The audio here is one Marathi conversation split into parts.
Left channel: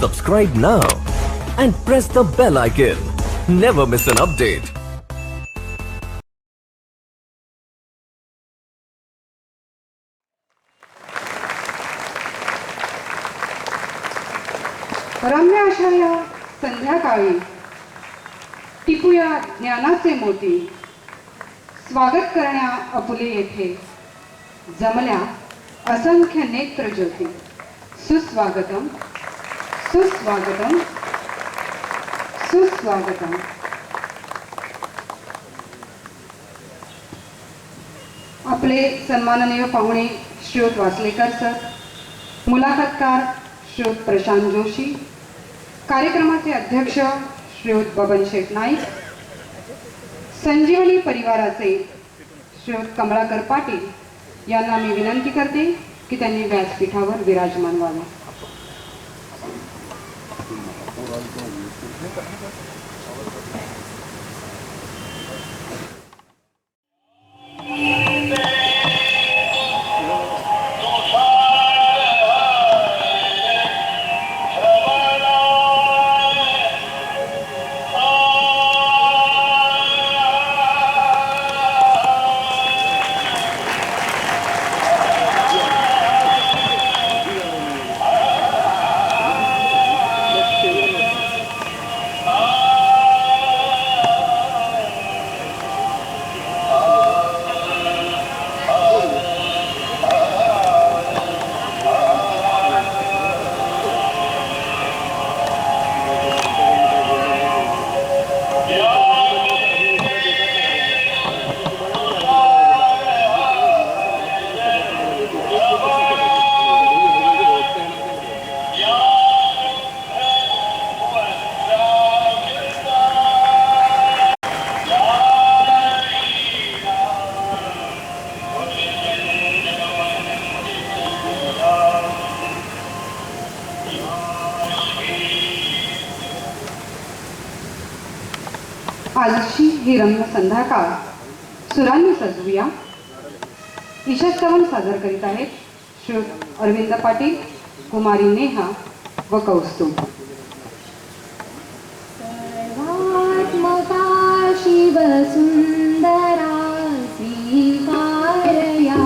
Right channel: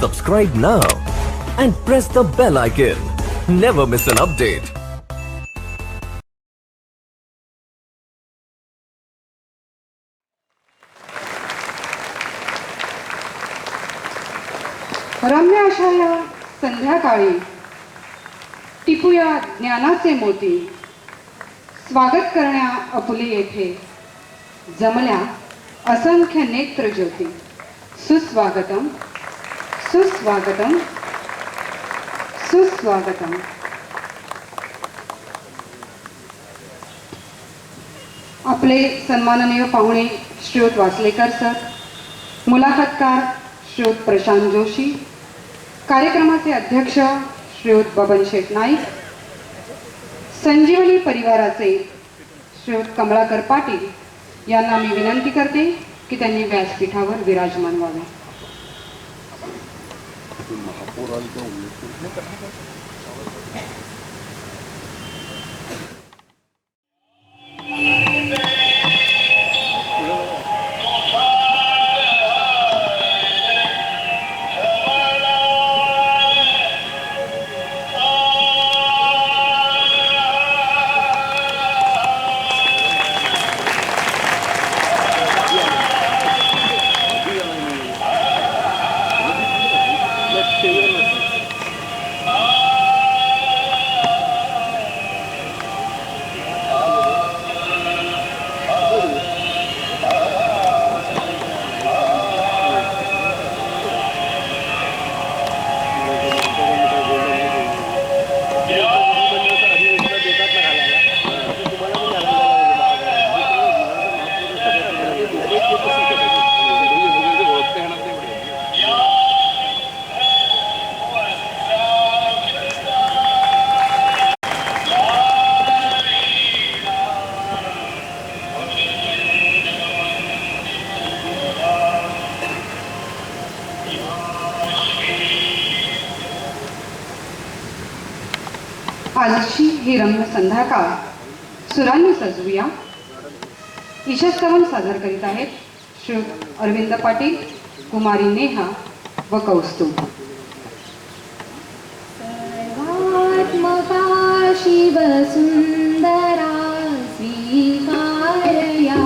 Subscribe now and press the bell icon. Never miss an update. रम्य अशा या संध्याकाळी टिपूया ज्ञानाचे मोती. स्वागत करण्या अपुले येथे जमल्या असंख्य नेत्र ज्योती. सुस्वागतम सुस्वागतम सुस्वागतम. आपले सन्माननीय पाहुणे श्रीयुत वासलेकर सर, मुलाखतकार श्रीयुत प्रशांत जोशी, कार्यक्रमाचे अध्यक्ष श्रीयुत बबन शेठ नाईक, संजीवनी परिवाराचे श्रीयुत कमळाकर पाटील यांना मी विनंती करते की त्यांनी व्यासपीठावर विराजमान व्हावे. आजची ही रम्य संध्याकाळ सुरांनी सजवूया. ईशस्तवन सादर करीत आहेत श्रीयुत अरविंद पाटील, कुमारी नेहा व कौस्तुभ. सर्वात्मका शिवसुन्दरा स्वीकारया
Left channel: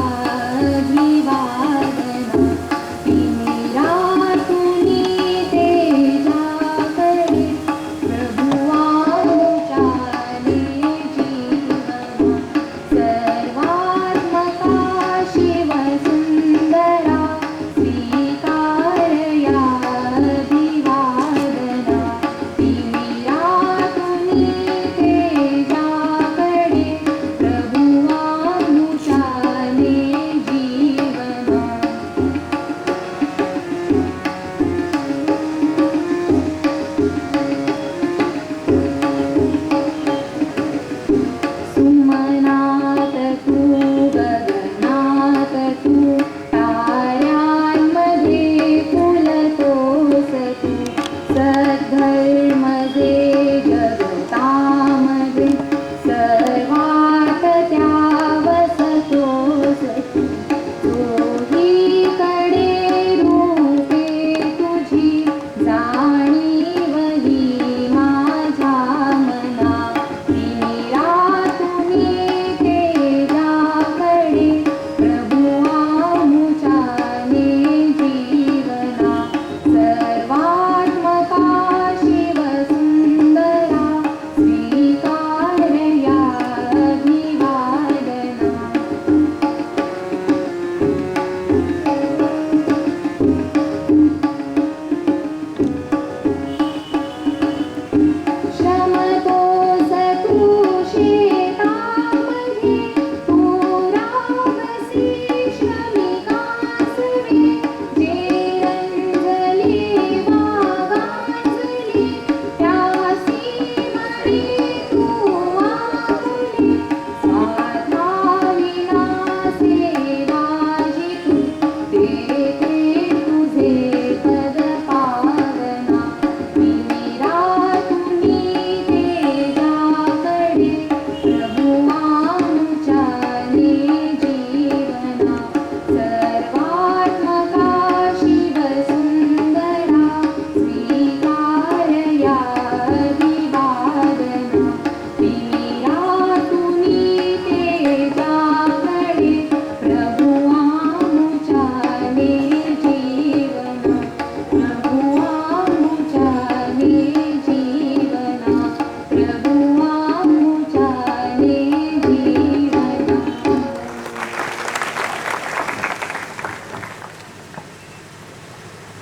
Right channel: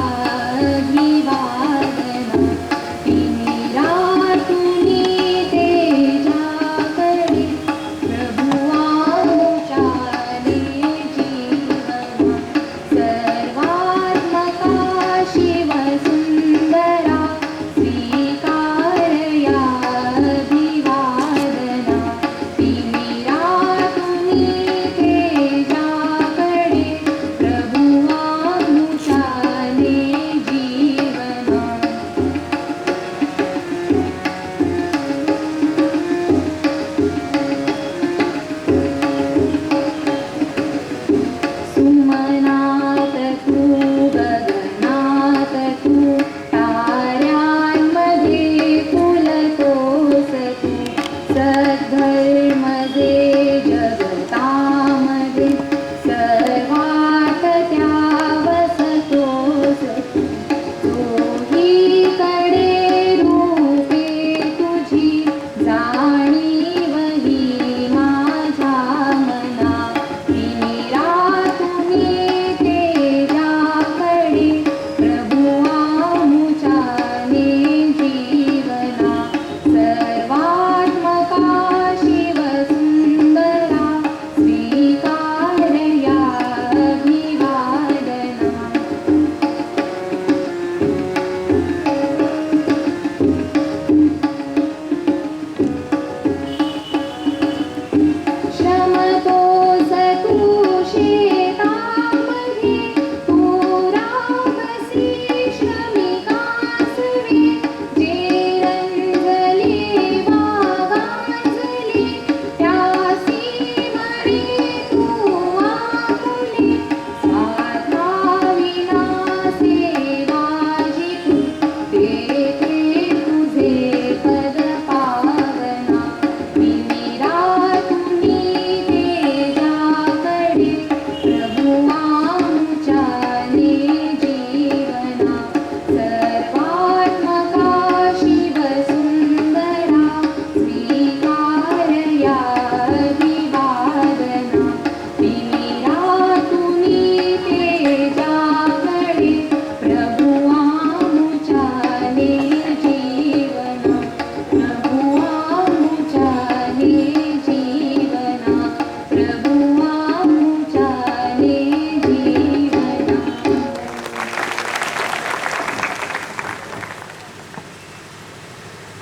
द्विवादना. तिमिरातुनी तेजाकरे प्रभुवानुचाले जीवना. सर्वात्मका शिवसुन्दरा स्वीकारया द्विवादना. तिमिरातुनी तेजाकरे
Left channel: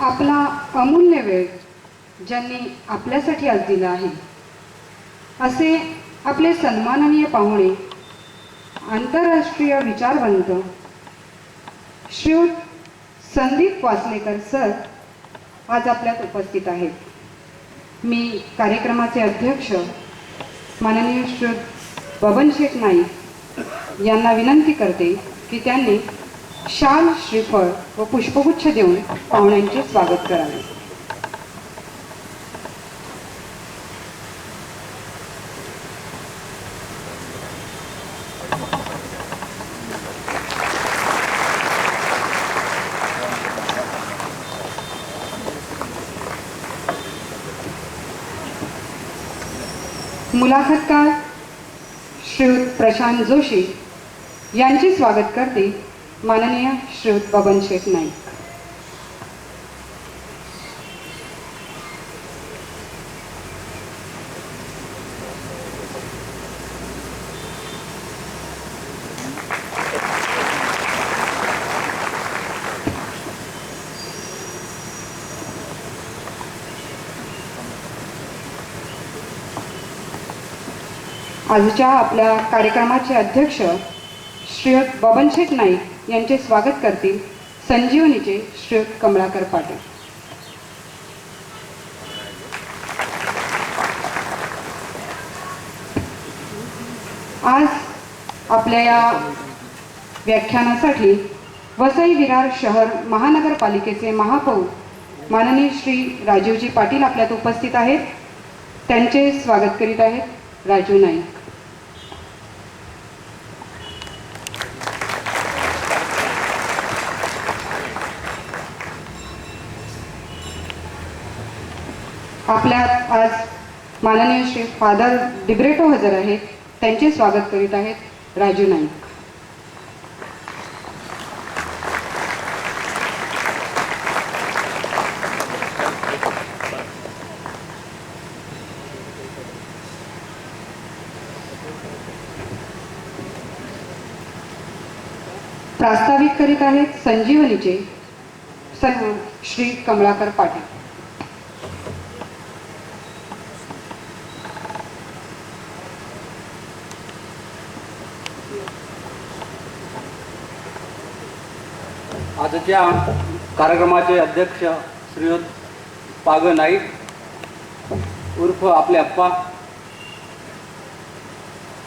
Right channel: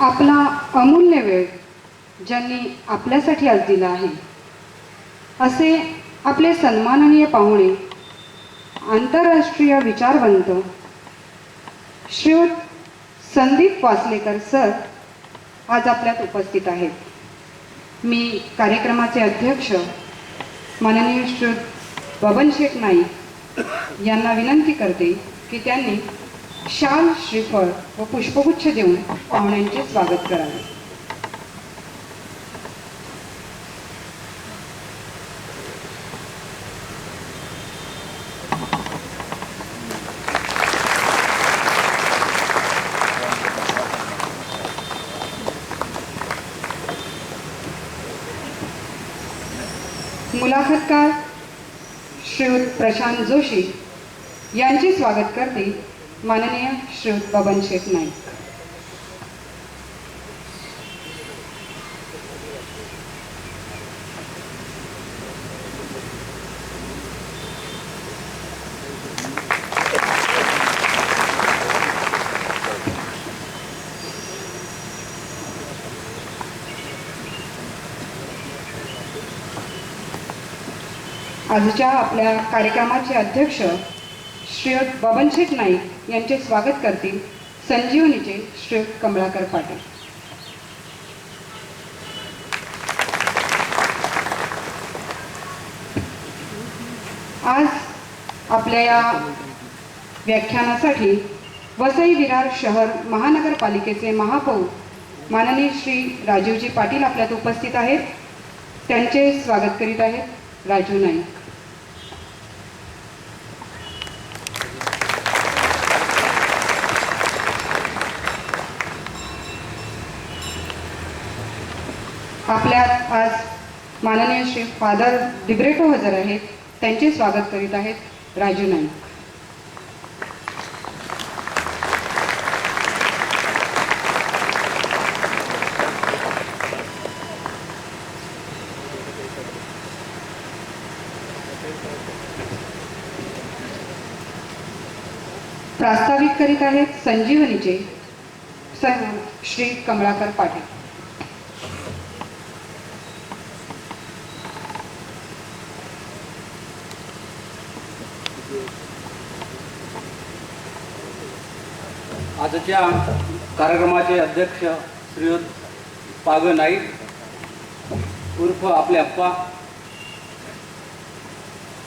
आपला अमूल्य वेळ ज्यांनी आपल्यासाठी आज दिला आहे असे आपले सन्माननीय पाहुणे आंतरराष्ट्रीय विचारवंत श्रीयुत संदीप वासलेकर सर आज आपल्यात उपस्थित आहेत. मी कार्यक्रमाचे अध्यक्ष माननीय श्रीयुत बबन शेठ नाईक यांना विनंती करते की त्यांनी शाल, श्रीफळ व पुष्पगुच्छ देऊन पाहुण्यांचे स्वागत करावे. मुलाखतकार श्रीयुत प्रशांत जोशी यांचे स्वागत करते माननीय श्रीयुत बबन शेठ नाईक. आजच्या आपल्या कार्यक्रमाचे अध्यक्ष श्रीयुत बबन शेठ नाईक यांचे स्वागत करतील संजीवनीचे श्रीयुत कमलाकर पाटील. आज आपल्या या व्याख्यानासाठी वसई विरार शहर महानगरपालिकेचे महापौर माननीय श्री राजीवजी पाटील आपल्यात उपस्थित आहेत. त्यांचे स्वागत करीत आहेत राजू नाईक. आपल्यात आज माननीय श्री फादर डिब्रेटो हजर आहेत. त्यांचे स्वागत करीत आहेत राजू नाईक. प्रास्ताविक करीत आहेत संजीवनीचे श्री कमलाकर पाटील. आजच्या कार्यक्रमाचे अध्यक्ष श्रीयुत पाग नाईक उर्फ आपले अप्पा,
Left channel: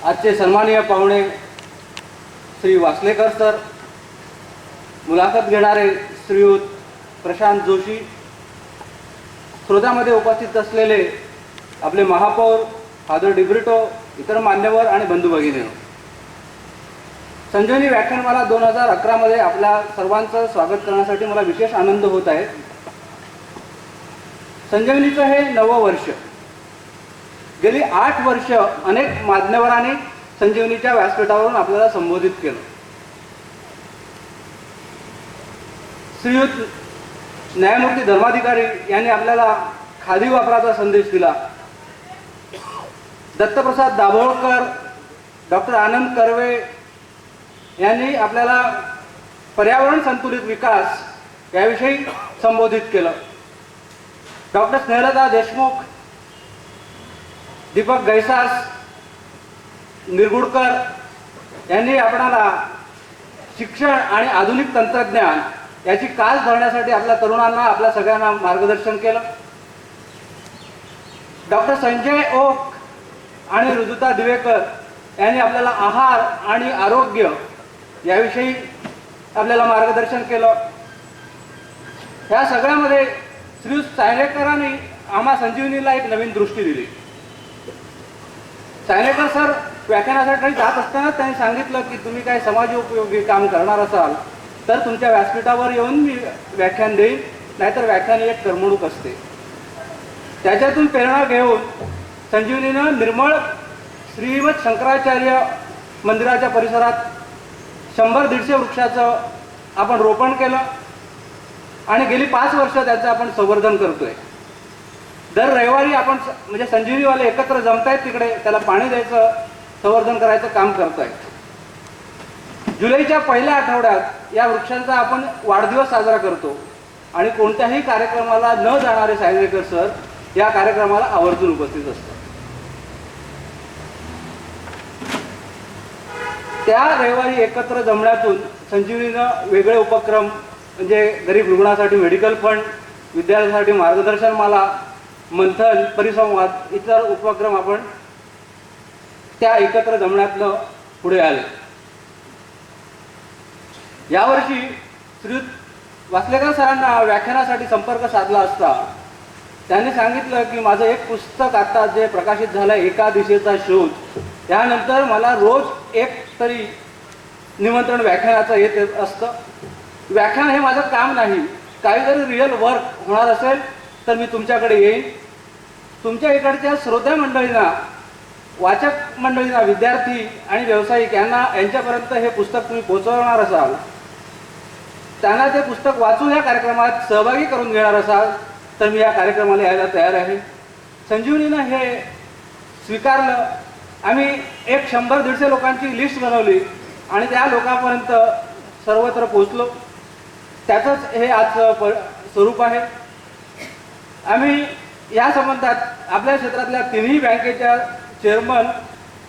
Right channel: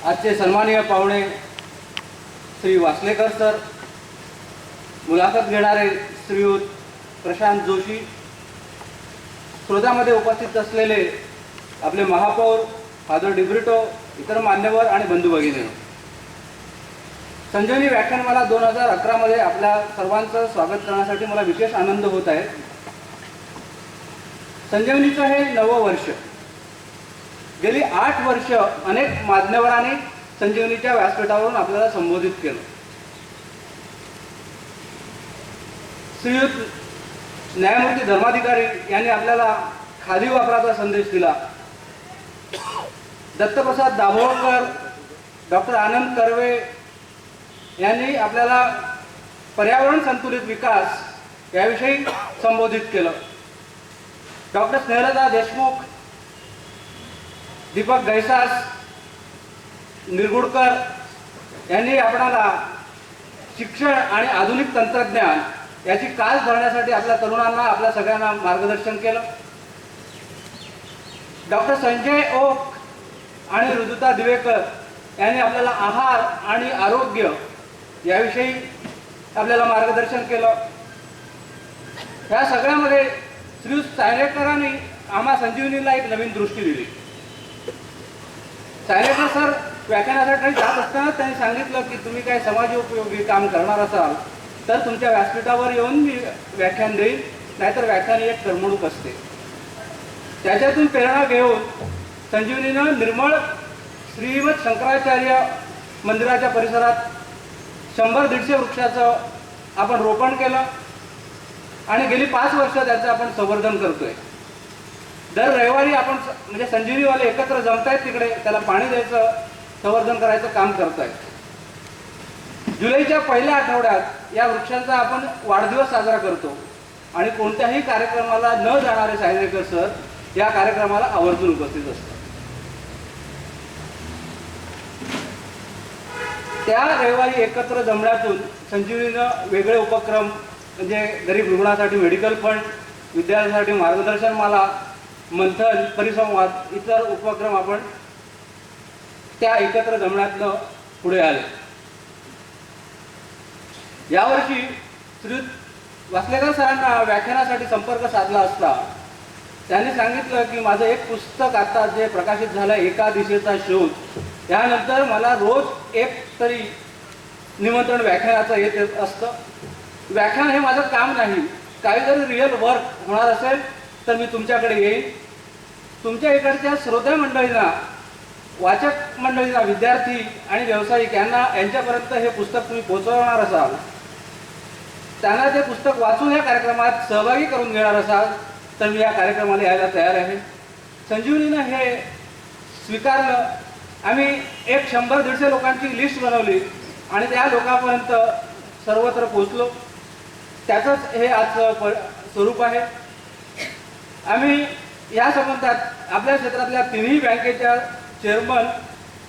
आजचे सन्माननीय पाहुणे श्री वासलेकर सर, मुलाखत घेणारे श्रीयुत प्रशांत जोशी, श्रोत्यामध्ये उपस्थित असलेले आपले महापौर फादर डिब्रिटो, इतर मान्यवर आणि बंधू भगिनी, संजीवनी व्याख्यानमाला 2011 मध्ये आपल्या सर्वांचं स्वागत करण्यासाठी मला विशेष आनंद होत आहे. संजीवनीचं हे 9वं वर्ष. गेली 8 वर्ष अनेक मान्यवरांनी संजीवनीच्या व्यासपीठावरून आपल्याला संबोधित केलं. श्रीयुत न्यायमूर्ती धर्माधिकारी यांनी आपल्याला खादी वापराचा संदेश दिला. दत्तप्रसाद दाभोळकर, डॉक्टर आनंद कर्वे यांनी आपल्याला पर्यावरण संतुलित विकास याविषयी संबोधित केलं. डॉक्टर स्नेहलता देशमुख, दीपक गैसास, निरगुडकर यांनी आपणाला शिक्षण आणि आधुनिक तंत्रज्ञान याची कास धरण्यासाठी आपल्या तरुणांना, आपल्या सगळ्यांना मार्गदर्शन केलं. डॉक्टर संजय ओक आणि ऋजुता दिवेकर यांनी आपल्याला आहार आणि आरोग्य याविषयी आपल्याला मार्गदर्शन केलं. या सगळ्यामध्ये श्री सायलेकरांनी आम्हा संजीवनीला एक नवीन दृष्टी दिली. सायलेकर सर व्याख्यानासाठी जात असताना त्यांनी सांगितलं की तुम्ही काय समाजोपयोगी काम करणार असाल तर तुमच्या व्यासपीठावर येऊन मी व्याख्यान देईन, नाहीतर व्याख्यान एक करमणूक असते. त्याच्यातून प्रेरणा घेऊन संजीवनीनं निर्मळ श्रीमद शंकराचार्य मंदिराच्या परिसरात 100-150 वृक्षाचं आपण रोपण केलं आणि गेली 5 वर्ष त्याचं आपण संवर्धन करतोय. दर रविवारी आपण म्हणजे संजीवनीवाले एकत्र जमतायत, तिकडे त्याला पाणी द्यायचं, संवर्धन करायचं काम करतायत. जुलैच्या पहिल्या आठवड्यात या वृक्षांचा आपण वाढदिवस साजरा करतो. आणि कोणत्याही कार्यक्रमाला न जाणारे सायनेकर सर या कार्यक्रमाला आवर्जून उपस्थित असतात. त्या रविवारी एकत्र जमण्यातून संजीवनीनं वेगळे उपक्रम म्हणजे गरीब रुग्णासाठी मेडिकल फंड, विद्यार्थ्यांसाठी मार्गदर्शनमाला, मंथन, परिसंवाद इतर उपक्रम आपण त्या एकत्र जमण्यातनं पुढे आले. यावर्षी श्रीयुत वासलेकर सरांना व्याख्यानासाठी संपर्क साधला असता त्यांनी सांगितलं की माझं एक पुस्तक आता जे प्रकाशित झालं एका दिशेचा शोध, त्यानंतर मला रोज एक तरी निमंत्रण व्याख्यानाचं येत असतं. व्याख्यान हे माझं काम नाही, काही जरी रिअल वर्क होणार असेल तर मी तुमच्याकडे येईन. तुमच्या इकडच्या श्रोत्या मंडळींना, वाचक मंडळींना, विद्यार्थी आणि व्यावसायिक यांच्यापर्यंत हे पुस्तक तुम्ही पोहोचवणार असाल, त्यांना ते पुस्तक वाचून या कार्यक्रमात सहभागी करून घेणार असाल तर मी या कार्यक्रमाला यायला तयार आहे. संजीवनीनं हे स्वीकारलं. आम्ही एक 100-150 लोकांची लिस्ट बनवली आणि त्या लोकांपर्यंत सर्वत्र पोहोचलो. त्याचंच हे आजचं स्वरूप आहे. आम्ही या संबंधात आपल्या क्षेत्रातल्या तिन्ही बँकेच्या चेअरमन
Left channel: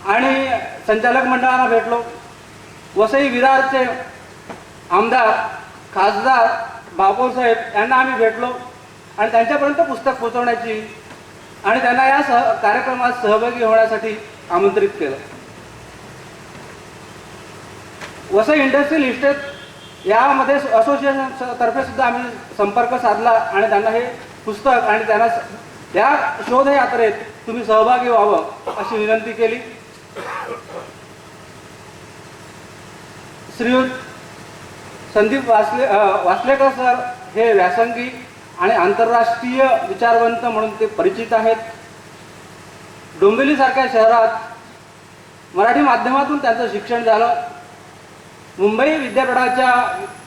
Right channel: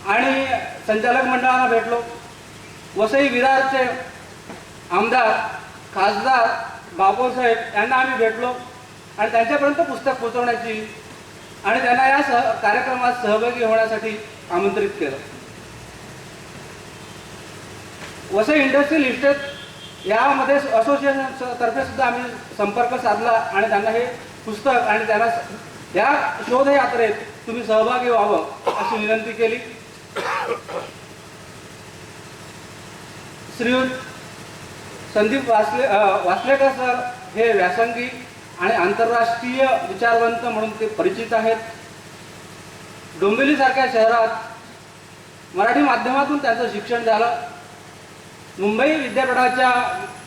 आणि संचालक मंडळांना भेटलो. वसई विरारचे आमदार खासदार बापू साहेब यांना आम्ही भेटलो आणि त्यांच्यापर्यंत पुस्तक पोहोचवण्याची आणि त्यांना या कार्यक्रमात सहभागी होण्यासाठी आमंत्रित केलं. वसई इंडस्ट्रियल इस्टेट यामध्ये असोसिएशनतर्फे सुद्धा आम्ही संपर्क साधला आणि त्यांना हे पुस्तक आणि त्यांना या शोधयात्रेत तुम्ही सहभागी व्हावं अशी विनंती केली. श्रीयुत संदीप वासलेकर सर हे व्यासंगी आणि आंतरराष्ट्रीय विचारवंत म्हणून ते परिचित आहेत. डोंबिवलीसारख्या शहरात मराठी माध्यमातून त्यांचं शिक्षण झालं. मुंबई विद्यापीठाच्या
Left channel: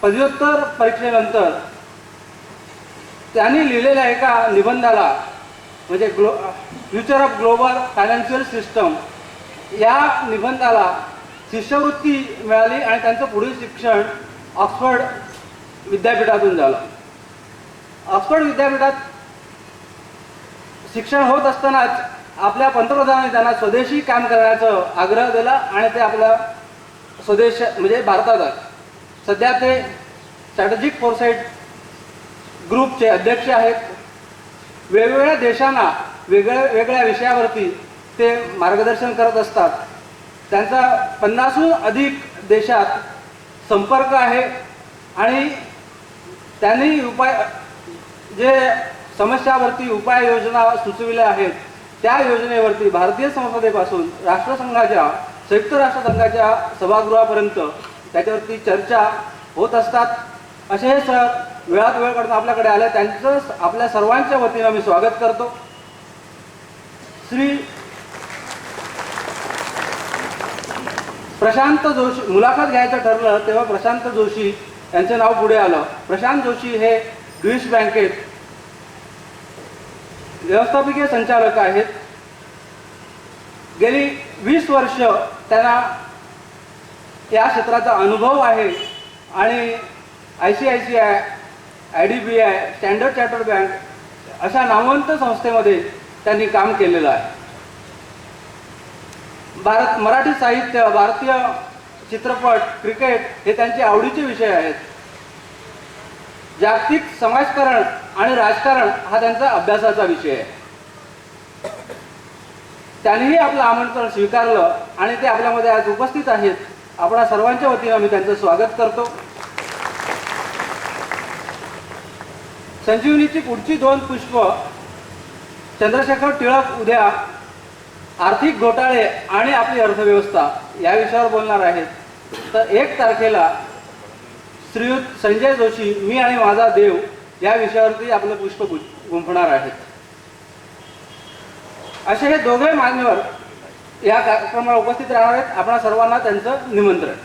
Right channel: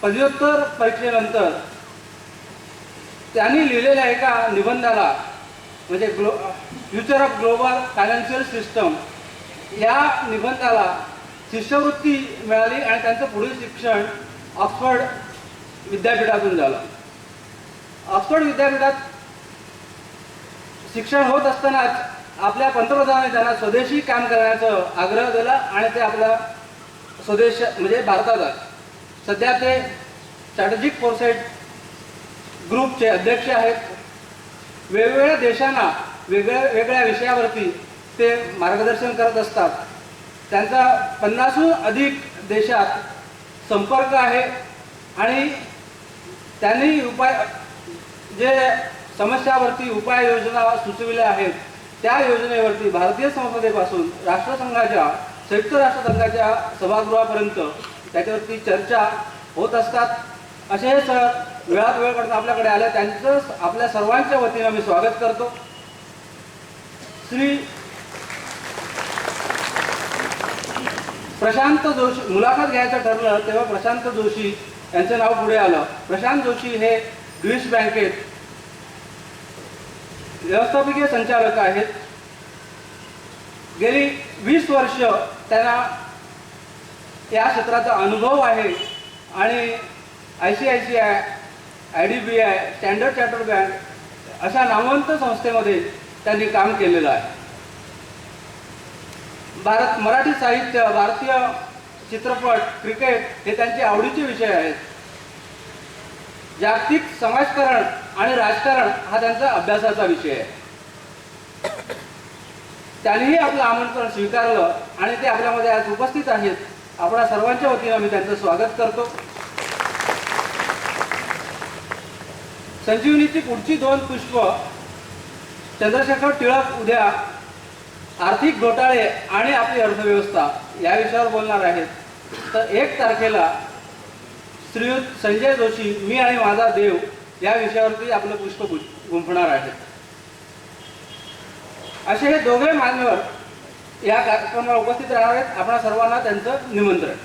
पदव्युत्तर परीक्षेनंतर त्यांनी लिहिलेल्या एका निबंधाला म्हणजे future of global financial system या निबंधाला शिष्यवृत्ती मिळाली आणि त्यांचं पुढील शिक्षण ऑक्सफर्ड विद्यापीठातून झालं. ऑक्सफर्ड विद्यापीठात शिक्षण होत असतानाच आपल्या पंतप्रधानांनी त्यांना स्वदेशी काम करण्याचा आग्रह दिला आणि ते आपल्या स्वदेश म्हणजे भारतात आहे. सध्या ते स्ट्रॅटेजिक फोरसाईट ग्रुपचे अध्यक्ष आहेत. वेगवेगळ्या देशांना वेगवेगळ्या विषयावरती ते मार्गदर्शन करत असतात. त्यांचा 50हून अधिक देशात संपर्क आहे आणि त्यांनी जे समस्यावरती उपाययोजना सुचविल्या आहेत त्या योजनेवरती भारतीय संसदेपासून राष्ट्रसंघाच्या संयुक्त राष्ट्रसंघाच्या सभागृहापर्यंत त्याच्यावरती चर्चा होत असतात. असे हे सर वेळात वेळ काढून आपल्याकडे आले, त्यांचं आपल्या सर्वांच्या वतीनं मी स्वागत करतो. श्री प्रशांत जोशी मुलाखत घ्यायचं ठरलं तेव्हा प्रशांत जोशी यांचं नाव पुढे आलं. प्रशांत जोशी हे ड्यूश बँकेत व्यवस्थापकीय संचालक आहेत. गेली 20 वर्ष त्यांना या क्षेत्राचा अनुभव आहे आणि ICICI, IDBI, standard chartered bank अशा नामवंत संस्थेमध्ये त्यांनी काम केलेलं आहे. मराठी साहित्य, भारतीय चित्रपट, क्रिकेट हे त्यांचे आवडीचे विषय आहेत. जागतिक समाजकारण आणि राजकारण हा त्यांचा अभ्यासाचा विषय आहे. त्यांनीही आपलं आमंत्रण स्वीकारलं आणि ते आपल्यामध्ये आज उपस्थित आहेत. आपल्या सर्वांच्या वतीनं मी त्यांचं स्वागत करतो. संजीवनीची पुढची 2 पुष्प चंद्रशेखर टिळक उद्या आर्थिक घोटाळे आणि आपली अर्थव्यवस्था या विषयावर बोलणार आहेत. तर 1 तारखेला श्रीयुत संजय जोशी, मी आणि माझा देव या विषयावरती आपलं पुष्प गुंफणार आहेत. असे हे दोघे मान्यवर या कार्यक्रमाला उपस्थित राहणार आहेत. आपणा सर्वांना त्यांचं निमंत्रण.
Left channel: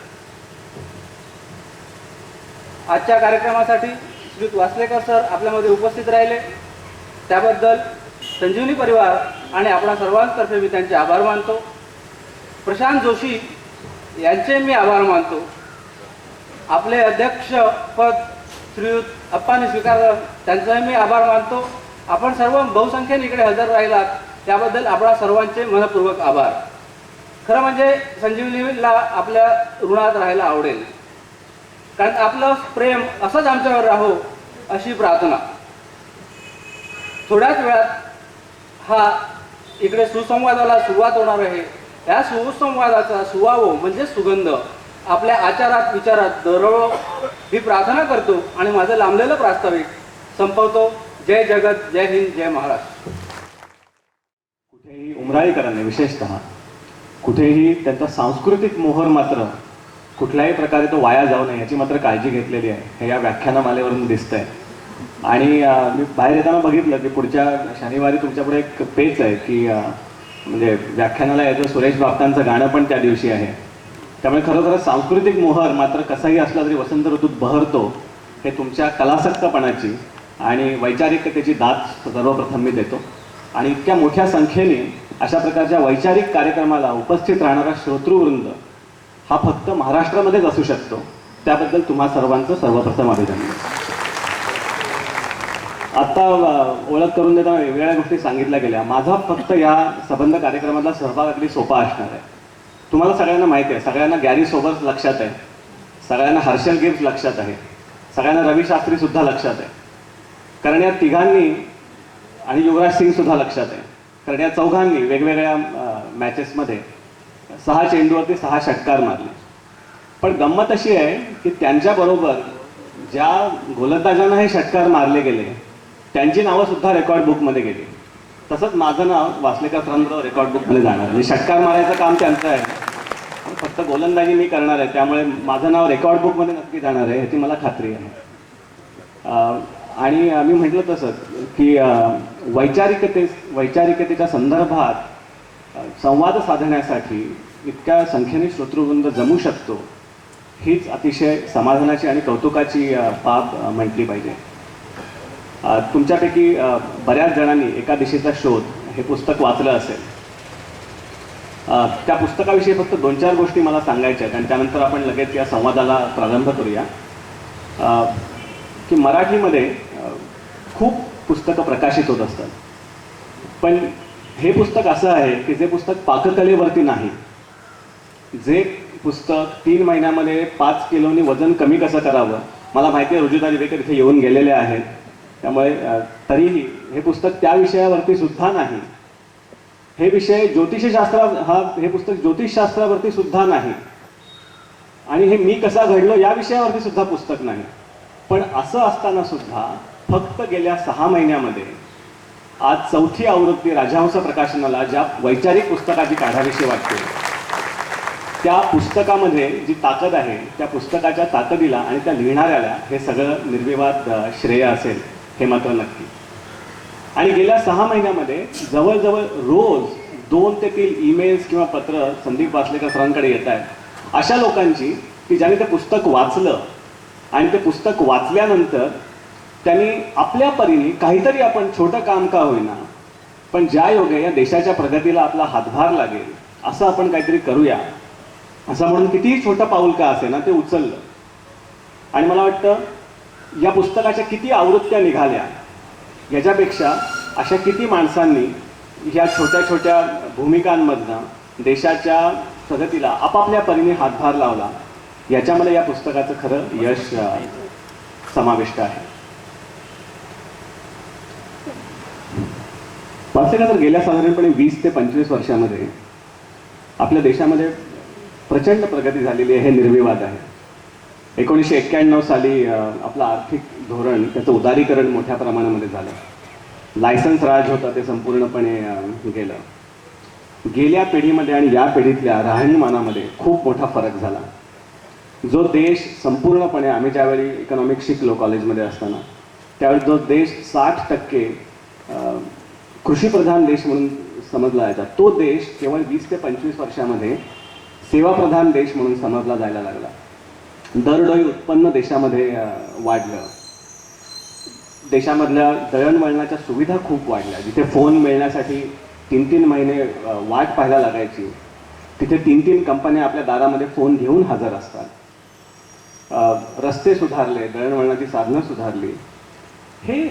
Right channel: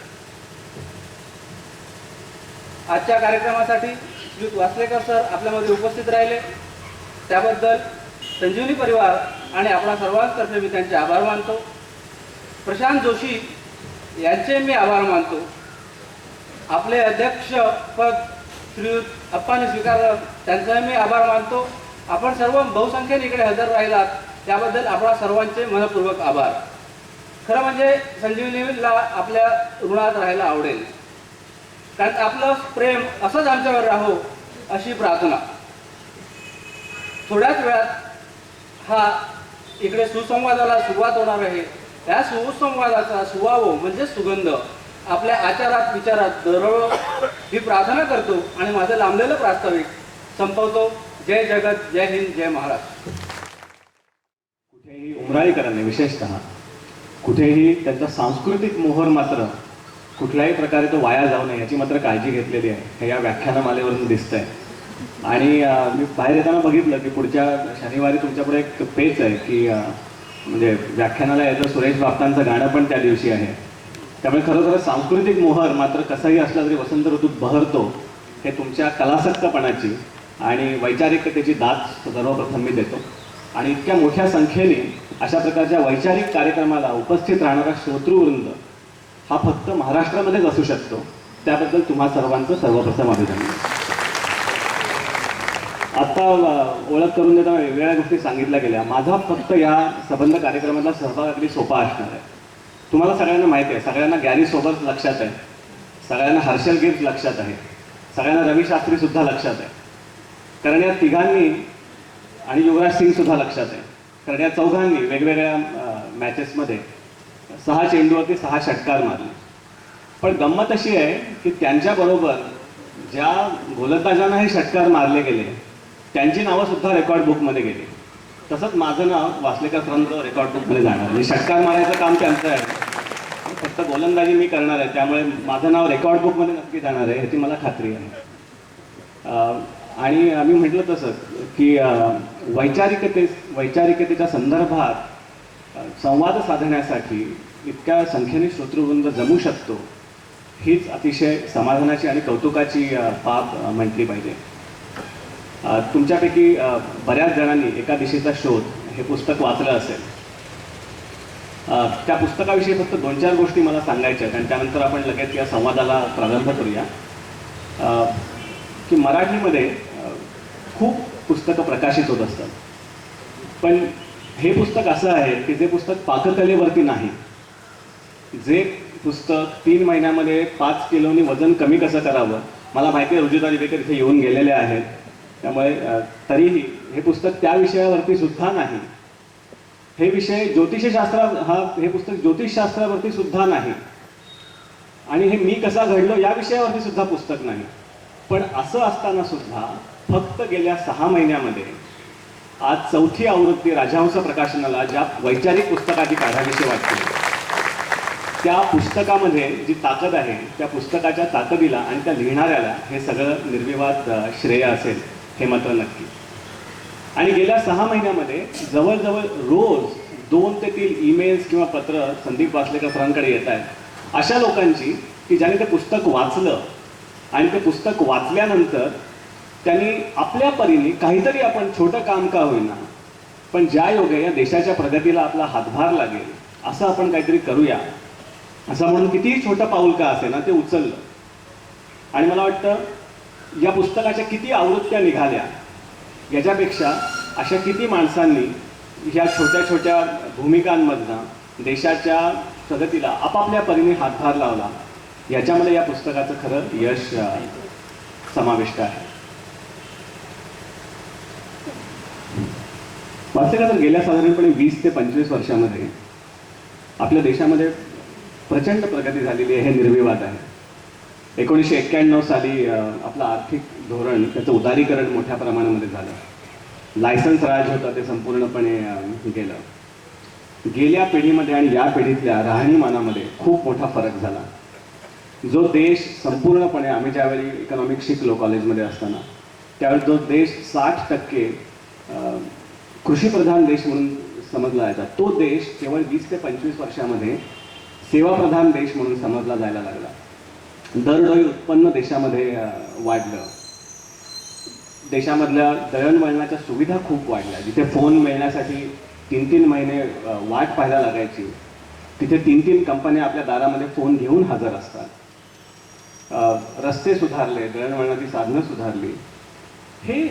आजच्या कार्यक्रमासाठी श्रीयुत वासलेकर सर आपल्यामध्ये उपस्थित राहिले त्याबद्दल संजीवनी परिवार आणि आपणा सर्वांतर्फे मी त्यांचे आभार मानतो. प्रशांत जोशी यांचे मी आभार मानतो. आपले अध्यक्षपद श्रीयुत अप्पांनी स्वीकारलं, त्यांचाही मी आभार मानतो. आपण सर्व बहुसंख्येने इकडे हजर राहिलात त्याबद्दल आपणा सर्वांचे मनपूर्वक आभार. खरं म्हणजे संजीवनीला आपल्या ऋणात राहायला आवडेल, कारण आपलं प्रेम असंच आमच्यावर राहो अशी प्रार्थना. थोड्याच वेळात हा इकडे सुसंवादाला सुरुवात होणार आहे. या सुसंवादाचा सुवावो म्हणजे सुगंध आपल्या आचारात विचारात दरवळो ही प्रार्थना करतो आणि माझं लांबलेलं प्रास्ताविक संपवतो. जय जगत, जय हिंद, जय महाराष्ट्र. कुठेही उमराळीकरांनी विशेषतः कुठेही त्यांचा सांस्कृतिक मोहर मात्र कुठल्याही प्रकारे तो वाया जाऊ नये याची मात्र काळजी घेतलेली आहे, हे या व्याख्यानमालेवरून दिसतंय. आणि मी बाहेर येताना बघितलं की पुढच्या शनिवारी तुमच्यापुढे एक पेच आहे की म्हणजे व्याख्यानाला याचं सुरेश बापटांचं गाणं पण त्या दिवशी आहे. त्यामुळे खरोखरच सांस्कृतिक मोहर मात्र कसाही असला तरी वसंत ऋतूत बहरतो, हे तुमच्या कलासक्तपणाची आणि वैचारिकतेची दाद सर्वप्रथम मी देतो. आणि इतक्या मोठ्या संख्येने अशा प्रकारच्या वैचारिक कार्यक्रमाला उपस्थित राहणारा श्रोतृवृंद हा फक्त महाराष्ट्रामध्येच असू शकतो, त्याबद्दल तुम्हा सर्वांचं सर्वप्रथम अभिनंदन. आता ओळख करून देताना वेगवेगळ्या गोष्टी सांगितल्या गेल्या. माझा फक्त या संबंध कार्यक्रमातला सहभाग अगदी सोपा असणार आहे. तुम्हाला सगळ्यांना माहिती आहे, सगळ्यांना गॅरी सोबर्स लक्षात आहे, सगळ्यांना हर्षल गिब्स लक्षात आहे, सगळ्यांना रवी शास्त्री सुद्धा लक्षात आहे, कारण या तिघांनी आणि युवराज सिंग सुद्धा लक्षात आहे, कारण या चौघांनी वेगवेगळ्या मॅचेसमध्ये 6 चेंडूवरती 6 षटकार मारले. पण गंमत अशी आहे की त्यांच्याबरोबर ज्या गोलंदाजांना हे षटकार मारले गेले त्यांची नावं सुद्धा रेकॉर्ड बुकमध्ये गेली. तसंच माझं नाव वासलेकर सरांचं रेकॉर्ड बुकमध्ये जाणार. म्हणजे षटकार मारायचं काम त्यांचं आहे, फक्त गोलंदाजी मी करणार आहे, त्यामुळे माझं नाव रेकॉर्ड बुकमध्ये नक्की जाणार आहे ह्याची मला खात्री आहे. आणि मी म्हटलं तसंच की वैचारिकतेच्या संदर्भात संवाद साधण्यासाठी इतक्या संख्येने श्रोतृवृंद जमू शकतो, हीच अतिशय समाधानाची आणि कौतुकाची बाब म्हटली पाहिजे. तुमच्यापैकी बऱ्याच जणांनी एका दिशेचा शोध हे पुस्तक वाचलं असेल. त्या पुस्तकाविषयी फक्त 2-4 गोष्टी मला सांगायच्या आहेत आणि त्यानंतर आपण लगेच या संवादाला प्रारंभ करूया. की मराठीमध्ये खूप पुस्तकं प्रकाशित होत असतात, पण हे पुस्तक असं आहे की जे पुस्तक पाककलेवरती नाही, जे पुस्तक 3 महिन्यामध्ये 5 किलोनी वजन कमी कसं करावं. मला माहिती आहे रुजिता दिवेकर इथे येऊन गेलेले आहेत, त्यामुळे तरीही हे पुस्तक त्या विषयावरती सुद्धा नाही. हे विषय हे पुस्तक ज्योतिषशास्त्रावरती सुद्धा नाही आणि हे मी कसा घडलो या विषयावरती सुद्धा पुस्तक नाही. पण असं असताना सुद्धा फक्त गेल्या 6 महिन्यामध्ये आज 4थी आवृत्ती राजहंस प्रकाशनाला ज्या वैचारिक पुस्तकाची काढावीशी वाटते, त्या पुस्तकामध्ये जी ताकद आहे त्या पुस्तकाच्या ताकदीला आणि त्या लिहिणाऱ्याला हे सगळं निर्विवाद श्रेय असेल, हे मात्र नक्की. आणि गेल्या 6 महिन्यामध्ये जवळजवळ रोज 2 ते 3 ईमेल्स किंवा पत्र संदीप वासलेकर सरांकडे येत आहेत, अशा लोकांची की ज्यांनी ते पुस्तक वाचलं आणि ते पुस्तक वाचल्यानंतर त्यांनी आपल्या परीने काहीतरी आपण छोटं काम का होईना, पण ज्या योगे या देशाच्या प्रगतीला आपला हातभार लागेल असं आपण काहीतरी करूया, असं म्हणून कितीही छोटं पाऊल का असे ना ते उचललं. आणि मला वाटतं या पुस्तकाच्या किती आवृत्त्या निघाल्या याच्यापेक्षा अशा किती माणसांनी ह्या छोट्या छोट्या भूमिकांमधनं देशाच्या प्रगतीला आपापल्या परीने हातभार लावला, याच्यामध्ये या पुस्तकाचं खरं यश समाविष्ट आहे. वास्तविक तर गेल्या साधारणपणे 20 ते 25 वर्षामध्ये आपल्या देशामध्ये प्रचंड प्रगती झालेली आहे, हे निर्विवाद आहे. 1991 साली आपलं आर्थिक धोरण त्याचं उदारीकरण मोठ्या प्रमाणामध्ये झालं. लायसन्स राज होता ते संपूर्णपणे गेलं. गेल्या पिढीमध्ये आणि या पिढीतल्या राहणीमानामध्ये खूप मोठा फरक झाला. जो देश संपूर्णपणे, आम्ही ज्यावेळी इकॉनॉमिक्स शिकलो कॉलेजमध्ये असताना, त्यावेळी जो देश 60% कृषीप्रधान देश म्हणून समजला जायचा, तो देश केवळ 20 ते 25 वर्षामध्ये सेवाप्रधान देश म्हणून समजला जायला लागला. दरडोई उत्पन्न देशामध्ये वाढलं. देशामधल्या दळणवळणाच्या सुविधा खूप वाढल्या. जिथे फोन मिळण्यासाठी 3-3 महिने वाट पाहायला लागायची, तिथे 3-3 कंपन्या आपल्या दारामध्ये फोन घेऊन हजर असतात. रस्ते सुधारले, दळणवळणाची साधनं सुधारली,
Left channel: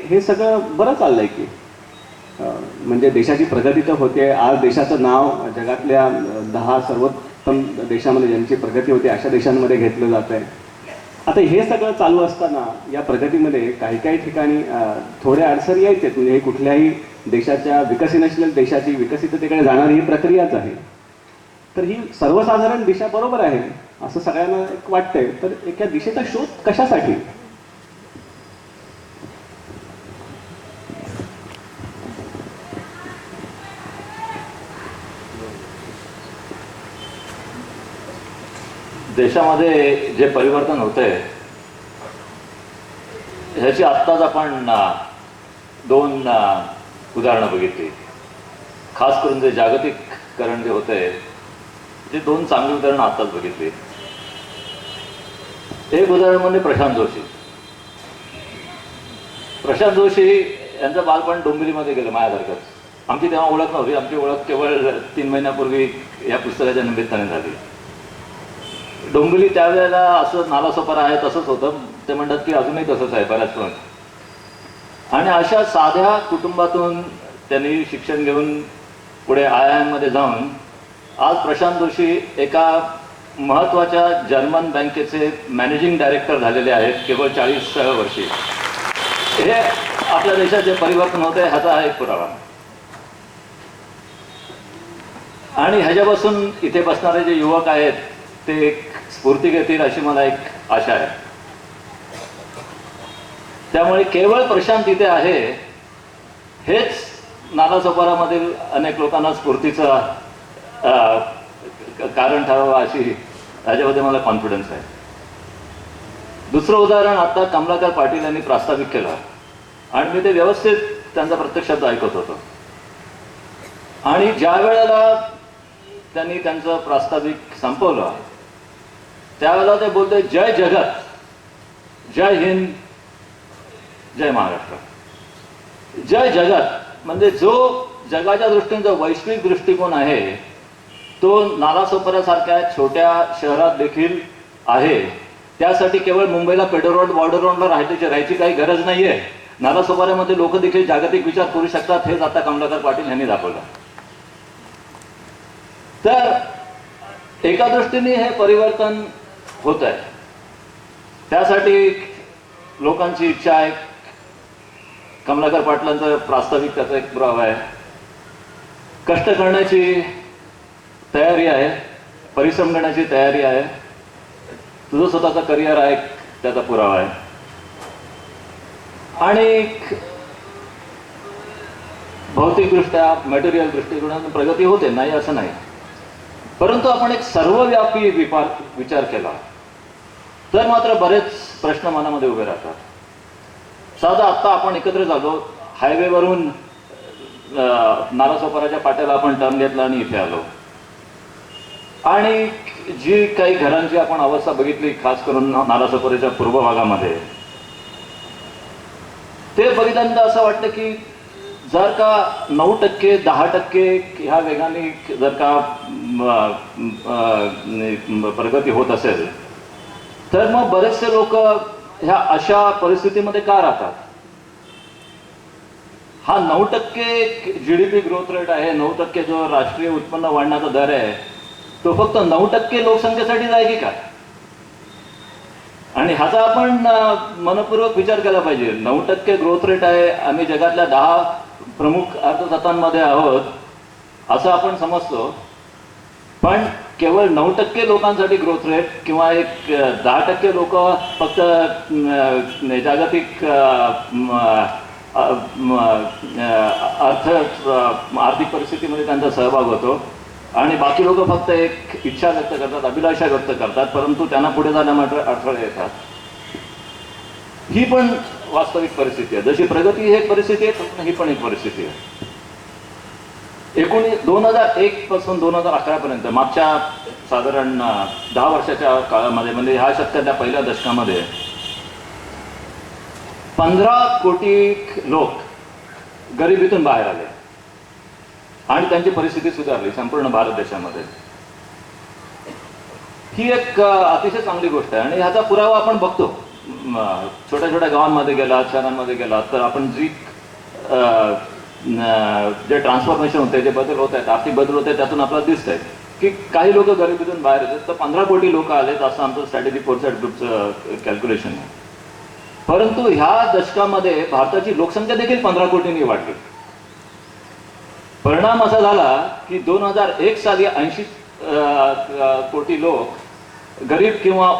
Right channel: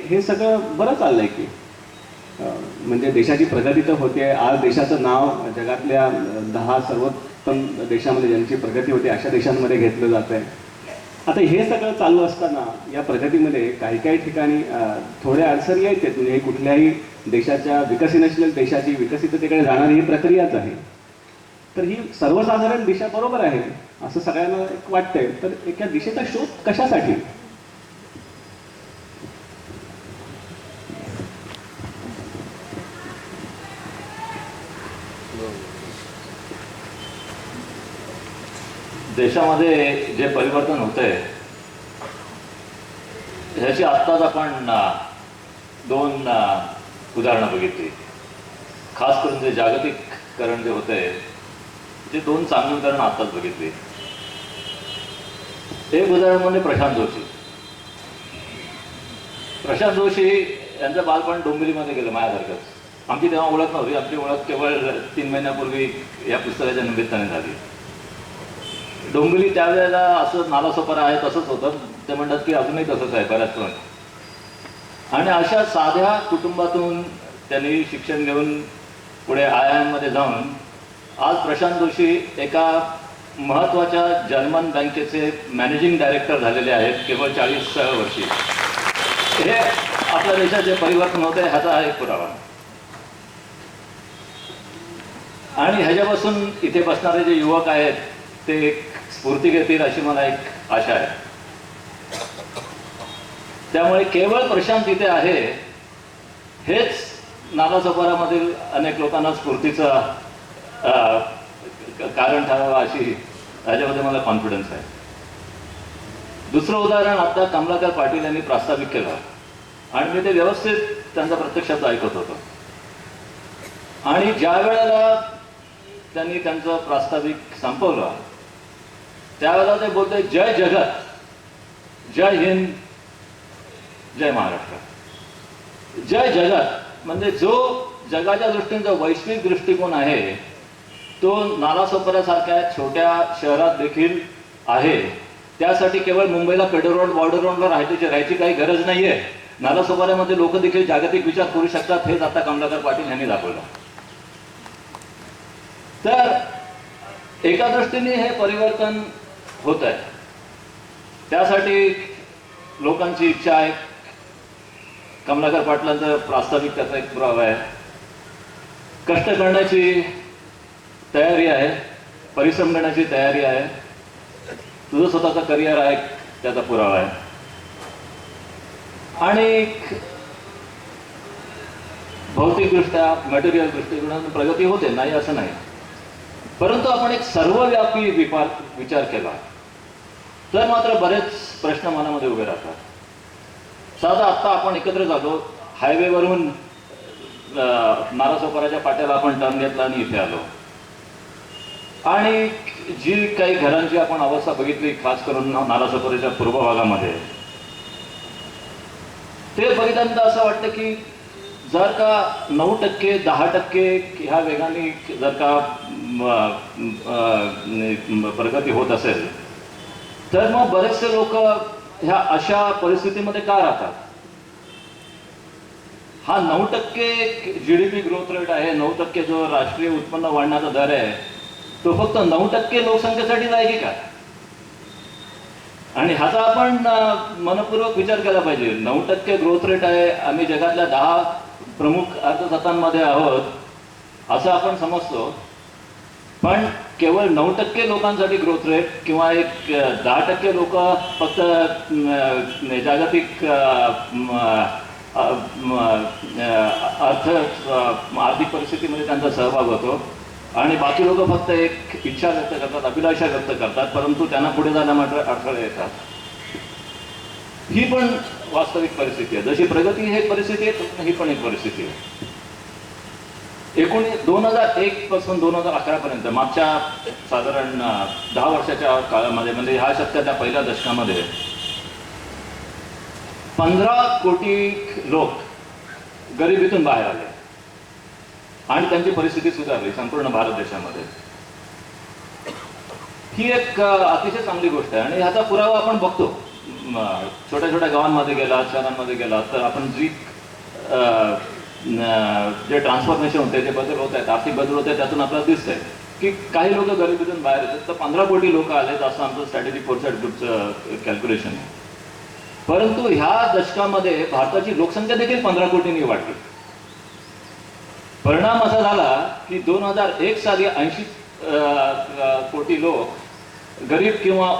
हे सगळं बरं चाललंय की. म्हणजे देशाची प्रगती तर होते. आज देशाचं नाव जगातल्या 10 सर्वोत्तम देशामध्ये ज्यांची प्रगती होते अशा देशांमध्ये घेतलं जात आहे. आता हे सगळं चालू असताना या प्रगतीमध्ये काही काही ठिकाणी थोड्या अडचणी यायचे. म्हणजे कुठल्याही देशाच्या विकसनशील देशाची विकसिततेकडे जाणारी ही प्रक्रियाच आहे. तर ही सर्वसाधारण दिशा बरोबर आहे असं सगळ्यांना एक वाटतंय. तर एका दिशेचा शोध कशासाठी? देशामध्ये जे परिवर्तन होतंय ह्याची आत्ताच आपण 2 उदाहरणं बघितली. खास करून जे जागतिकीकरण जे होतंय ते 2 चांगली उदाहरणं आत्ताच बघितली. एक उदाहरण म्हणजे प्रशांत जोशी. प्रशांत जोशी यांचं बालपण डोंबिवलीमध्ये गेलं माझ्यासारखंच. आमची तेव्हा ओळख नव्हती. आमची ओळख केवळ 3 महिन्यापूर्वी या पुस्तकाच्या निमित्ताने झाली. डोंबिवली त्यावेळेला असं नालासोपारा आहे तसंच होतं. ते म्हणतात की अजूनही तसंच आहे बऱ्याच पण. आणि अशा साध्या कुटुंबातून त्यांनी शिक्षण घेऊन पुढे IIM मध्ये जाऊन आज प्रशांत जोशी एका महत्त्वाच्या जर्मन बँकेचे मॅनेजिंग डायरेक्टर झालेले आहेत केवळ 40व्या वर्षी. हे आपल्या देशात जे परिवर्तन होत आहे ह्याचा हा एक पुरावा. आणि ह्याच्यापासून इथे बसणारे जे युवक आहेत ते एक स्फूर्ती घेतील अशी मला एक आशा आहे. त्यामुळे केवळ प्रशांत इथे आहे हेच नालासोपारामधील अनेक लोकांना स्फूर्तीचं कारण ठरावं अशी ह्याच्यामध्ये मला कॉन्फिडन्स आहे. दुसरं उदाहरण आता कमलाकर पाटील यांनी प्रास्ताविक केलं आणि मी ते व्यवस्थित त्यांचा प्रत्यक्षात ऐकत होतो. आणि ज्या वेळेला त्यांनी त्यांचं प्रास्ताविक संपवलं त्यावेळेला ते बोलते जय जगत, जय हिंद, जय महाराष्ट्र. जय जगत म्हणजे जो जगाच्या दृष्टीने जो वैश्विक दृष्टिकोन आहे तो नालासोपाऱ्यासारख्या छोट्या शहरात देखील आहे. त्यासाठी केवळ मुंबईला पेडर रोड बॉर्डर रोडला राहायची काही गरज नाहीये. नालासोपाऱ्यामध्ये लोक देखील जागतिक विचार करू शकतात हेच आता कमलाकर पाटील यांनी दाखवलं. तर एका दृष्टीने हे परिवर्तन होत आहे. त्यासाठी लोकांची इच्छा आहे. कमलाकर पाटलांचं प्रास्ताविक त्याचा एक पुरावा आहे. कष्ट करण्याची तयारी आहे, परिश्रम करण्याची तयारी आहे, तुझं स्वतःचं करिअर आहे त्याचा पुरावा आहे. आणि भौतिकदृष्ट्या मटेरियल दृष्टिकोनातून प्रगती होते नाही असं नाही. परंतु आपण एक सर्वव्यापी विचार केला तर मात्र बरेच प्रश्न मनामध्ये उभे राहतात. साधा आत्ता आपण एकत्र झालो, हायवेवरून नालासोपाराच्या पाट्याला आपण टर्न घेतला आणि इथे आलो. आणि जी काही घरांची आपण अवस्था बघितली खास करून नालासोपाराच्या पूर्व भागामध्ये ते बघितल्यानंतर असं वाटतं की जर का 9%, 10% ह्या वेगाने जर का प्रगती होत असेल तर मग बरेचसे लोक ह्या अशा परिस्थितीमध्ये का राहतात. हा 9% GDP ग्रोथ रेट आहे, 9% जो राष्ट्रीय उत्पन्न वाढण्याचा दर आहे तो फक्त 9% लोकसंख्येसाठीच आहे की काय. आणि ह्याचा आपण मनपूर्वक विचार केला पाहिजे. 9% ग्रोथ रेट आहे, आम्ही जगातल्या 10 प्रमुख अर्थसत्तांमध्ये आहोत असं आपण समजतो. पण केवळ 9% लोकांसाठी ग्रोथ रेट किंवा एक 10% लोक फक्त जागतिक आर्थिक परिस्थितीमध्ये त्यांचा सहभाग होतो आणि बाकी लोक फक्त एक इच्छा व्यक्त करतात, अभिलाषा व्यक्त करतात, परंतु त्यांना पुढे जाण्यामध्ये अडथळे येतात. ही पण वास्तविक परिस्थिती आहे. जशी प्रगती ही एक परिस्थिती आहे ही पण एक परिस्थिती आहे. 2001 पासून 2011 पर्यंत मागच्या साधारण 10 वर्षाच्या काळामध्ये म्हणजे ह्या शतकाच्या पहिल्या दशकामध्ये 15 कोटी लोक गरिबीतून बाहेर आले आणि त्यांची परिस्थिती सुधारली संपूर्ण भारत देशामध्ये. ही एक अतिशय चांगली गोष्ट आहे आणि ह्याचा पुरावा आपण बघतो. छोट्या छोट्या गावांमध्ये गेलात, शहरांमध्ये गेलात तर आपण जे ट्रान्सफॉर्मेशन होते, जे बदल होत आहेत, आर्थिक बदल होत आहेत, त्यातून आपल्याला दिसत आहे की काही लोक गरिबीतून बाहेर येतात. तर 15 कोटी लोक आलेत असं आमचं स्ट्रॅटेजी फोरसाइट ग्रुपचं कॅल्क्युलेशन आहे. परंतु ह्या दशकामध्ये भारताची लोकसंख्या देखील 15 कोटींनी वाढली. परिणाम असा झाला की 2001 साली 80 कोटी लोक गरीब किंवा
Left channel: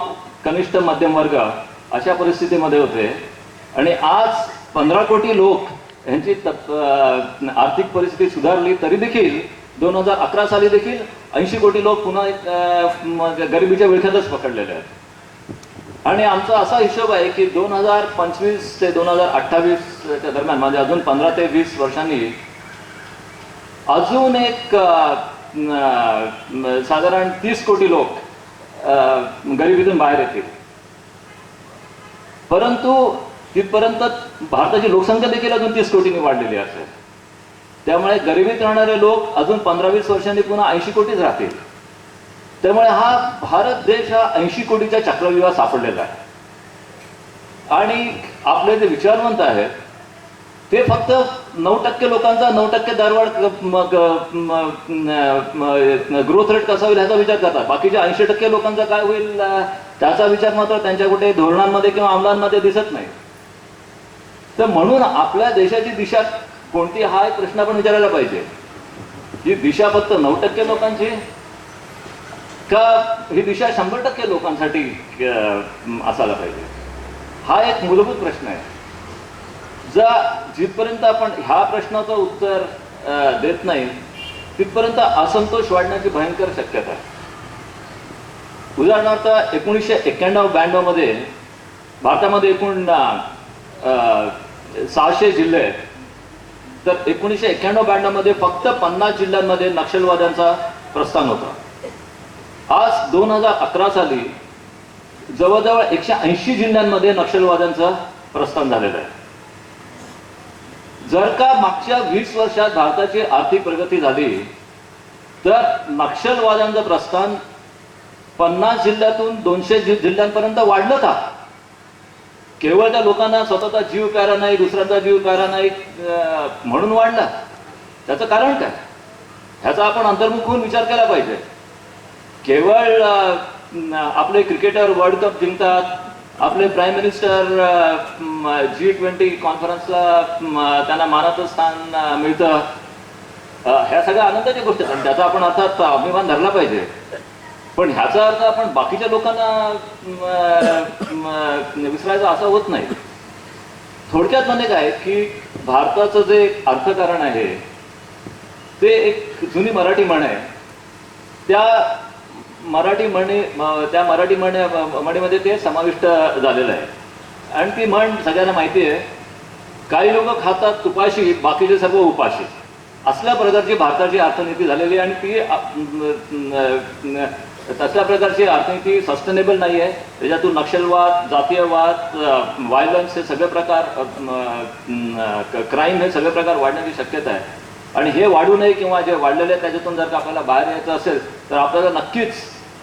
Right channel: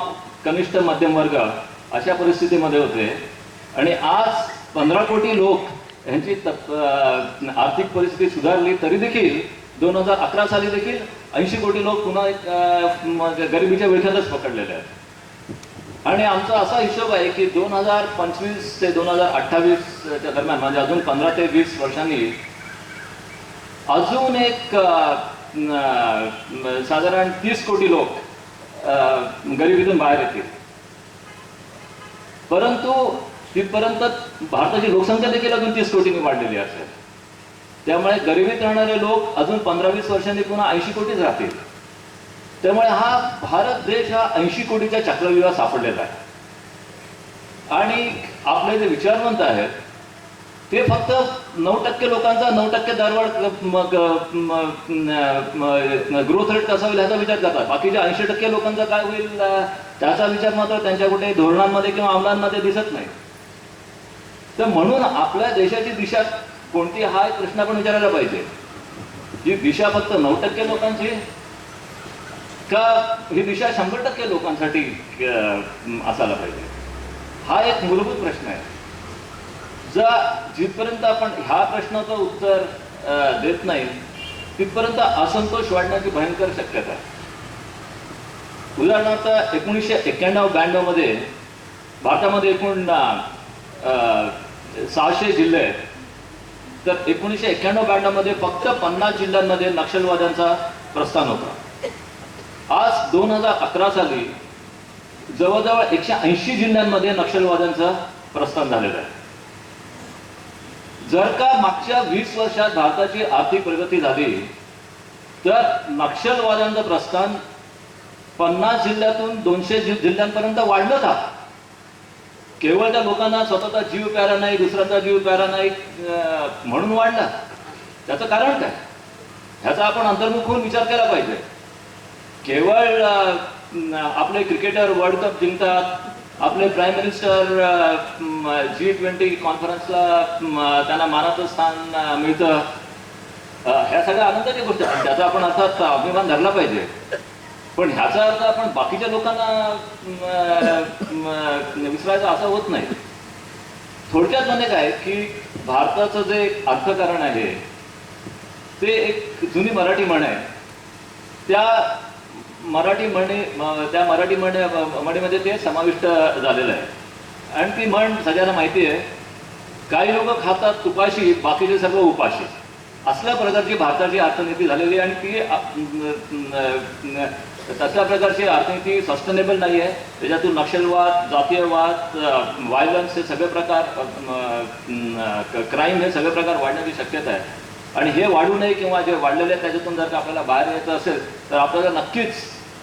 कनिष्ठ मध्यम वर्ग अशा परिस्थितीमध्ये होते आणि आज 15 कोटी लोक यांची आर्थिक परिस्थिती सुधारली तरी देखील 2011 साली देखील 80 कोटी लोक पुन्हा गरिबीच्या विळख्यातच पकडलेले आहेत. आणि आमचा असा हिशोब आहे की 2025 ते 2028च्या दरम्यान म्हणजे अजून 15 ते 20 वर्षांनी अजून एक साधारण 30 कोटी लोक गरिबीतून बाहेर येतील. परंतु तिथपर्यंत भारताची लोकसंख्या देखील अजून 30 कोटींनी वाढलेली असेल. त्यामुळे गरिबीत राहणारे लोक अजून 15-20 वर्षांनी पुन्हा 80 कोटीच राहतील. त्यामुळे हा भारत देश हा 80 कोटीच्या चक्रव्यूहात सापडलेला आहे. आणि आपले जे विचारवंत आहेत ते फक्त 9% लोकांचा 9% दरवाढ ग्रोथ रेट कसा होईल ह्याचा विचार करतात. बाकीच्या 80% लोकांचा काय होईल त्याचा विचार मात्र त्यांच्या कुठे धोरणांमध्ये किंवा अंमलांमध्ये दिसत नाही. तर म्हणून आपल्या देशाची दिशा कोणती हा एक प्रश्न आपण विचारायला पाहिजे. ही दिशा फक्त 9% लोकांची का ही दिशा 100% लोकांसाठी असायला पाहिजे. हा एक मूलभूत प्रश्न आहे. जिथपर्यंत आपण ह्या प्रश्नाचं उत्तर देत नाही तिथपर्यंत असंतोष वाढण्याची भयंकर शक्यता आहे. उदाहरणार्थ 1991-92 मध्ये भारतामध्ये एकूण 600 जिल्हे आहेत. तर 1991-92 मध्ये फक्त 50 जिल्ह्यांमध्ये नक्षलवाद्यांचा प्रस्थान होता. आज 2011 साली जवळजवळ 180 जिल्ह्यांमध्ये नक्षलवाद्यांचं प्रस्थान झालेलं आहे. जर का मागच्या 20 वर्षात भारताची आर्थिक प्रगती झाली तर नक्षलवाद्यांचं प्रस्थान 50 जिल्ह्यातून 200 जिल्ह्यांपर्यंत वाढलं का? केवळ त्या लोकांना स्वतःचा जीव प्यारा नाही, दुसऱ्यांचा जीव प्यारा नाही म्हणून वाढला. त्याचं कारण काय? ह्याचा आपण अंतर्मुख होऊन विचार केला पाहिजे. केवळ आपले क्रिकेटर वर्ल्ड कप जिंकतात, आपले प्राईम मिनिस्टर G20 कॉन्फरन्सला त्यांना मानाचं स्थान मिळतं, ह्या सगळ्या आनंदाच्या गोष्टी आहेत. त्याचा आपण अर्थात अभिमान धरला पाहिजे. पण ह्याचा अर्थ आपण बाकीच्या लोकांना विसरायचं असं होत नाही. थोडक्यात म्हणजे काय की भारताचं जे अर्थकारण आहे ते एक जुनी मराठी म्हण आहे. त्या मराठी म्हणीमध्ये ते समाविष्ट झालेलं आहे. आणि ती म्हण सगळ्यांना माहिती आहे, काही लोक खातात तुपाशी, बाकीचे सर्व उपाशी. असल्या प्रकारची भारताची अर्थनीती झालेली आहे. आणि ती तसल्या प्रकारची अर्थनीती सस्टेनेबल नाही आहे. त्याच्यातून नक्षलवाद, जातीयवाद, व्हायलन्स हे सगळे प्रकार, क्राईम हे सगळे प्रकार वाढण्याची शक्यता आहे. आणि हे वाढू नये किंवा जे वाढलेले आहे त्याच्यातून जर का आपल्याला बाहेर यायचं असेल तर आपल्याला नक्कीच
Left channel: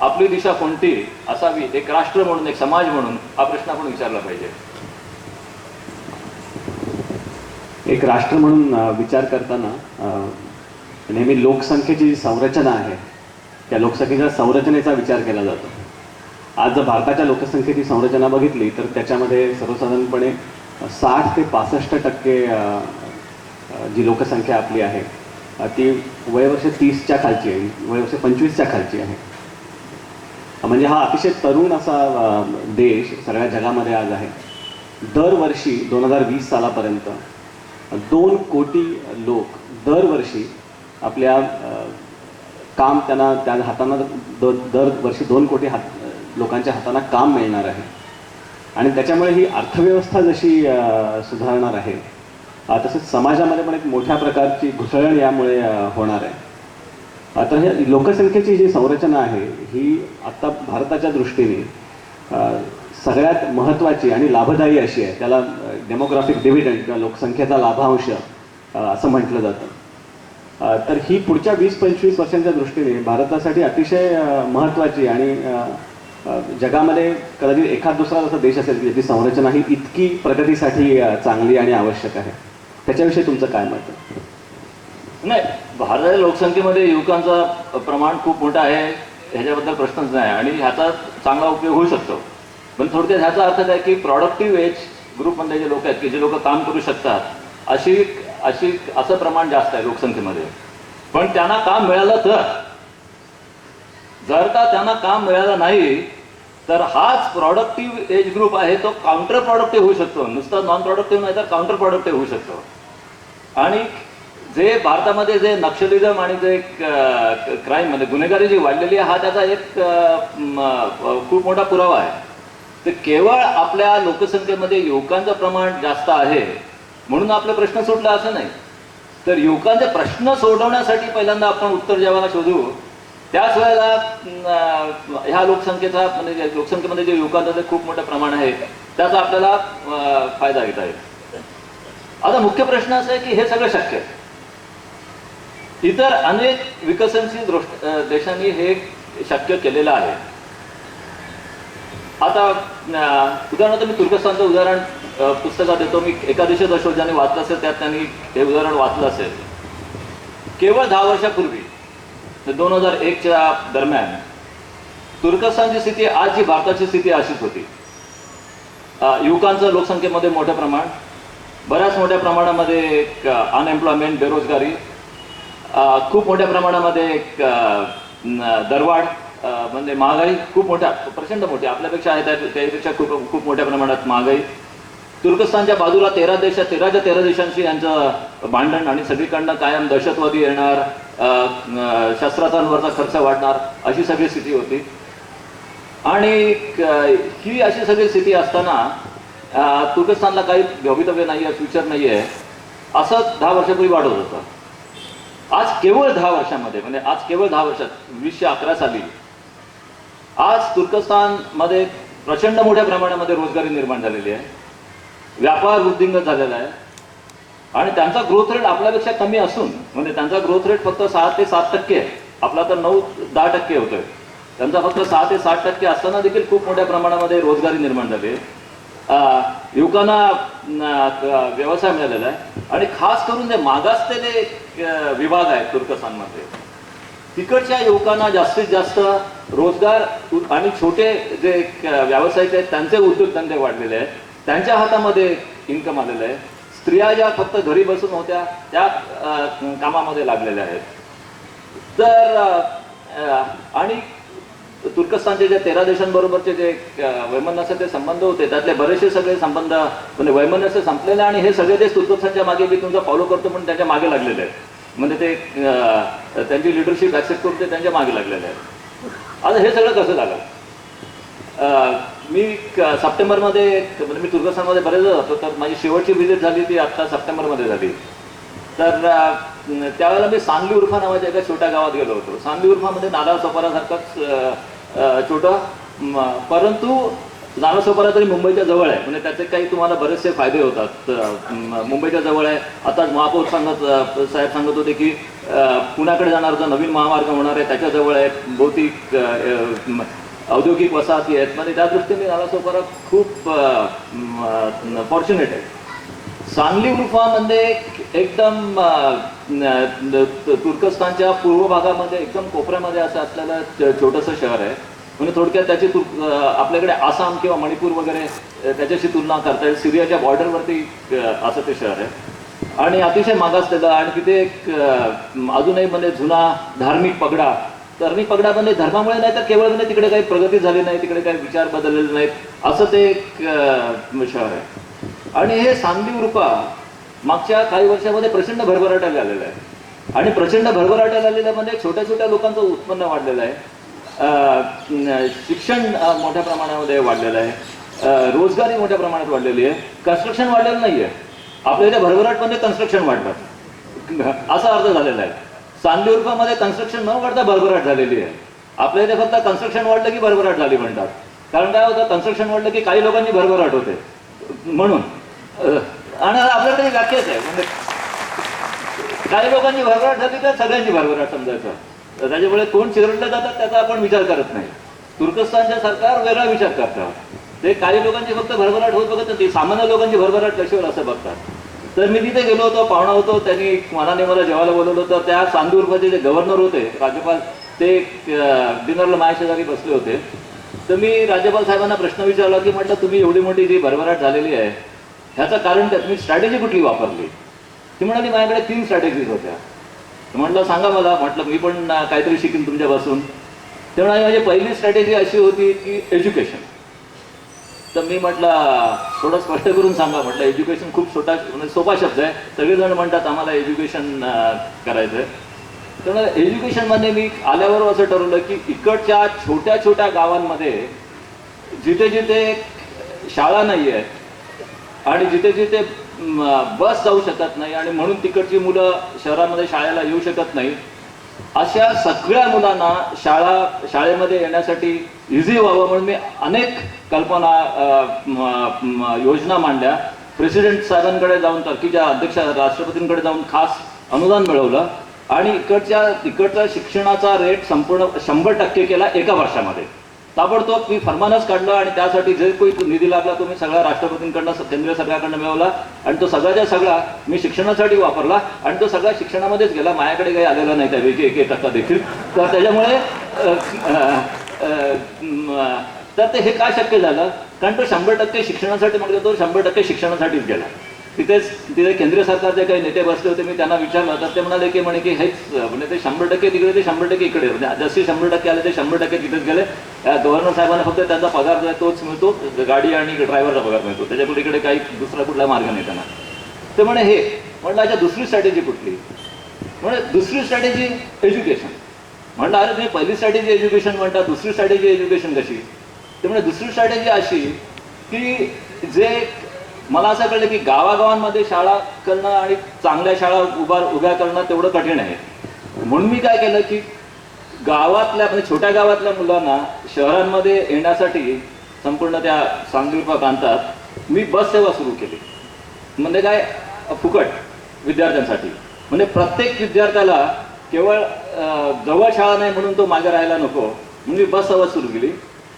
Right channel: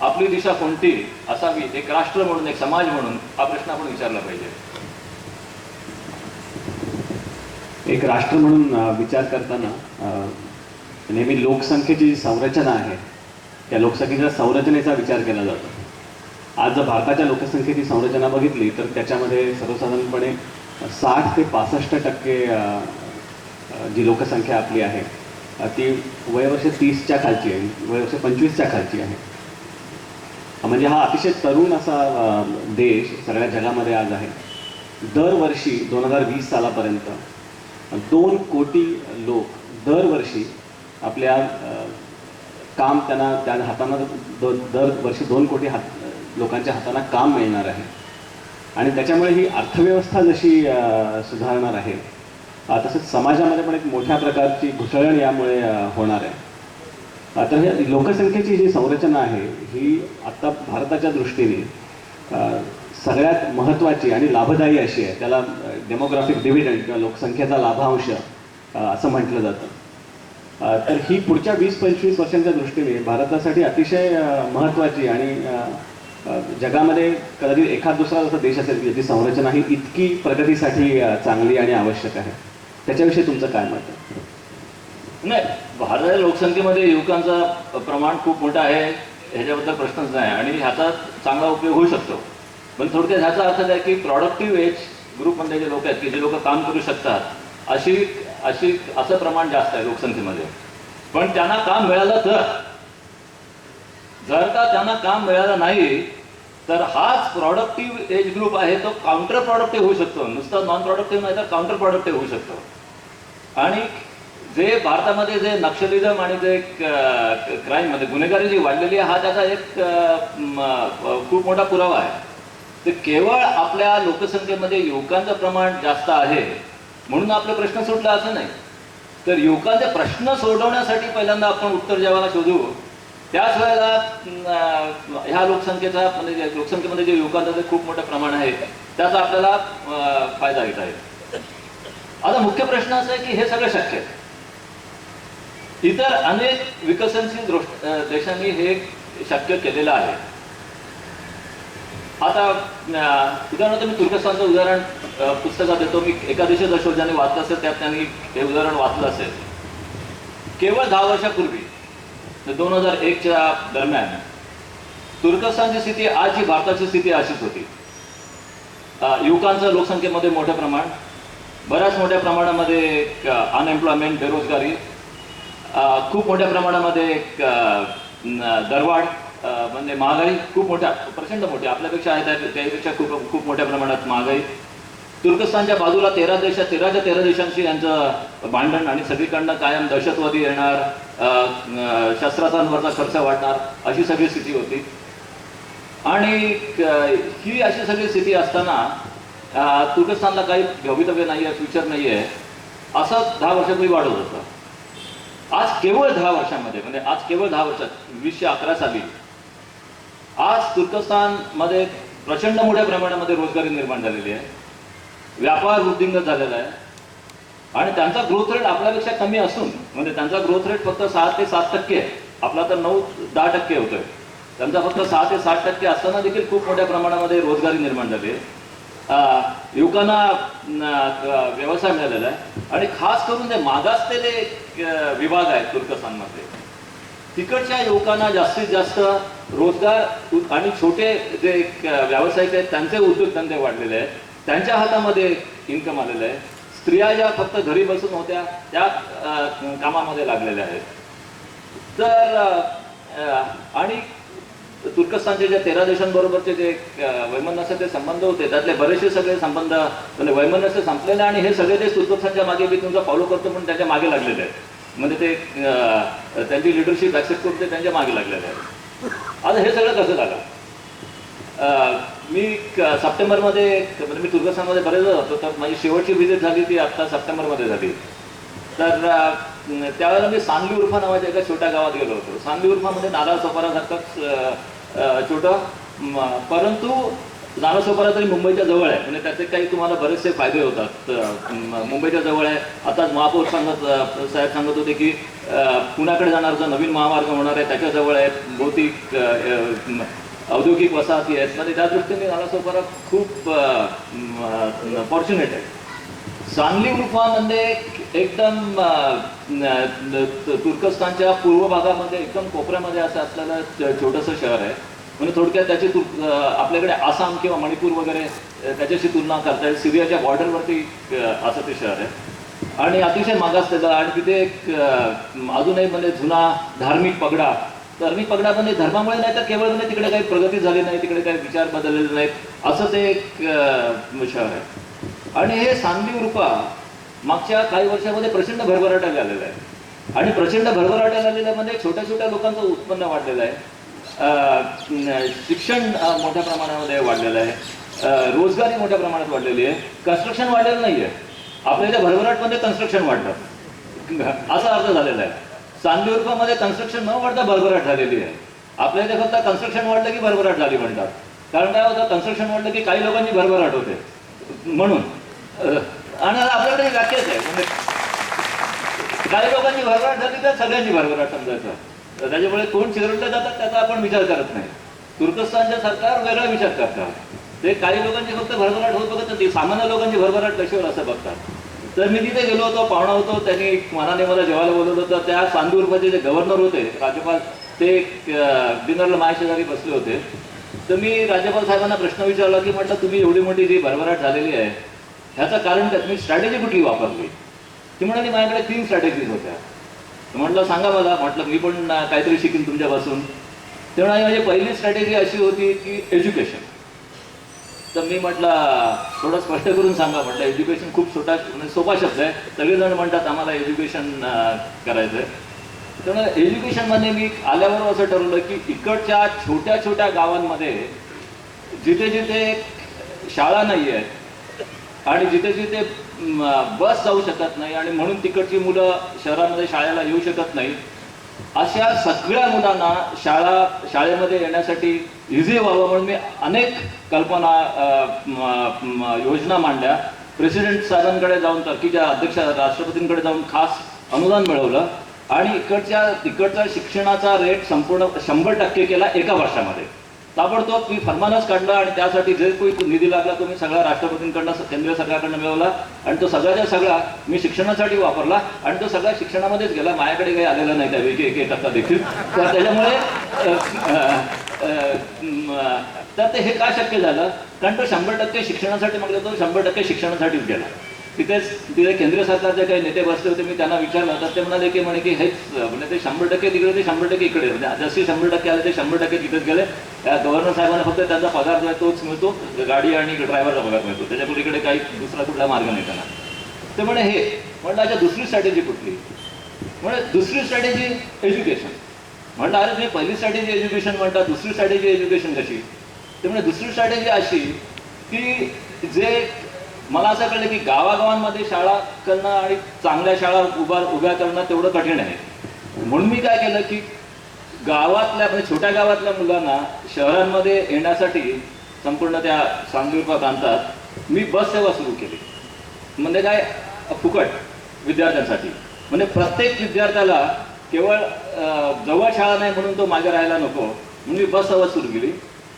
आपली दिशा कोणती असावी, एक राष्ट्र म्हणून, एक समाज म्हणून हा प्रश्न आपण विचारला पाहिजे. एक राष्ट्र म्हणून विचार करताना नेहमी लोकसंख्येची जी संरचना आहे त्या लोकसंख्येच्या संरचनेचा विचार केला जातो. आज जर भारताच्या लोकसंख्येची संरचना बघितली तर त्याच्यामध्ये सर्वसाधारणपणे 60 ते 65% जी लोकसंख्या आपली आहे ती वयवर्ष 30च्या खालची आहे, वयवर्ष 25च्या खालची आहे. म्हणजे हा अतिशय तरुण असा देश सगळ्या जगामध्ये आज आहे. दरवर्षी 2020 सालापर्यंत 2 कोटी लोक दरवर्षी आपल्या काम त्यांना त्या हातांना दरवर्षी 2 कोटी लोकांच्या हातांना काम मिळणार आहे. आणि त्याच्यामुळे ही अर्थव्यवस्था जशी सुधारणार आहे तसंच समाजामध्ये पण एक मोठ्या प्रकारची घुसळण यामुळे होणार आहे. आता ह्या लोकसंख्येची जी संरचना आहे ही आत्ता भारताच्या दृष्टीने सगळ्यात महत्त्वाची आणि लाभदायी अशी आहे. त्याला डेमोग्राफिक डिव्हिडंड किंवा लोकसंख्येचा लाभांश असं म्हटलं जातं. तर ही पुढच्या 20-25 वर्षांच्या दृष्टीने भारतासाठी अतिशय महत्त्वाची आणि जगामध्ये कदाचित एखाद दुसरा जसा देश असेल ज्याची संरचना ही इतकी प्रगतीसाठी चांगली आणि आवश्यक आहे. त्याच्याविषयी तुमचं काय मत आहे? नाही, भारताच्या लोकसंख्येमध्ये युवकांचा प्रमाण खूप मोठं आहे, ह्याच्याबद्दल प्रश्नच नाही आणि ह्याचा चांगला उपयोग होऊ शकतो. पण थोडक्यात ह्याचा अर्थ काय की प्रॉडक्टिव्ह एज ग्रुपमधले जे लोक आहेत की जे लोक काम करू शकतात असं प्रमाण जास्त आहे लोकसंख्येमध्ये. पण त्यांना काम मिळालं तर, जर का त्यांना काम मिळालं नाही तर हाच प्रॉडक्टिव्ह एज ग्रुप आहे तो काउंटर प्रॉडक्टिव्ह होऊ शकतो. नुसतं नॉन प्रॉडक्टिव्ह नाही तर काउंटर प्रॉडक्टिव्ह होऊ शकतो. आणि जे भारतामध्ये जे नक्षलिझम आणि जे क्राईम म्हणजे गुन्हेगारी जी वाढलेली आहे हा त्याचा एक खूप मोठा पुरावा आहे. तर केवळ आपल्या लोकसंख्येमध्ये युवकांचं प्रमाण जास्त आहे म्हणून आपले प्रश्न सुटला असं नाही. तर युवकांचे प्रश्न सोडवण्यासाठी पहिल्यांदा आपण उत्तर जगाला शोधू. त्याच वेळेला ह्या लोकसंख्येचा म्हणजे लोकसंख्येमध्ये जे युवकांचं जे खूप मोठं प्रमाण आहे त्याचा आपल्याला फायदा घेता येईल. आता मुख्य प्रश्न असा आहे की हे सगळं शक्य आहे. इतर अनेक विकसनशील देशांनी हे शक्य केलेलं आहे. आता उदाहरणार्थ मी तुर्कस्तानचं उदाहरण पुस्तकात देतो. मी एकादशीचा शोध ज्याने वाचलं असेल त्यात त्यांनी हे उदाहरण वाचलं असेल. केवळ 10 वर्षापूर्वी 2001च्या दरम्यान तुर्कस्तानची स्थिती आज जी भारताची स्थिती अशीच होती. युवकांचं लोकसंख्येमध्ये मोठं प्रमाण, बऱ्याच मोठ्या प्रमाणामध्ये अनएम्प्लॉयमेंट बेरोजगारी, खूप मोठ्या प्रमाणामध्ये दरवाढ म्हणजे महागाई खूप मोठ्या प्रचंड मोठ्या आपल्यापेक्षा आहे त्यापेक्षा खूप मोठ्या प्रमाणात महागाई. तुर्कस्तानच्या बाजूला 13 देशांशी यांचं भांडण आणि सगळीकडनं कायम दहशतवादी येणार, शस्त्रास्त्रांवरचा खर्च वाढणार अशी सगळी स्थिती होती. आणि ही अशी सगळी स्थिती असताना तुर्कस्तानला काही भवितव्य नाही आहे, फ्युचर नाही आहे असं 10 वर्षापूर्वी वाढत होतं. आज केवळ 10 वर्षामध्ये म्हणजे आज केवळ 10 वर्षात 2011 साली आज तुर्कस्तानमध्ये प्रचंड मोठ्या प्रमाणामध्ये रोजगारी निर्माण झालेली आहे, व्यापार वृद्धिंगत झालेला आहे आणि त्यांचा ग्रोथ रेट आपल्यापेक्षा कमी असून म्हणजे त्यांचा ग्रोथ रेट फक्त 6 ते 7% आहे. आपला तर 9-10% होतोय. त्यांचा फक्त 6 ते 7% असताना देखील खूप मोठ्या प्रमाणामध्ये रोजगारी निर्माण झाली आहे. युवकांना व्यवसाय मिळालेला आहे आणि खास करून जे मागासलेले विभाग आहेत तुर्कस्तानमध्ये तिकडच्या युवकांना जास्तीत जास्त रोजगार आणि छोटे जे व्यावसायिक आहेत त्यांचे उद्योगधंदे वाढलेले आहेत, त्यांच्या हातामध्ये इन्कम आलेलं आहे. स्त्रिया ज्या फक्त घरी बसून होत्या त्या कामामध्ये लागलेल्या आहेत. तर आणि तुर्कस्तानचे जे 13 देशांबरोबरचे जे वैमनस्याचे संबंध होते त्यातले बरेचसे सगळे संबंध म्हणजे वैमनस्य संपलेले आणि हे सगळे देश तुर्कस्तानच्या मागे मी तुमचा फॉलो करतो म्हणून त्यांच्या मागे लागलेले आहेत. म्हणजे ते त्यांची लिडरशिप ऍक्सेप्ट करून ते त्यांच्या मागे लागलेले आहेत. आता हे सगळं कसं झालं? मी सप्टेंबरमध्ये म्हणजे मी तुर्कस्तानमध्ये बरेच होतो तर माझी शेवटची व्हिजिट झाली ती आत्ता सप्टेंबरमध्ये झाली. तर त्यावेळेला मी सांगली उर्फा नावाच्या एका छोट्या गावात गेलो होतो. सांगली उर्फामध्ये नारळसोपारासारखंच छोटं परंतु नारळसोपारा तरी मुंबईच्या जवळ आहे म्हणजे त्याचे काही तुम्हाला बरेचसे फायदे होतात. मुंबईच्या जवळ आहे. आताच महापौर साहेब सांगत होते की पुण्याकडे जाणार जो नवीन महामार्ग होणार आहे त्याच्याजवळ आहे, भौतिक औद्योगिक वसाहती आहेत. म्हणजे त्या दृष्टीने नारळसोपारा खूप फॉर्च्युनेट आहे. सांगली उर्फामध्ये एकदम तुर्कस्तानच्या पूर्व भागामध्ये एकदम कोपऱ्यामध्ये असं असलेलं छोटंसं शहर आहे. म्हणजे थोडक्यात त्याची आपल्याकडे आसाम किंवा मणिपूर वगैरे त्याच्याशी तुलना करता येईल. सिरियाच्या बॉर्डरवरती असं ते शहर आहे आणि अतिशय मागासलेलं आणि तिथे एक अजूनही म्हणजे जुना धार्मिक पगडा म्हणजे धर्मामुळे नाही तर केवळ म्हणजे तिकडे काही प्रगती झाली नाही, तिकडे काही विचार बदललेले नाहीत असं ते एक शहर आहे. आणि हे सांगली उर्फा मागच्या काही वर्षामध्ये प्रचंड भरभराट्याला आलेलं आहे आणि प्रचंड भरभराट्याला आलेलं म्हणजे छोट्या छोट्या लोकांचं उत्पन्न वाढलेलं आहे, शिक्षण मोठ्या प्रमाणामध्ये वाढलेलं आहे, रोजगारी मोठ्या प्रमाणात वाढलेली आहे, कन्स्ट्रक्शन वाढलेलं नाही आहे. आपल्या इथे भरभराटमध्ये कन्स्ट्रक्शन वाढलं असा अर्थ झालेला आहे. सांगली उर्फामध्ये कन्स्ट्रक्शन न वाढता भरभराट झालेली आहे. आपल्या इथे फक्त कन्स्ट्रक्शन वाढलं की भरभराट झाली म्हणतात. कारण काय होतं, कन्स्ट्रक्शन वाढलं की काही लोकांची भरभराट होते म्हणून. आणि आपल्याकडे व्याख्याच आहे म्हणजे काही लोकांची भरभराट झाली तर सगळ्यांची भरभराट समजायचं. त्याच्यामुळे कोण चिरडले जातात त्याचा आपण विचार करत नाही. तुर्कस्तानचे सरकार वेगळा विचार करतात. ते काही लोकांची फक्त भरभराट होत बघत नाही, सामान्य लोकांची भरभराट कशावर असं बघतात. तर मी तिथे गेलो होतो, पाहुणा होतो, त्यांनी मनाने मला जेवायला बोलवलं होतं. त्या सांदूरचे जे गव्हर्नर होते, राज्यपाल, ते डिनरला माझ्या शेजारी बसले होते. तर मी राज्यपाल साहेबांना प्रश्न विचारला की म्हटलं तुम्ही एवढी मोठी जी भरभराट झालेली आहे ह्याचं कारण काय, तुम्ही स्ट्रॅटेजी कुठली वापरली? ती म्हणाली माझ्याकडे 3 स्ट्रॅटेजीज होत्या. म्हटलं सांगा मला. म्हटलं मी पण काहीतरी शिकेन तुमच्यापासून. ते म्हणाले माझी पहिली स्ट्रॅटेजी अशी होती की एज्युकेशन. तर मी म्हटलं थोडं स्पष्ट करून सांगा. म्हटलं एज्युकेशन खूप म्हणजे सोपा शब्द आहे, सगळेजण म्हणतात आम्हाला एज्युकेशन करायचं आहे. तर एज्युकेशनमध्ये मी आल्यावर असं ठरवलं की इकडच्या छोट्या छोट्या गावांमध्ये जिथे जिथे शाळा नाही आहेत आणि जिथे जिथे बस जाऊ शकत नाही आणि म्हणून तिकडची मुलं शहरामध्ये शाळेला येऊ शकत नाही, अशा सगळ्या मुलांना शाळेमध्ये येण्यासाठी इझी व्हावं म्हणून मी अनेक कल्पना योजना मांडल्या. प्रेसिडेंट साहेबांकडे जाऊन, टर्कीच्या अध्यक्ष राष्ट्रपतींकडे जाऊन खास अनुदान मिळवलं आणि इकडचा शिक्षणाचा रेट संपूर्ण 100% केला एका वर्षामध्ये. ताबडतोब मी फरमानच काढलं आणि त्यासाठी जे काही निधी लागला तो मी सगळा राष्ट्रपतींकडनं, केंद्रीय सरकारकडनं मिळवला आणि तो सगळ्याच्या सगळा मी शिक्षणासाठी वापरला आणि तो सगळा शिक्षणामध्येच गेला. माझ्याकडे काही आलेलं नाही त्यापैकी 1% देखील. तर त्याच्यामुळे तर ते हे का शक्य झालं, कारण तो 100% शिक्षणासाठी म्हटलं, तो 100% शिक्षणासाठीच गेला. तिथे केंद्रीय सरकारचे काही नेते बसले होते, मी त्यांना विचारलं तर ते म्हणाले की हेच म्हणजे ते 100% तिकडे, ते 100% इकडे, म्हणजे जसे 100% आले ते 100% तिथेच गेले. गव्हर्नर साहेबांना फक्त त्यांचा पगार जो आहे तोच मिळतो, गाडी आणि ड्रायव्हरचा पगार मिळतो, त्याच्यापुढे इकडे काही दुसरा कुठला मार्ग नाही त्यांना. ते म्हणे हे म्हटलं अच्छा दुसरी स्ट्रॅटेजी कुठली? म्हणजे दुसरी स्ट्रॅटेजी एज्युकेशन. म्हटलं अरे तुम्ही पहिली स्ट्रॅटेजी एज्युकेशन म्हणता, दुसरी स्ट्रॅटेजी एज्युकेशन कशी? ते म्हणजे दुसरी स्ट्रॅटेजी अशी की जे मला असं कळलं की गावागावांमध्ये शाळा करणं आणि चांगल्या शाळा उभ्या करणं तेवढं कठीण आहे. म्हणून मी काय केलं की गावातल्या म्हणजे छोट्या गावातल्या मुलांना शहरांमध्ये येण्यासाठी संपूर्ण त्या सांगली प्रांतात मी बस सेवा सुरू केली. म्हणजे काय, फुकट विद्यार्थ्यांसाठी. म्हणजे प्रत्येक विद्यार्थ्याला केवळ जवळ शाळा नाही म्हणून तो मागे राहायला नको म्हणून मी बस सेवा सुरू केली.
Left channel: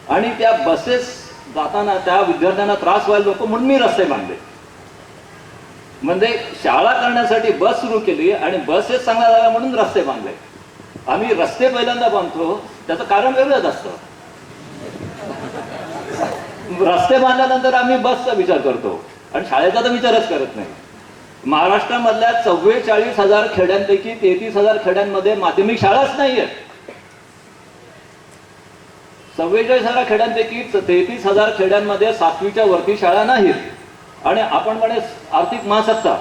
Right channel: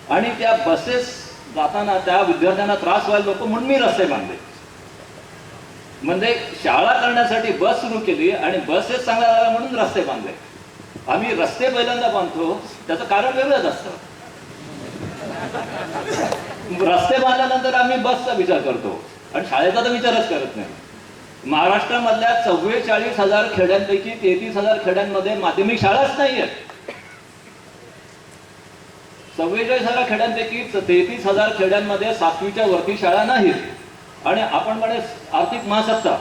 आणि त्या बसेस जाताना त्या विद्यार्थ्यांना त्रास व्हायला नको म्हणून मी रस्ते बांधले. म्हणजे शाळा करण्यासाठी बस सुरू केली आणि बसेस चांगल्या झाल्या म्हणून रस्ते बांधले. आम्ही रस्ते पहिल्यांदा बांधतो त्याचं कारण वेगळंच असतं. रस्ते बांधल्यानंतर आम्ही बसचा विचार करतो आणि शाळेचा तर विचारच करत नाही. महाराष्ट्रामधल्या 44,000 खेड्यांपैकी 33,000 खेड्यांमध्ये माध्यमिक शाळाच नाहीये. 44,000 खेड्यांपैकी 33,000 खेड्यांमध्ये 7वीच्या वरती शाळा नाहीत. आणि आपण म्हणे आर्थिक महासत्ता.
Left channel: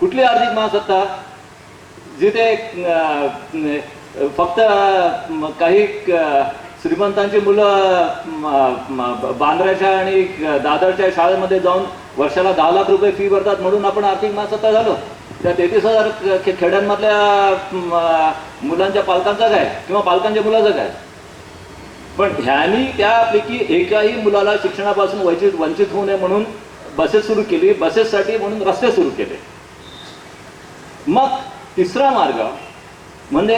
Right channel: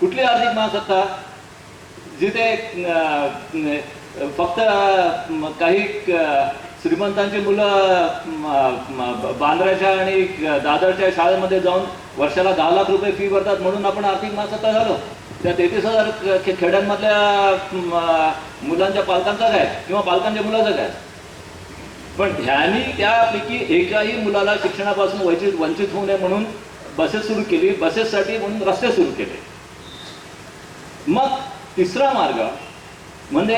कुठली आर्थिक महासत्ता? जिथे फक्त काही श्रीमंतांची मुलं बांद्र्याच्या आणि दादरच्या शाळेमध्ये जाऊन वर्षाला 10 लाख रुपये फी भरतात म्हणून आपण आर्थिक महासत्ता झालो. त्या 33,000 खेड्यांमधल्या मुलांच्या पालकांचं काय किंवा पालकांच्या मुलाचं काय? पण ह्यांनी त्यापैकी एकाही मुलाला शिक्षणापासून वंचित होऊ नये म्हणून बसेस सुरू केली. बसेससाठी म्हणून रस्ते सुरू केले. मग तिसरा मार्ग म्हणजे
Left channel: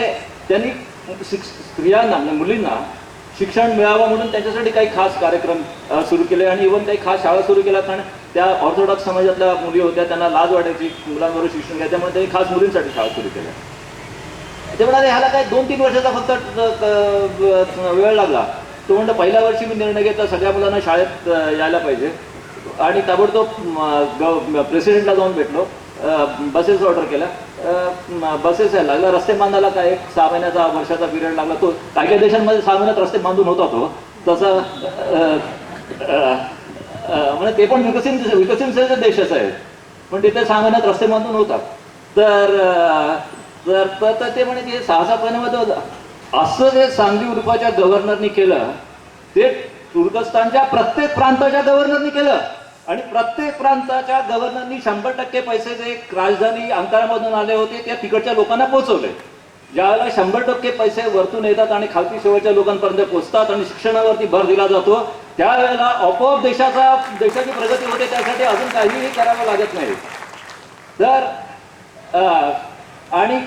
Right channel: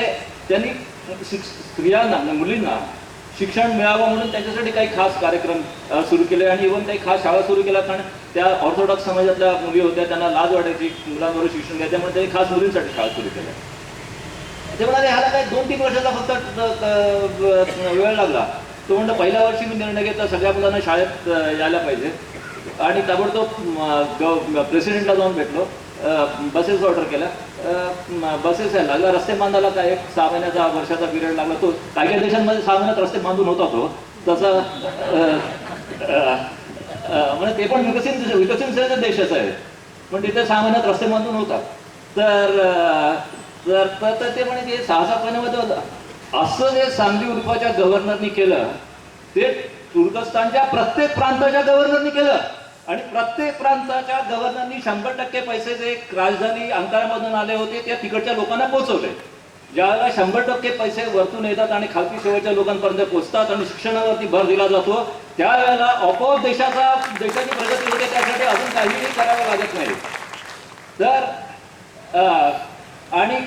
त्यांनी स्त्रियांना मुलींना शिक्षण मिळावं म्हणून त्यांच्यासाठी काही खास कार्यक्रम सुरू केले आणि इव्हन काही खास शाळा सुरू केल्या. कारण त्या ऑर्थोडॉक्स समाजातल्या मुली होत्या, त्यांना लाज वाटायची मुलांबरोबर शिक्षण घ्यायचं, त्यामुळे त्यांनी खास मुलींसाठी शाळा सुरू केल्या. ते म्हणाले ह्याला काय 2-3 वर्षाचा फक्त वेळ लागला. तो म्हणतो पहिल्या वर्षी मी निर्णय घेतला सगळ्या मुलांना शाळेत यायला पाहिजे आणि ताबडतोब प्रेसिडेंटला जाऊन भेटलो. बसेस ऑर्डर केल्या, बसेस यायला लागला. रस्ते बांधायला काय 6 महिन्याचा वर्षाचा पिरियड लागला. तो काही काही देशांमध्ये 6 महिन्यात रस्ते बांधून होता तो तसं म्हणजे ते पण विकसित देशाचं आहे पण तिथे 6 महिन्यात रस्ते बांधून होतात. तर ते म्हणे की 6-7 महिन्यामध्ये होतं. असं जे सांगली उर्फाच्या गव्हर्नरनी केलं ते तुर्कस्तानच्या प्रत्येक प्रांताच्या गव्हर्नरनी केलं. आणि प्रत्येक प्रांताच्या गव्हर्नरनी 100% पैसे जे राजधानी अंकारामधून आले होते त्या तिकडच्या लोकांना पोहोचवले. ज्यावेळेला 100% पैसे वरतून येतात आणि खालती शेवटच्या लोकांपर्यंत पोहोचतात आणि शिक्षणावरती भर दिला जातो त्यावेळेला आपोआप देशाची प्रगती होते. त्यासाठी अजून काहीही करावं लागत नाही. तर आणि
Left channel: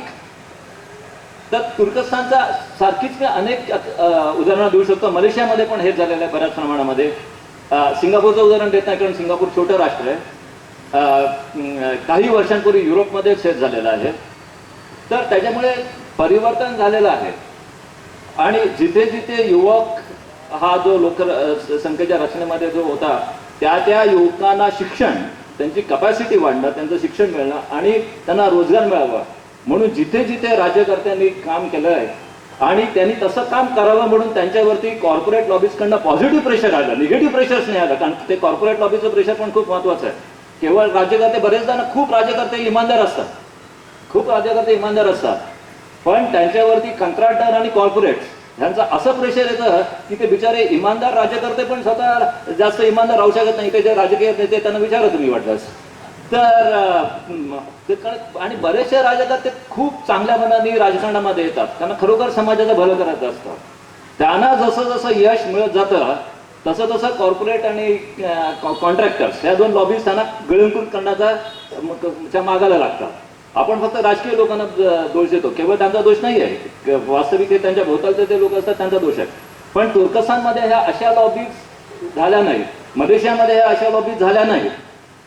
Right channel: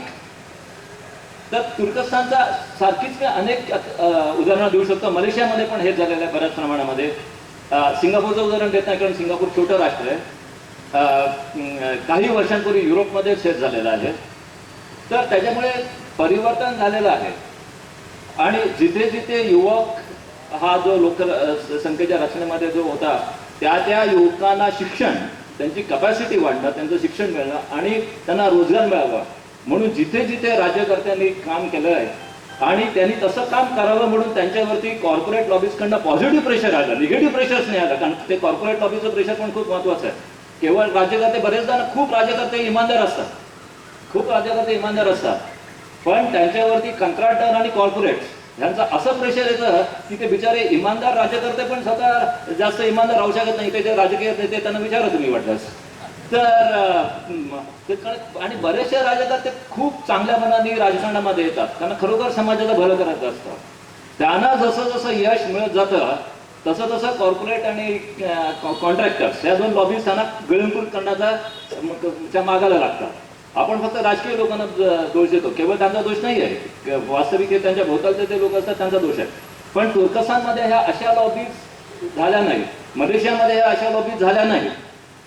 तर तुर्कस्तानचा सारखीच मी अनेक उदाहरणं देऊ शकतो. मलेशियामध्ये पण हेच झालेलं आहे बऱ्याच प्रमाणामध्ये. सिंगापूरचं उदाहरण देत नाही कारण सिंगापूर छोटं राष्ट्र आहे. काही वर्षांपूर्वी युरोपमध्ये शेत झालेलं आहे. तर त्याच्यामुळे परिवर्तन झालेलं आहे. आणि जिथे जिथे युवक हा जो लोकसंख्येच्या रचनेमध्ये जो होता त्या युवकांना शिक्षण, त्यांची कपॅसिटी वाढणं, त्यांचं शिक्षण मिळणं आणि त्यांना रोजगार मिळावा म्हणून जिथे जिथे राज्यकर्त्यांनी काम केलं आहे आणि त्यांनी तसं काम करावं म्हणून त्यांच्यावरती कॉर्पोरेट लॉबीजकडनं पॉझिटिव्ह प्रेशर आलं, निगेटिव्ह प्रेशर्स नाही आलं. कारण ते कॉर्पोरेट लॉबीचं प्रेशर पण खूप महत्त्वाचं आहे. केवळ राज्यकर्ते, बरेचदा खूप राज्यकर्ते इमानदार असतात, खूप राज्यकर्ते इमानदार असतात, पण त्यांच्यावरती कंत्राटदार आणि कॉर्पोरेट्स ह्यांचं असं प्रेशर येतं की ते बिचारे इमानदार राज्यकर्ते पण स्वतः जास्त इमानदार राहू शकत नाही. ते जे राजकीय नेते त्यांना विचारा तुम्ही वाटल्यास तर. आणि बरेचसे राजकर्ते खूप चांगल्या मनाने राजकारणामध्ये येतात, त्यांना खरोखर समाजाचं भलं करायचं असतं. त्यांना जसं जसं यश मिळत जातं तसं तसं कॉर्पोरेट आणि कॉन्ट्रॅक्टर्स या दोन लॉबीज त्यांना गिळंकृत करण्याच्या मागायला लागतात. आपण फक्त राजकीय लोकांना दोष देतो, केवळ त्यांचा दोष नाही आहे, वास्तविक हे त्यांच्या भोवतालचे जे लोक असतात त्यांचा दोष आहे. पण तुर्कस्तानमध्ये ह्या अशा लॉबीज झाल्या नाहीत, मलेशियामध्ये ह्या अशा लॉबीज झाल्या नाहीत.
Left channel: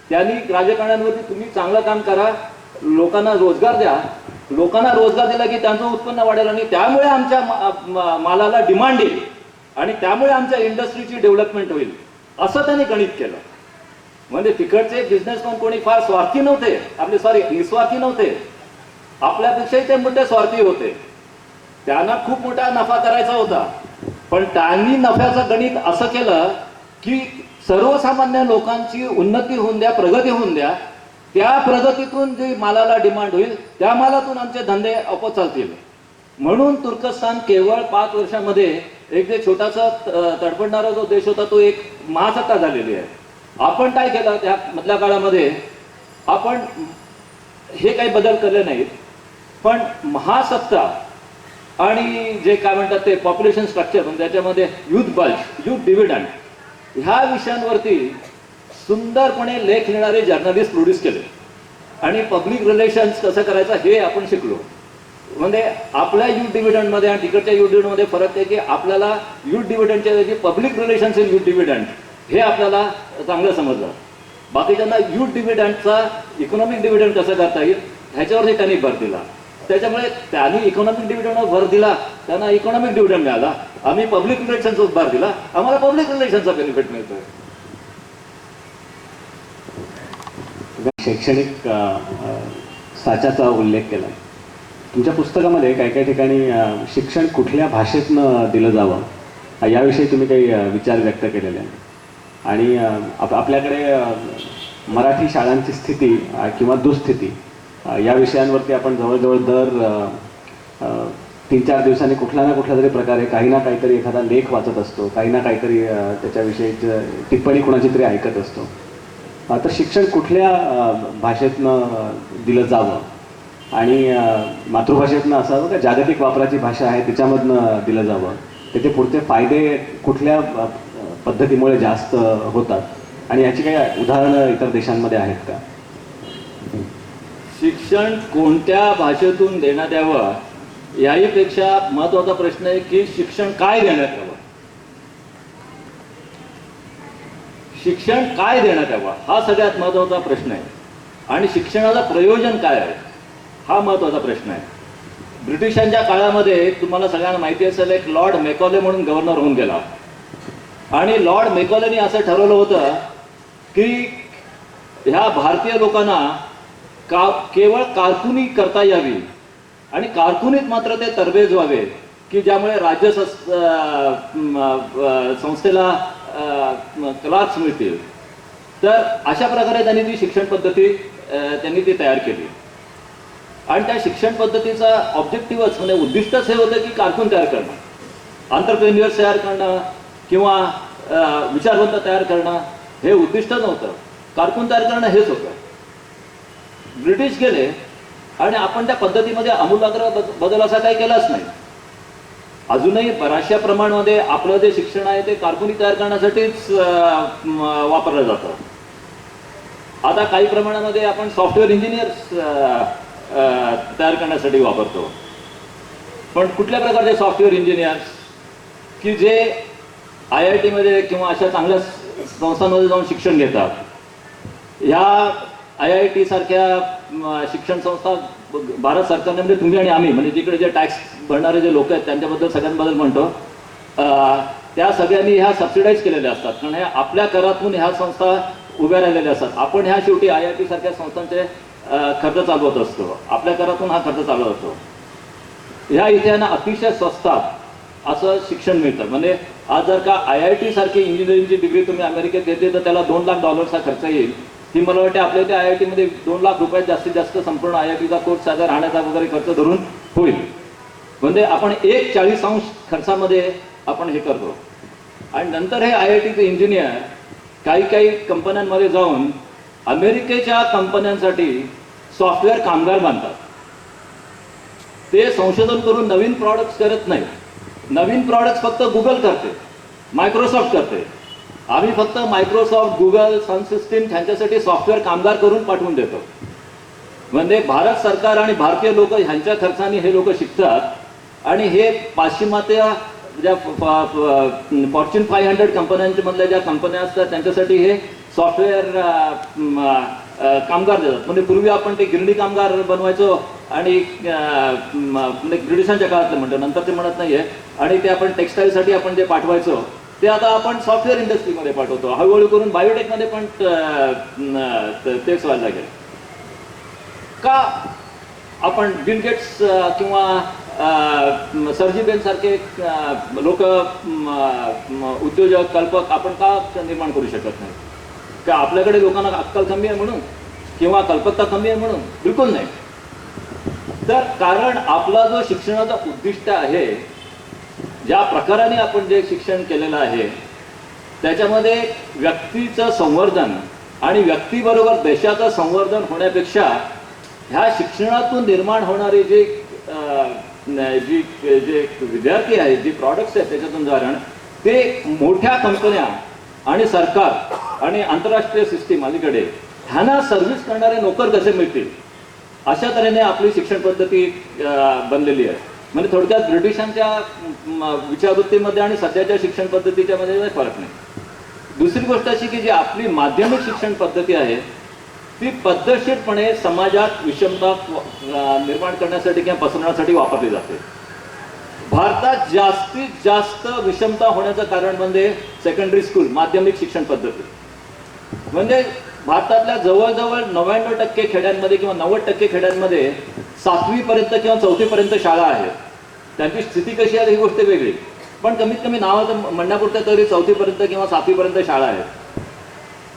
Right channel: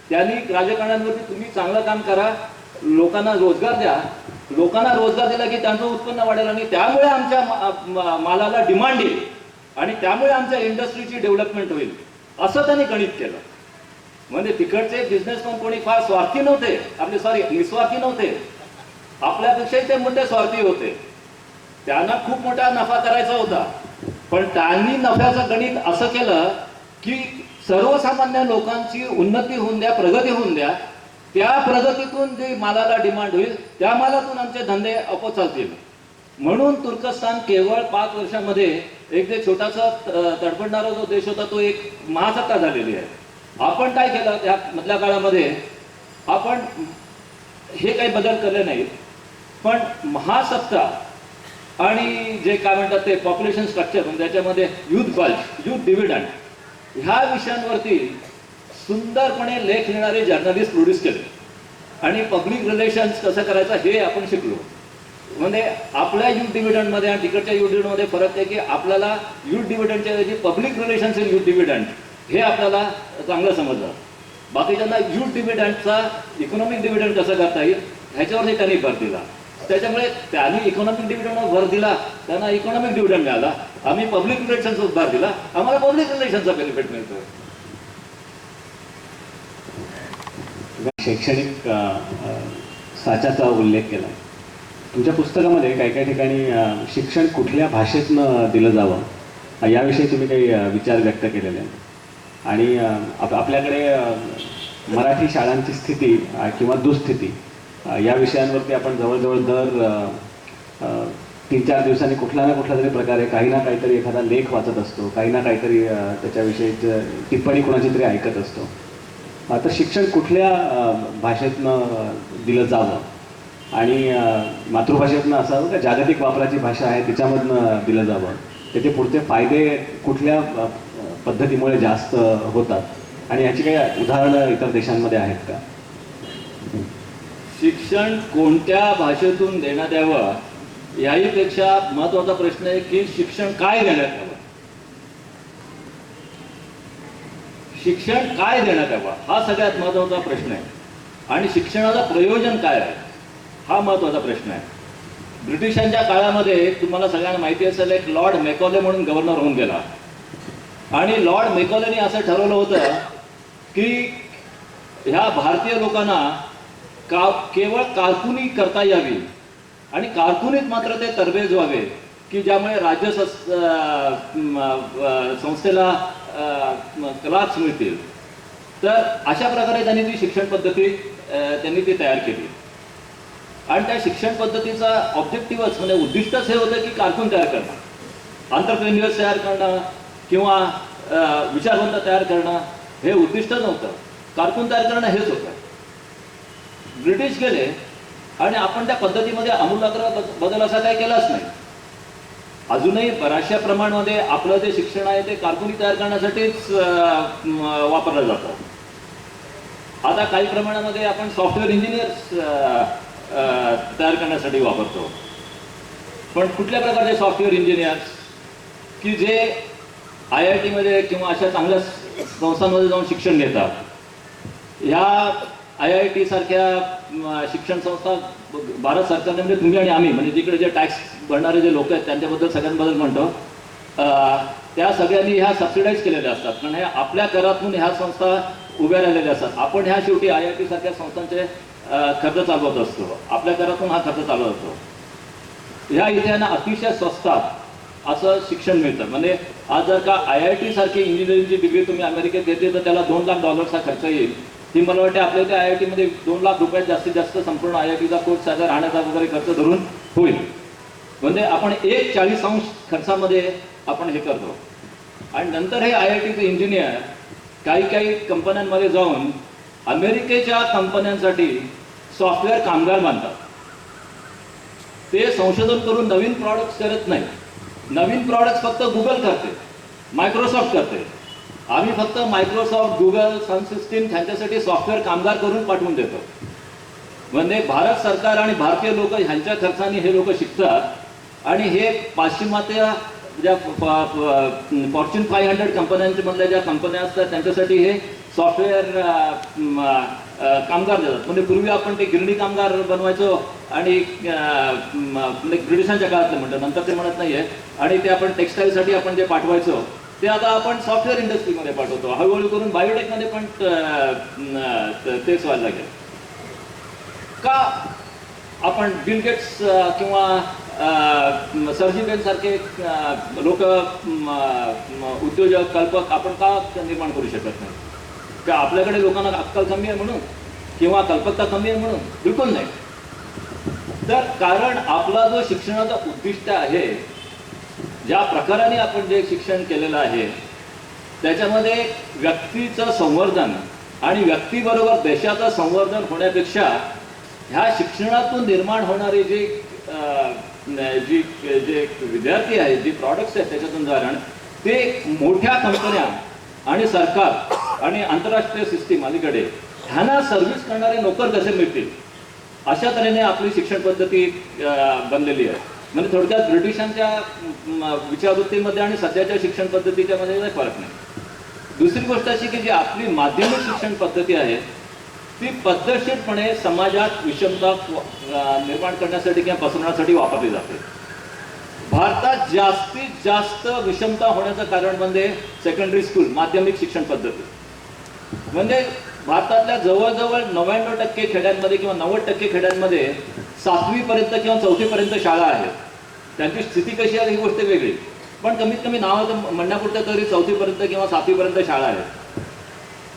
त्यांनी राजकारण्यांवरती तुम्ही चांगलं काम करा, लोकांना रोजगार द्या, लोकांना रोजगार दिला की त्यांचं उत्पन्न वाढेल आणि त्यामुळे आमच्या मालाला डिमांड येईल आणि त्यामुळे आमच्या इंडस्ट्रीची डेव्हलपमेंट होईल, असं त्यांनी गणित केलं. म्हणजे तिकडचे बिझनेसमॅन कोणी फार स्वार्थी नव्हते, निस्वार्थी नव्हते, आपल्यापेक्षाही ते मोठे स्वार्थी होते. त्यांना खूप मोठा नफा करायचा होता, पण त्यांनी नफ्याचं गणित असं केलं की सर्वसामान्य लोकांची उन्नती होऊन द्या, प्रगती होऊन द्या, त्या प्रगतीतून जी मालाला डिमांड होईल त्या मालातून आमचे धंदे आपोआप चालतील. म्हणून तुर्कस्तान केवळ 5 वर्षामध्ये एक जे छोटासा तडफडणारा जो देश होता तो एक महासत्ता झालेली आहे. आपण काय केलं त्या मधल्या काळामध्ये, आपण हे काही बदल केले नाहीत, पण महासत्ता आणि जे काय म्हणतात ते पॉप्युलेशन स्ट्रक्चर, त्याच्यामध्ये युथ बल्क, युथ डिव्हिडंड ह्या विषयांवरती सुंदरपणे लेख लिहिणारे जर्नलिस्ट प्रोड्यूस केले आणि पब्लिक रिलेशन्स कसं करायचं हे आपण शिकलो. म्हणजे आपल्या युथ डिव्हिडंडमध्ये आणि तिकडच्या युथ डिव्हिडंडमध्ये फरक आहे की आपल्याला युथ डिव्हिडंडच्या ऐवजी public relations in youth dividend हे आपल्याला चांगलं समजलं. बाकीच्यांना युथ डिव्हिडंडचा इकॉनॉमिक डिव्हिडंड कसं करता येईल ह्याच्यावरती त्यांनी भर दिला. त्याच्यामुळे त्यांनी इकॉनॉमिक डिव्हिडंडवर भर दिला, त्यांना इकॉनॉमिक डिव्हिडंड मिळाला. आम्ही पब्लिक रिलेशन्सवर भर दिला, आम्हाला पब्लिक रिलेशनचा बेनिफिट मिळतोय. शैक्षणिक साच्याचा उल्लेख केला. तुमच्या पुस्तकामध्ये काही काही ठिकाणी शिक्षण कुठल्या भाषेतनं दिलं जावं याविषयी तुम्ही काही विचार व्यक्त केलेले आहेत. आणि आपल्याकडे मराठी शाळांची स्थिती किंवा दुःस्थिती या विषयांवरती आपण जवळजवळ दर 3-4 दिवसांनी कुठल्या ना कुठल्या तरी प्रकारे काही ना काहीतरी एखादा लेख वाचत असतो, काही ना काहीतरी त्याच्याविषयी टिप्पणी कोणाची तरी ऐकत असतो. तर शिक्षण कुठल्या भाषेतनं दिलं जावं आणि मातृभाषेतनं असावं का जागतिक वापराची भाषा आहे तिच्यामधनं दिलं जावं, त्याचे पुढचे फायदे कुठल्या पद्धतीमुळे जास्त होतात आणि याची काही उदाहरणं इतर देशांमध्ये आहेत का? शिक्षण कोणत्या भाषेतून देण्यात यावं याहीपेक्षा महत्वाचा प्रश्न आहे की शिक्षण काय देण्यात यावं. शिक्षण काय देण्यात यावं हा सगळ्यात महत्वाचा प्रश्न आहे आणि शिक्षणाचं प्रयोजन काय आहे हा महत्वाचा प्रश्न आहे. ब्रिटिशांच्या काळामध्ये तुम्हाला सगळ्यांना माहिती असेल एक लॉर्ड मेकॉले म्हणून गव्हर्नर होऊन गेला आणि लॉर्ड मेकॉलेनी असं ठरवलं होतं की ह्या भारतीय लोकांना केवळ कारकुनी करता यावी आणि कारकुनीत मात्र ते तरबेज व्हावे की ज्यामुळे राज्य संस्थेला क्लार्क्स मिळतील. तर अशा प्रकारे त्यांनी ती शिक्षण पद्धती त्यांनी ती तयार केली आणि त्या शिक्षण पद्धतीचा ऑब्जेक्टिव्हच म्हणजे उद्दिष्टच हे होतं की कारकून तयार करणं, एंटरप्रेन्युअर्स तयार करणं किंवा विचारवंत तयार करणं हे उद्दिष्ट नव्हतं, कारकून तयार करणं हेच होतं. ब्रिटिश गेले आणि आपण त्या पद्धतीमध्ये आमूलाग्र बदल असा काही केलाच नाही. अजूनही बऱ्याचशा प्रमाणामध्ये आपलं जे शिक्षण आहे ते कारकुनी तयार करण्यासाठीच वापरलं जातं. आता काही प्रमाणामध्ये आपण सॉफ्टवेअर इंजिनियर्स तयार करण्यासाठी वापरतो. पण कुठल्या प्रकारचे सॉफ्टवेअर इंजिनियर्स की जे IIT-मध्ये किंवा अशा चांगल्या संस्थांमध्ये जाऊन शिक्षण घेतात. ह्या IIT सारख्या शिक्षण संस्था भारत सरकारने, म्हणजे तुम्ही आणि आम्ही, म्हणजे जिकडे जे टॅक्स भरणारे जे लोक आहेत त्यांच्याबद्दल सगळ्यांबद्दल म्हणतो, त्या सगळ्यांनी ह्या सबसिडाईज केलेल्या असतात. कारण हे आपल्या करातून ह्या संस्था उभ्या राहिलेल्या असतात. आपण ह्या शेवटी IIT सारख्या संस्थांचे खर्च चालवत असतो. आपल्या करातून हा खर्च चालवत असतो. ह्या इथे ना अतिशय स्वस्तात असं शिक्षण मिळतं. म्हणजे आज जर का IIT सारखी इंजिनिअरिंगची डिग्री तुम्ही अमेरिकेत घेतली तर त्याला $2 लाख हा खर्च येईल. ती मला वाटते आपल्या इथे IIT-मध्ये $2 लाख जास्तीत जास्त संपूर्ण IIT-चा कोर्स साधा राहण्याचा वगैरे खर्च धरून होईल. म्हणजे आपण 1/40 खर्चामध्ये आपण हे करतो. आणि नंतर हे IIT-चे इंजिनियर काही कंपन्यांमध्ये जाऊन अमेरिकेच्या कंपन्यांसाठी सॉफ्टवेअर कामगार बांधतात. ते संशोधन करून नवीन प्रॉडक्ट्स करत नाही. नवीन प्रॉडक्ट्स फक्त गुगल करते, मायक्रोसॉफ्ट करते. आम्ही फक्त मायक्रोसॉफ्ट, गुगल, सन सिस्टीम ह्यांच्यासाठी सॉफ्टवेअर कामगार करून पाठवून देतो. म्हणजे भारत सरकार आणि भारतीय लोक ह्यांच्या खर्चाने हे लोक शिकतात आणि हे पाश्चिमात्य ज्या फॉर्च्यून 500 कंपन्यांच्या मधल्या ज्या कंपन्या असतात त्यांच्यासाठी हे सॉफ्टवेअर कामगार देतात. म्हणजे पूर्वी आपण ते गिरणी कामगार बनवायचो आणि ब्रिटिशांच्या काळातलं म्हणतो, नंतर ते म्हणत नाहीये. आणि ते आपण टेक्स्टाईलसाठी आपण जे पाठवायचो ते आता आपण सॉफ्टवेअर इंडस्ट्रीमध्ये पाठवतो. हळूहळू करून बायोटेकमध्ये पण तेच व्हायला लागेल. का आपण बिल गेट्स किंवा सर्जी बेन सारखे लोक, उद्योजक, कल्पक आपण का निर्माण करू शकत नाही? का आपल्याकडे लोकांना अक्कल कमी आहे म्हणून किंवा कल्पकता कमी आहे म्हणून? बिलकुल नाही. तर कारण आपला जो शिक्षणाचा उद्दिष्ट आहे, ज्या प्रकाराने आपण जे शिक्षण केलेलं आहे त्याच्यामध्ये व्यक्तीचं संवर्धन आणि व्यक्तीबरोबर देशाचं संवर्धन होण्यापेक्षा ह्या शिक्षणातून निर्माण होणारे जे विद्यार्थी आहेत, जे प्रॉडक्ट्स आहेत त्याच्यातून जाणं, ते मोठ्या कंपन्या आणि सरकार आणि आंतरराष्ट्रीय सिस्टीम अलीकडे ह्यांना सर्व्हिस करणारे नोकर कसे मिळतील अशा तऱ्हेने आपली शिक्षण पद्धती बनलेली आहे. म्हणजे थोडक्यात ब्रिटिशांच्या विचारवृत्तीमध्ये आणि सध्याच्या शिक्षण पद्धतीच्या मध्ये फरक नाही. दुसरी गोष्ट अशी की जी आपली माध्यमिक शिक्षण पद्धती आहे ती पद्धतशीरपणे समाजात विषमता निर्माण करण्यासाठी किंवा पसरवण्यासाठी वापरली जाते. भारतात जास्तीत जास्त विषमता होण्याचं कारण म्हणजे सेकंडरी स्कूल, माध्यमिक शिक्षण पद्धती. म्हणजे भारतातल्या जवळजवळ 99% खेड्यांमध्ये किंवा 90% खेड्यांमध्ये 7वी पर्यंत किंवा 4थी पर्यंत शाळा आहेत. त्यांची स्थिती कशी आहे ही गोष्ट वेगळी, पण कमीत कमी नावाचं म्हणण्यापुरतं तरी 4थी पर्यंत किंवा 7वी पर्यंत शाळा आहेत.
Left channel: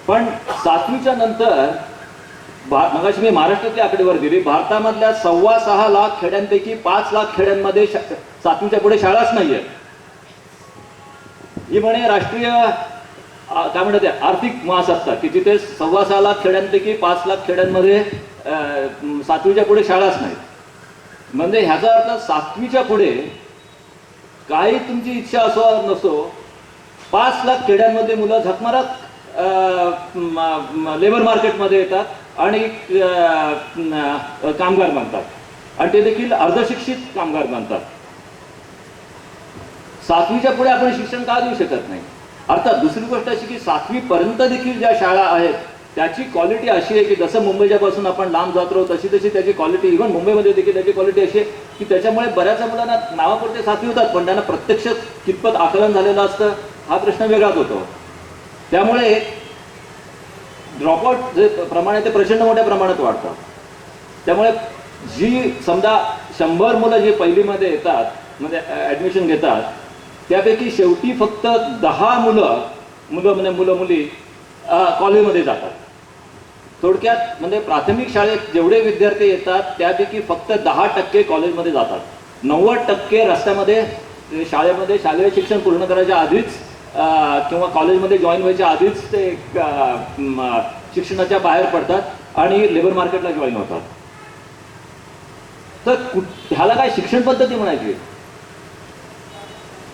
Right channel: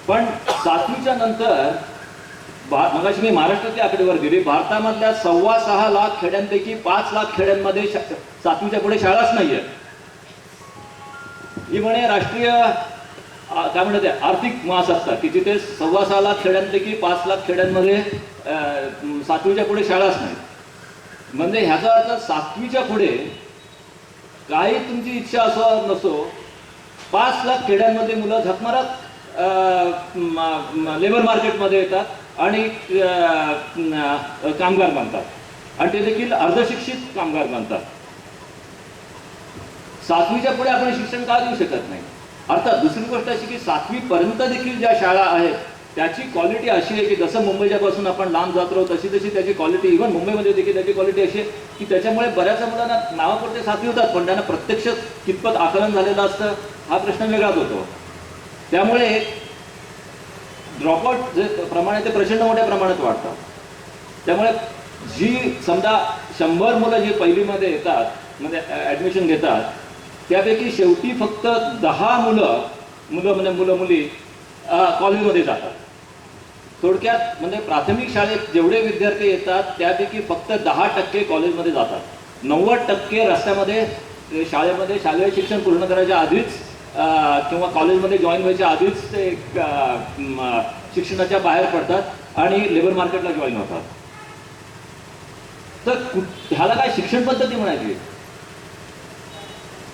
पण 7वीच्या नंतर मगाशी मी महाराष्ट्रातली आकडेवारी दिली, भारतामधल्या 6.25 लाख खेड्यांपैकी 5 लाख खेड्यांमध्ये 7वीच्या पुढे शाळाच नाहीये. ही म्हणे राष्ट्रीय काय म्हणतात आर्थिक महासत्ता की जिथे 6.25 लाख खेड्यांपैकी 5 लाख खेड्यांमध्ये 7वीच्या पुढे शाळाच नाही. म्हणजे ह्याचा अर्थ 7वीच्या पुढे काही तुमची इच्छा असो नसो 5 लाख खेड्यांमध्ये मुलं झकमारत लेबर मार्केटमध्ये येतात आणि कामगार बनतात आणि ते देखील अर्धशिक्षित कामगार बनतात. 7वीच्या पुढे आपण शिक्षण का देऊ शकत नाही? अर्थात दुसरी गोष्ट अशी की 7वी पर्यंत देखील ज्या शाळा आहेत त्याची क्वालिटी अशी आहे की जसं मुंबईच्या पासून आपण लांब जात राहू तशी त्याची क्वालिटी, इव्हन मुंबईमध्ये देखील त्याची क्वालिटी अशी आहे की त्याच्यामुळे बऱ्याच मुलांना नावापुरते 7वी होतात पण त्यांना प्रत्यक्ष कितपत आकलन झालेलं असतं हा प्रश्न वेगळाच होतो. त्यामुळे ड्रॉपआउट जे प्रमाण आहे ते प्रचंड मोठ्या प्रमाणात वाढतात. त्यामुळे जी समजा 100 मुलं जी पहिलीमध्ये येतात म्हणजे ॲडमिशन घेतात त्यापैकी शेवटी फक्त 10 मुलं मुली कॉलेजमध्ये जातात. थोडक्यात म्हणजे प्राथमिक शाळेत जेवढे विद्यार्थी येतात त्यापैकी फक्त 10% कॉलेजमध्ये जातात. 90% रस्त्यामध्ये शाळेमध्ये शालेय शिक्षण पूर्ण करायच्या आधीच किंवा कॉलेजमध्ये जॉईन व्हायच्या आधीच ते शिक्षणाच्या बाहेर पडतात आणि लेबर मार्केटला जॉईन होतात. तर ह्याला काय शिक्षण पद्धती म्हणायची?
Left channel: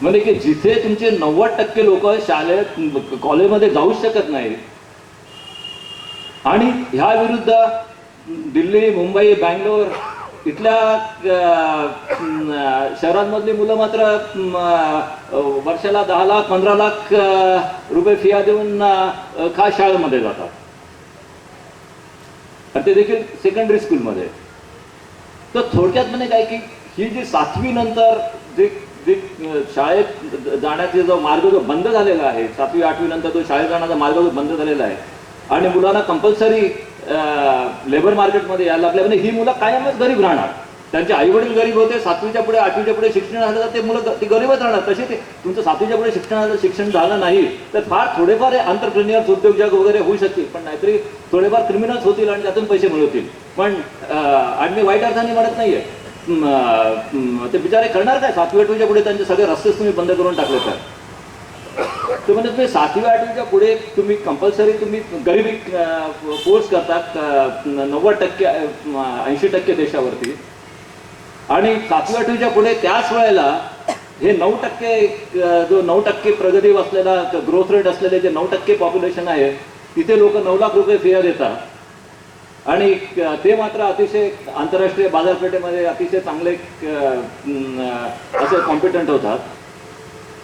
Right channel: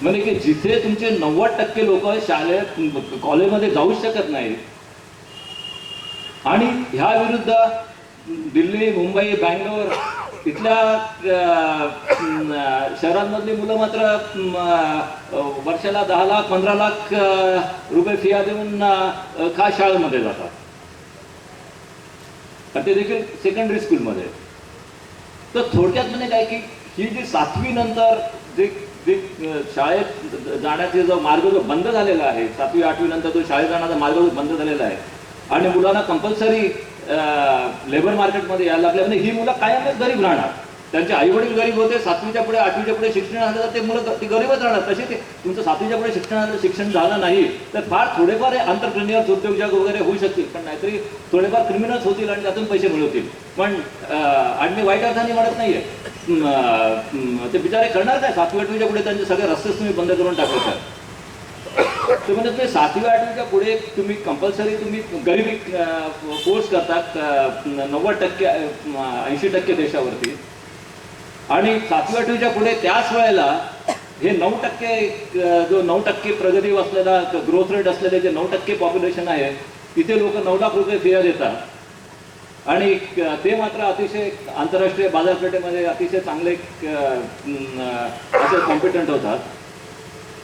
म्हणजे की जिथे तुमचे 90% लोक शाळेत कॉलेजमध्ये जाऊच शकत नाहीत आणि ह्या विरुद्ध दिल्ली, मुंबई, बँगलोर इथल्या शहरांमधली मुलं मात्र वर्षाला 10 लाख 15 लाख रुपये फिया देऊन खास शाळेमध्ये जातात, आणि ते देखील सेकंडरी स्कूलमध्ये. तर थोडक्यात म्हणजे काय की ही जी 7वी नंतर जे जे शाळेत जाण्याचा जो मार्ग जो बंद झालेला आहे, 7वी 8वी नंतर जो शाळेत जाण्याचा मार्ग जो बंद झालेला आहे आणि मुलांना कंपल्सरी लेबर मार्केटमध्ये यायला लागल्या, म्हणजे ही मुलं कायमच गरीब राहणार. त्यांचे आई वडील गरीब होते, 7वीच्या पुढे 8वीच्या पुढे शिक्षण झालं तर ते मुलं ती गरीबच राहणार. तसे ते तुमचं 7वीच्या पुढे शिक्षण झालं नाही तर फार थोडेफार एंटरप्रेन्युअर्स उद्योजक वगैरे होऊ शकतील, पण नाहीतरी थोडेफार क्रिमिनल्स होतील आणि त्यातून पैसे मिळवतील. पण आणि मी वाईट अर्थाने म्हणत नाहीये, ते बिचारे करणार काय? 7वी 8वीच्या पुढे त्यांचे सगळे रस्तेच तुम्ही बंद करून टाकले तर ते म्हणजे तुम्ही 7वी 8वीच्या पुढे तुम्ही कंपल्सरी तुम्ही गरिबी फोर्स करतात 90% 80% देशावरती, आणि 7वी 8वीच्या पुढे त्याच वेळेला हे 9% जो 9% प्रगती असलेला ग्रोथ रेट असलेले जे 9% पॉप्युलेशन आहे तिथे लोक 9 लाख रुपये फिया देतात आणि ते मात्र अतिशय आंतरराष्ट्रीय बाजारपेठेमध्ये अतिशय चांगले असे कॉम्पिटंट होतात.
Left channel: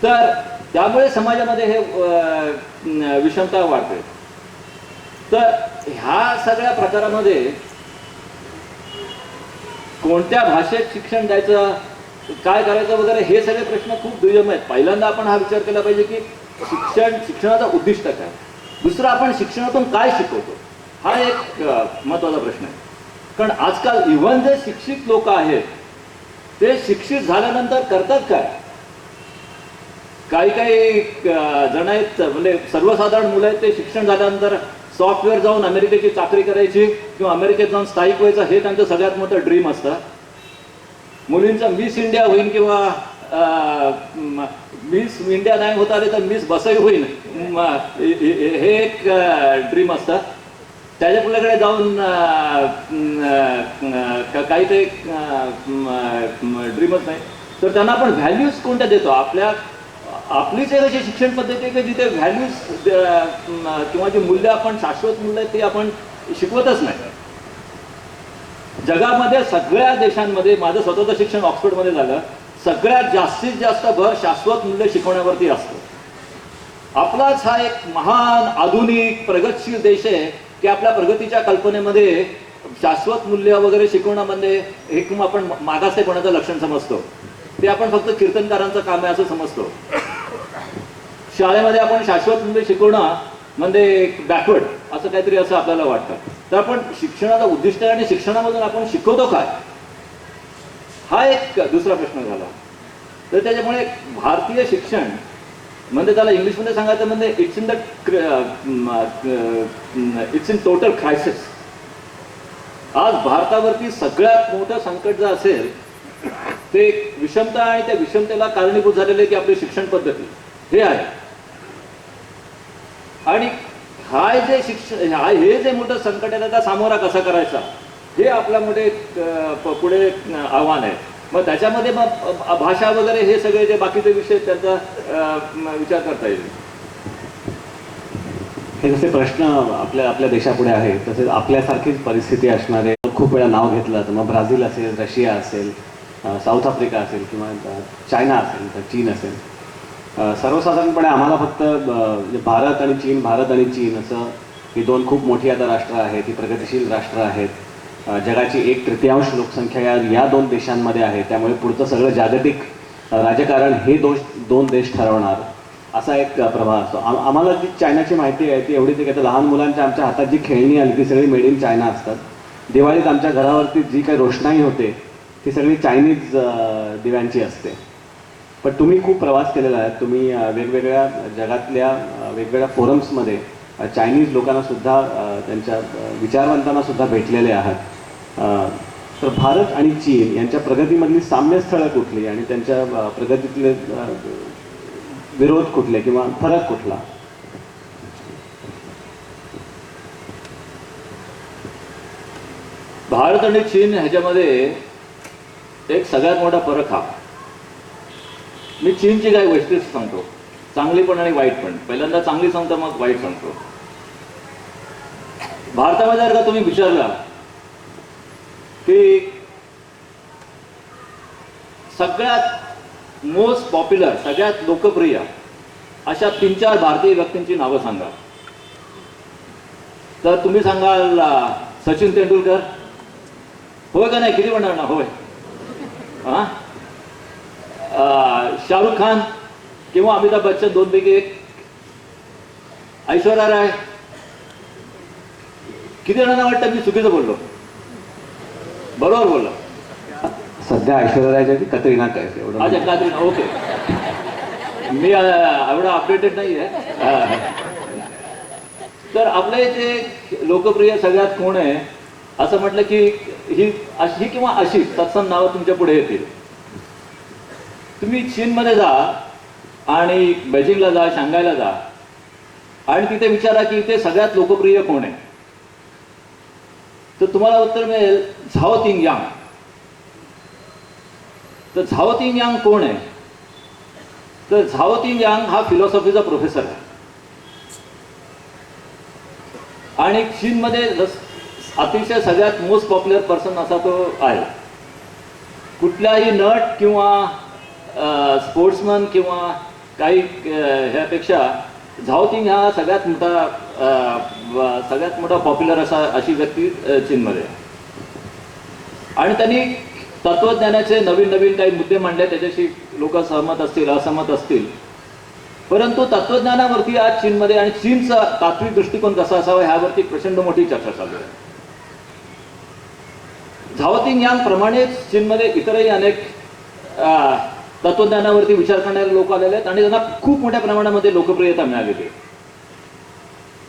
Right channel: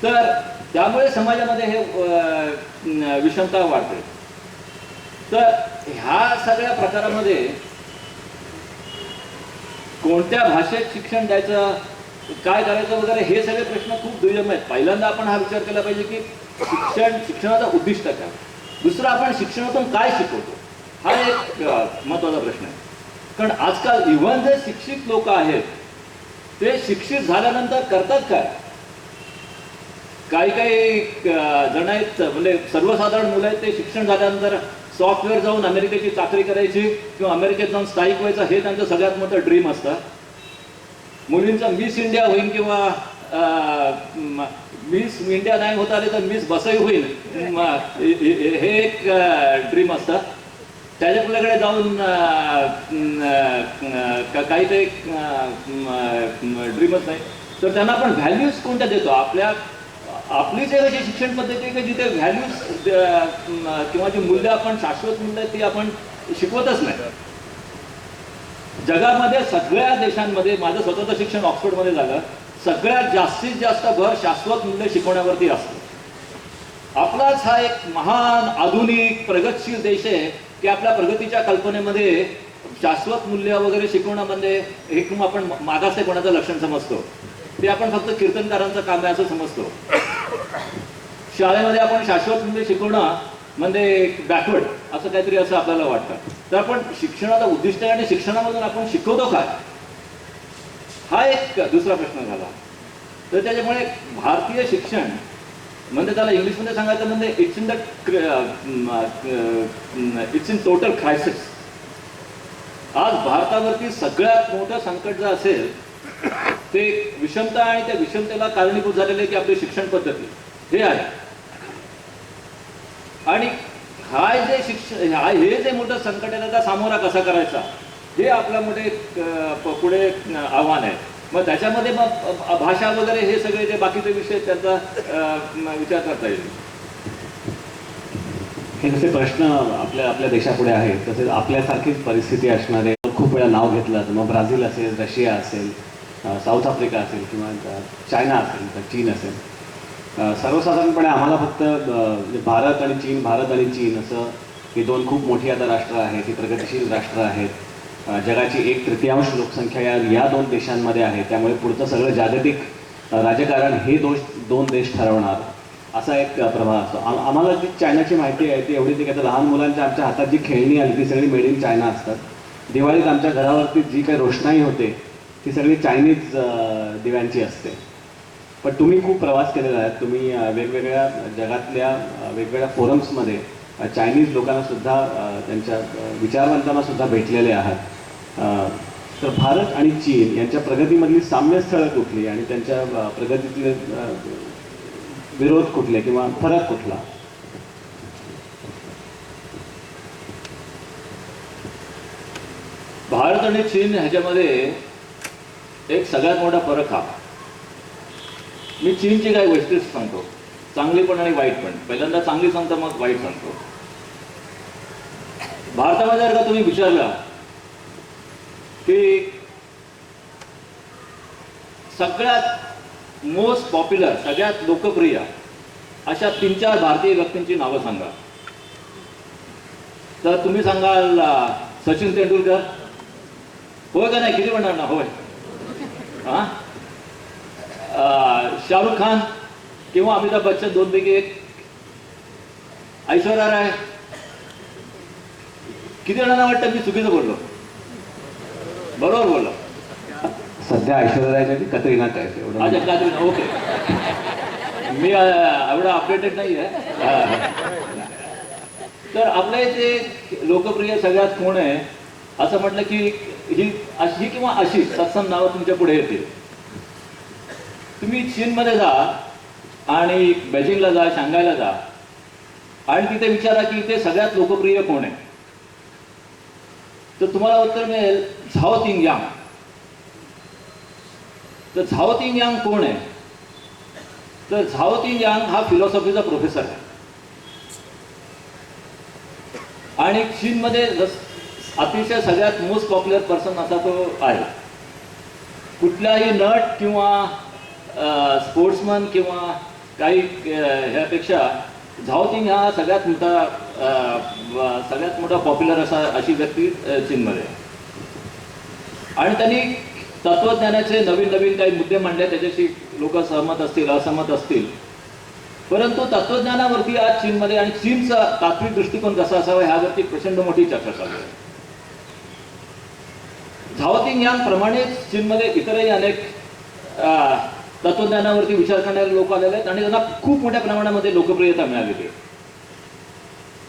तर त्यामुळे समाजामध्ये हे विषमता वाढते. तर ह्या सगळ्या प्रकारामध्ये कोणत्या भाषेत शिक्षण द्यायचं, काय करायचं वगैरे हे सगळे प्रश्न खूप दुर्गम आहेत. पहिल्यांदा आपण हा विचार केला पाहिजे की शिक्षणाचं उद्दिष्ट काय. दुसरं, आपण शिक्षणातून काय शिकवतो, हा एक महत्त्वाचा प्रश्न आहे. कारण आजकाल इव्हन जे शिक्षित लोक आहेत ते शिक्षित झाल्यानंतर करतात काय. काही जण आहेत म्हणजे सर्वसाधारण मुलं आहेत, ते शिक्षण झाल्यानंतर सॉफ्टवेअर जाऊन अमेरिकेची चाकरी करायची किंवा अमेरिकेत जाऊन स्थायिक व्हायचं हे त्यांचं सगळ्यात मोठं ड्रीम असतं. मुलींचं मिस इंडिया होईल किंवा मिस इंडिया नाही होता आले तर मिस बसई होईल हे एक ड्रीम असतं. त्याच्याकडे जाऊन काही ते ड्रीमच नाही. तर त्यांना आपण व्हॅल्यूज कोणत्या देतो. आपलीच एक अशी शिक्षण पद्धती आहे की जिथे व्हॅल्यूज किंवा जी मूल्य आपण शाश्वत मूल्य आहेत ती आपण शिकवतच नाही. जगामध्ये सगळ्या देशांमध्ये, माझं स्वतःचं शिक्षण ऑक्सफर्डमध्ये झालं, सगळ्यात जास्तीत जास्त भर शाश्वत मूल्य शिकवण्यावरती असतो. आपलाच हा एक महान आधुनिक प्रगतशील देश आहे की आपल्या प्रगतीच्या कल्पनेमध्ये शाश्वत मूल्य वगैरे शिकवण्यामध्ये हे किंवा आपण मागासलेपणाचं लक्षण समजतो. ते आपण फक्त कीर्तनकारांचं काम आहे असं समजतो. शाळेमध्ये आपण शाश्वत मूल्य शिकवणं म्हणजे बॅकवर्ड असं काहीतरी असं आपल्याला वाटतं. तर आपण शिक्षणाचा उद्दिष्ट आणि शिक्षणामधून आपण शिकवतो काय, हा एक दुसरा प्रश्न झाला. तर त्याच्यामुळे भारतीय शिक्षण म्हणजे त्याला इंग्लिशमध्ये सांगायचं म्हणजे इट्स इन टोटल क्रायसिस. आज भारतावरती सगळ्यात मोठं संकट जे असेल ते विषमता आणि त्या विषमतेला कारणीभूत झालेले की आपली शिक्षण पद्धती हे आहे. आणि हे जे मोठं संकट आहे त्याचा सामोरा कसा करायचा हे आपल्या मोठे पुढे आव्हान आहे. मग त्याच्यामध्ये मग भाषा वगैरे हे सगळे जे बाकीचे विषय त्याचा विचार करता येईल. हे जसे प्रश्न आपल्या देशापुढे आहेत तसेच आपल्यासारखीच परिस्थिती असणारे खूप वेळा नाव घेतलं तर मग ब्राझील असेल, रशिया असेल, साऊथ आफ्रिका असेल किंवा चायना असेल तर चीन असेल. सर्वसाधारणपणे आम्हाला फक्त भारत आणि चीन असं ही दोन खूप मोठी आता राष्ट्र आहेत, ही प्रगतिशील राष्ट्र आहेत. जगाची 1/3 लोकसंख्या या दोन देशांमध्ये आहे. त्यामुळे पुढचं सगळं जागतिक राजकारण हे दोन देश ठरवणार असा एक प्रभाव असतो. आम्हाला जी चायनाची माहिती आहे ती एवढीच आहे की लहान मुलांच्या आमच्या हातात जी खेळणी आली ती सगळी मेड इन चायना असतात. दिवाळीत आमच्या घरावरती जी काही रोषणाई होते ती सगळी चायनीज दिव्यांची असते. पण तुम्ही खूप प्रवास केलेला आहे, तुम्ही वेगवेगळ्या जगातल्या वेगवेगळ्या फोरम्समध्ये चायनीज लोकांनासुद्धा त्यांच्या विचारवंतांनासुद्धा भेटलेले आहात. तर भारत आणि चीन यांच्या प्रगतीमधली साम्यस्थळं कुठली आणि त्यांच्या प्रगतीतले विरोध कुठले किंवा फरक कुठला. भारत आणि चीन ह्याच्यामध्ये एक सगळ्यात मोठा फरक हा, मी चीनची काही वैशिष्ट्य सांगतो, चांगली पण आणि वाईट पण. पहिल्यांदा चांगली सांगतो मग वाईट सांगतो. भारतामध्ये जर का तुम्ही विचारला की सगळ्यात मोस्ट पॉप्युलर, सगळ्यात लोकप्रिय अशा 3-4 भारतीय व्यक्तींची नावं सांगा. तर तुम्ही सांगाल सचिन तेंडुलकर, होय का नाही? किती म्हणणार ना होय? हां, शाहरुख खान किंवा अमिताभ बच्चन, दोनपैकी एक. ऐश्वर्या राय. किती जणांना वाटतं मी चुकीचं बोललो? बरोबर बोललो. सध्या ऐश्वर्या राय की कतरिना कैफ एवढं. अच्छा, कात्रीना. ओके. मी एवढं अपडेटेड नाही आहे. तर आपल्या इथे लोकप्रिय सगळ्यात कोण आहे असं म्हटलं की ही अशी किंवा अशी सत्सम नावं तुमच्या पुढे येतील. तुम्ही चीनमध्ये जा आणि बेजिंगला जा, शांघायला जा आणि तिथे विचारा की इथे सगळ्यात लोकप्रिय कोण आहे. तर तुम्हाला उत्तर मिळेल झाओ तिंग यांग. तर झाओ तिंग यांग कोण आहे? तर झाओ तिंग यांग हा फिलॉसॉफीचा प्रोफेसर आहे आणि चीनमध्ये अतिशय सगळ्यात मोस्ट पॉप्युलर पर्सन असा तो आहे. कुठल्याही नट किंवा स्पोर्ट्समन किंवा काही ह्यापेक्षा झाओ तिंग हा सगळ्यात मोठा पॉप्युलर अशी व्यक्ती चीनमध्ये. आणि त्यांनी तत्वज्ञानाचे नवीन नवीन काही मुद्दे मांडले, त्याच्याशी लोक सहमत असतील, असहमत असतील, परंतु तत्वज्ञानावरती आज चीनमध्ये आणि चीनचा तात्विक दृष्टिकोन कसा असावा ह्यावरती प्रचंड मोठी चर्चा चालू आहे. झाओ तिंग यांग प्रमाणेच चीनमध्ये इतरही अनेक तत्वज्ञानावरती विचार करणारे लोक आलेले आहेत आणि त्यांना खूप मोठ्या प्रमाणामध्ये लोकप्रियता मिळालेली आहे.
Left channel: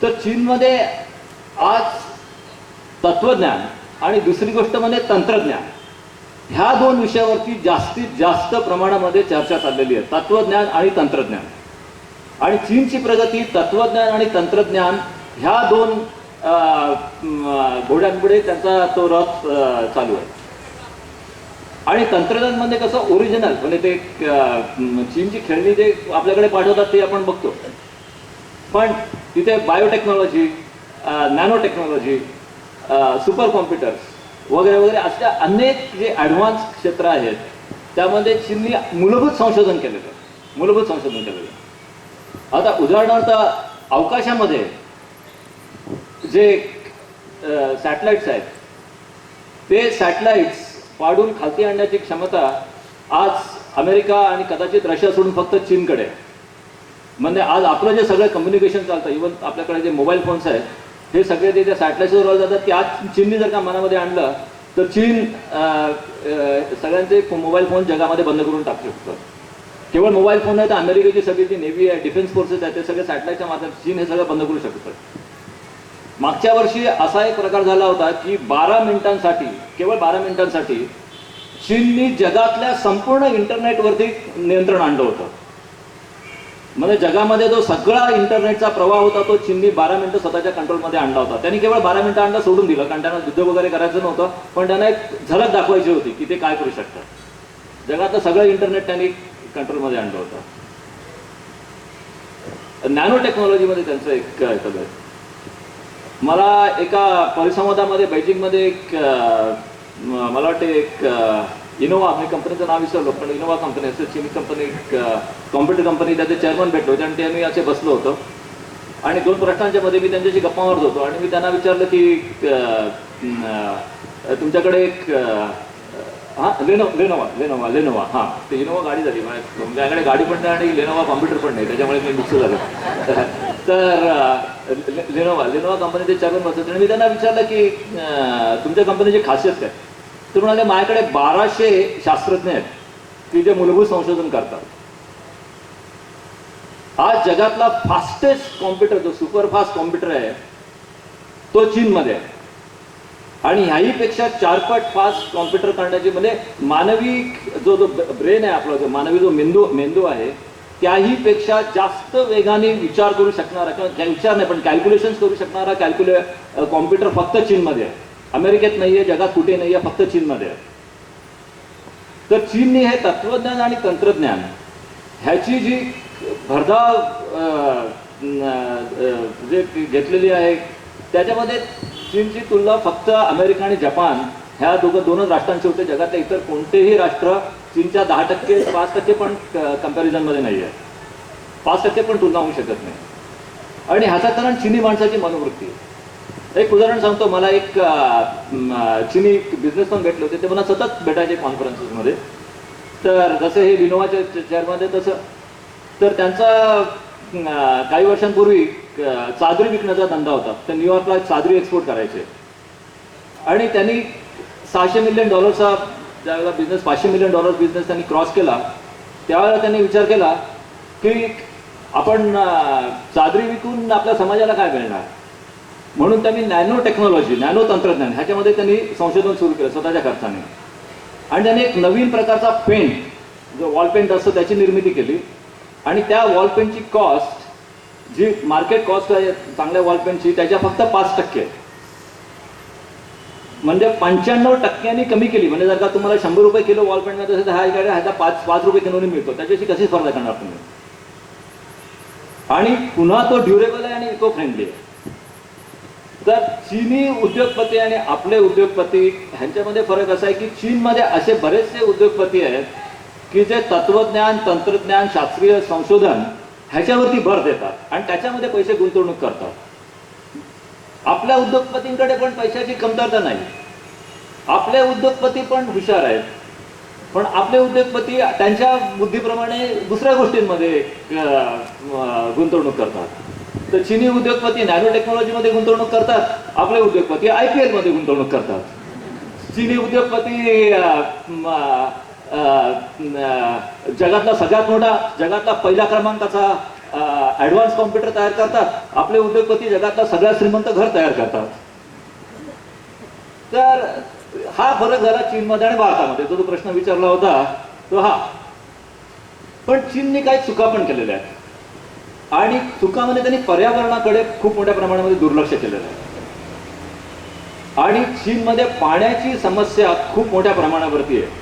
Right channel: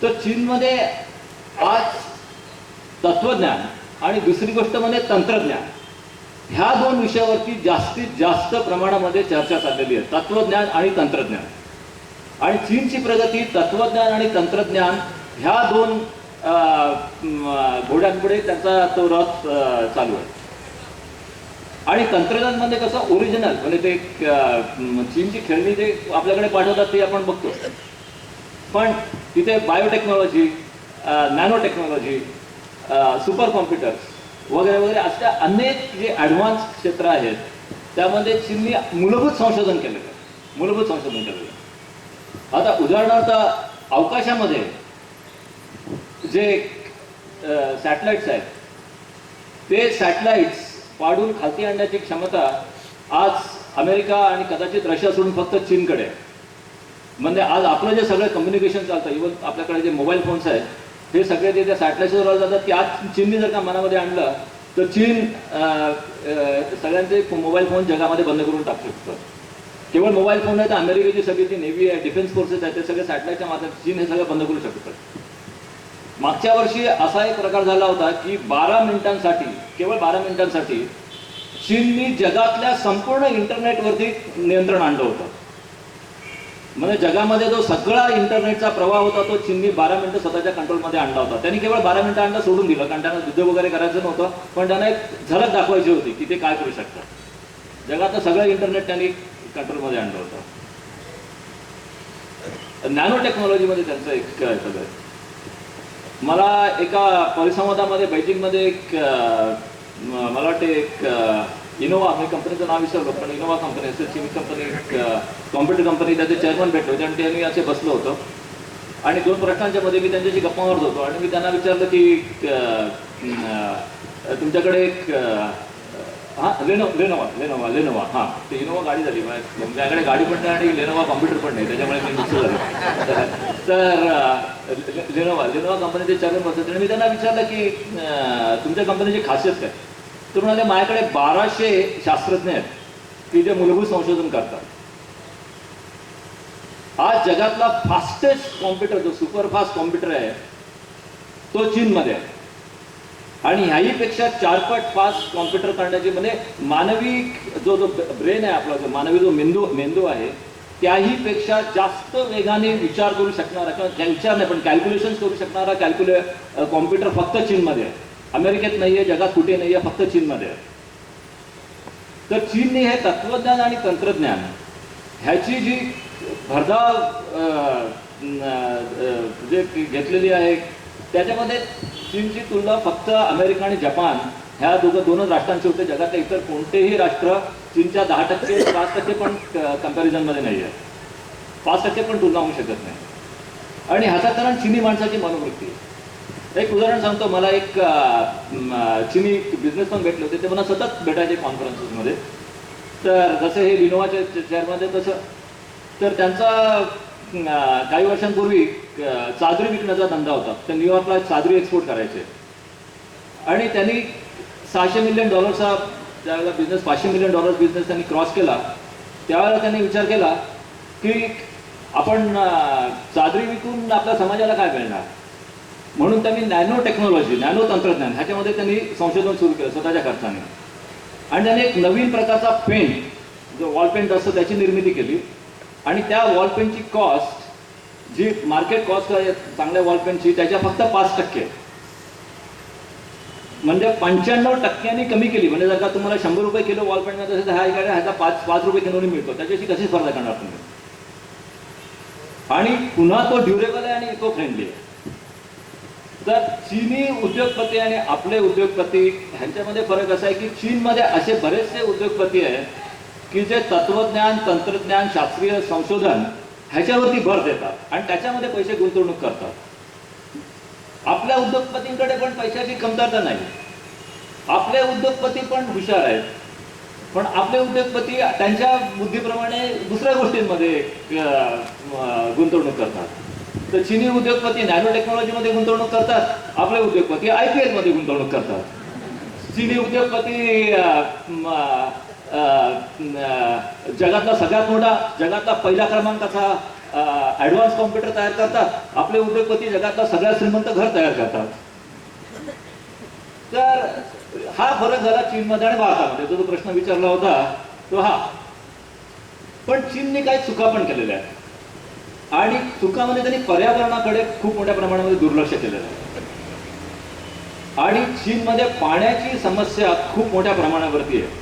तर चीनमध्ये आज तत्वज्ञान आणि दुसरी गोष्ट म्हणजे तंत्रज्ञान, ह्या दोन विषयावरती जास्तीत जास्त प्रमाणामध्ये चर्चा चाललेली आहे. तत्वज्ञान आणि तंत्रज्ञान. आणि चीनची प्रगती तत्वज्ञान आणि तंत्रज्ञान ह्या दोन घोड्यांपुढे त्यांचा तो रथ चालू आहे. आणि तंत्रज्ञानमध्ये कसं ओरिजिनल म्हणजे ते चीनची खेळणी जे आपल्याकडे पाठवतात ते आपण बघतो, पण तिथे biotechnology, nano technology, super computers वगैरे वगैरे अशा अनेक जे ॲडव्हान्स क्षेत्र आहेत त्यामध्ये चीननी मूलभूत संशोधन केलेलं आहे. मूलभूत संशोधन केलेलं आहे. आता उदाहरणार्थ अवकाशामध्ये जे सॅटेलाइट्स आहेत ते सॅटेलाइट्स पाडून खालती आणण्याची क्षमता आज अमेरिका आणि कदाचित रशिया सोडून फक्त चीनकडे आहे. म्हणजे आज आपलं जे सगळं कम्युनिकेशन चालतं, इव्हन आपल्याकडे जे मोबाईल फोन्स आहेत हे सगळे ते त्या सॅटेलाइट्सवर जातात, की आज चीननी जर का मनामध्ये आणलं तर चीन सगळ्यांचे मोबाईल फोन जगामध्ये बंद करून टाकू शकतं. केवळ मोबाईल फोन आहे तर अमेरिकेची सगळी जी नेव्ही आहे, डिफेन्स फोर्सेस आहेत, ते सगळे सॅटेलाइटच्या माध्यमातून चीन हे सगळं बंद करू शकतं. मागच्या वर्षी असा एक प्रकार झाला होता की 12 मिनिटांसाठी, केवळ 12 मिनिटांसाठी चीननी जगातल्या संपूर्ण इंटरनेटवरती नियंत्रण आणलं होतं. म्हणजे जगामध्ये जो सगळा इंटरनेटचा प्रवाह होता तो चीननी 12 मिनिटं स्वतःच्या कंट्रोलमध्ये आणला होता. त्यांनी केवळ 12 मिनिटं आणला, सोडून दिलं, कारण त्यांना युद्ध वगैरे करायचं नव्हतं, पण त्यांना एक झलक दाखवायची होती की ते काय करू शकतात. जगातलं सगळं इंटरनेट त्यांनी कंट्रोलमध्ये आणलं होतं. नॅनो टेक्नॉलॉजीमध्ये त्यांचं एक सगळं. मला एका परिसंवादामध्ये बेजिंगमध्ये एक मला वाटते एक इनोवा, मी कंपनीचं नाव विसरलो, पण इनोवा कंपनी असेल, चीनी कंपनी, कॉम्प्युटर कंपनी, त्याचे चेअरमन भेटलो होते आणि ते मी असे बसलो होतो आणि 2 प्रश्नांच्या मध्ये मी त्यांच्याशी गप्पा मारत होतो आणि मी त्यांना विचारलं की तुमच्याकडे एक लेनोवा हां, ते इनोवा गाडी झाली, माझ्याकडे गाडी पण नाही आणि लेनोवा कॉम्प्युटर पण नाही, त्याच्यामुळे मी मिक्स झालं. तर लेनोवा कंपनीचे चेअरमन बसत आणि मी त्यांना विचारलं की तुमच्या कंपनीची खासियत काय? तर म्हणाले माझ्याकडे 1200 शास्त्रज्ञ आहेत की जे मूलभूत संशोधन करतात. आज जगातला फास्टेस्ट कॉम्प्युटर, जो सुपरफास्ट कॉम्प्युटर आहे तो चीनमध्ये आहे आणि ह्याहीपेक्षा 4 पट फास्ट कॉम्प्युटर करण्याची, म्हणजे मानवी जो ब्रेन आहे आपला, जो मानवी जो मेंदू आहे त्याहीपेक्षा जास्त वेगाने विचार करू शकणारा, किंवा विचार नाही पण कॅल्क्युलेशन्स करू शकणारा कॉम्प्युटर फक्त चीनमध्ये आहे. अमेरिकेत नाही आहे, जगात कुठे नाही आहे, फक्त चीनमध्ये आहे. तर चीनने हे तत्वज्ञान आणि तंत्रज्ञान ह्याची जी भरधाव जे घेतलेली आहे त्याच्यामध्ये चीनची तुलना फक्त अमेरिका आणि जपान ह्या दोनच राष्ट्रांचे होते. जगातल्या इतर कोणतेही राष्ट्र चीनच्या 10%, 5% पण कम्पॅरिझनमध्ये नाही आहे. 5% पण तुलना होऊ शकत नाही. आणि ह्याचं कारण चिनी माणसाची मनोवृत्ती आहे. एक उदाहरण सांगतो. मला एक चिनी बिझनेसमॅन भेटले होते. ते मला सतत भेटायचे कॉन्फरन्सेसमध्ये. तर जसे हे लिनोवाच्या चेअरमध्ये तसं तर त्यांचा काही वर्षांपूर्वी चादरी विकण्याचा धंदा होता. ते न्यूयॉर्कला चादरी एक्सपोर्ट करायचे आणि त्यांनी $600 मिलियन ज्यावेळेला बिझनेस $500 मिलियन बिझनेस त्यांनी क्रॉस केला त्यावेळेला त्यांनी विचार केला की आपण चादरी विकून आपल्या समाजाला काय मिळणार. म्हणून त्यांनी नॅनो टेक्नॉलॉजी, नॅनो तंत्रज्ञान ह्याच्यामध्ये त्यांनी संशोधन सुरू केलं स्वतःच्या खर्चाने. आणि त्यांनी एक नवीन प्रकारचा पेंट, जो वॉल पेंट असतो, त्याची निर्मिती केली. आणि त्या वॉल पेंटची कॉस्ट, जी मार्केट कॉस्ट आहे चांगल्या वॉल पेंटची, त्याच्या फक्त 5%, म्हणजे 95% कमी केली. म्हणजे जर का तुम्हाला ₹100 किलो वॉल पेंट मिळत असेल तर ह्याचा 5 रुपये किलोने मिळतो. त्याच्याशी कशी स्पर्धा करणार तुम्ही. आणि पुन्हा तो ड्युरेबल आहे आणि इको फ्रेंडली आहे. तर चीनी उद्योगपती आणि आपले उद्योगपती ह्यांच्यामध्ये फरक असा आहे की चीनमध्ये असे बरेचसे उद्योगपती आहेत की जे तत्वज्ञान, तंत्रज्ञान, शास्त्रीय संशोधन ह्याच्यावरती भर देतात आणि त्याच्यामध्ये पैसे गुंतवणूक करतात. आपल्या उद्योगपतींकडे पण पैशाची कमतरता नाही. आपले उद्योगपती पण हुशार आहेत. पण आपले उद्योगपती त्यांच्या बुद्धीप्रमाणे दुसऱ्या गोष्टींमध्ये गुंतवणूक करतात. तर चीनी उद्योगपती नॅनो टेक्नॉलॉजीमध्ये गुंतवणूक करतात. आपले उद्योगपती IPL मध्ये गुंतवणूक करतात. चीनी उद्योगपती जगातला सगळ्यात मोठा, जगातला पहिल्या क्रमांकाचा ॲडव्हान्स कॉम्प्युटर तयार करतात. आपले उद्योगपती जगातला सगळ्यात श्रीमंत घर तयार करतात. तर हा फरक झाला चीनमध्ये आणि भारतामध्ये. जो प्रश्न विचारला होता तो हा. पण चीनने काही चुका पण केलेल्या आहेत आणि चुकामध्ये त्यांनी पर्यावरणाकडे खूप मोठ्या प्रमाणामध्ये दुर्लक्ष केलेलं आहे. आणि चीनमध्ये पाण्याची समस्या खूप मोठ्या प्रमाणावरती आहे.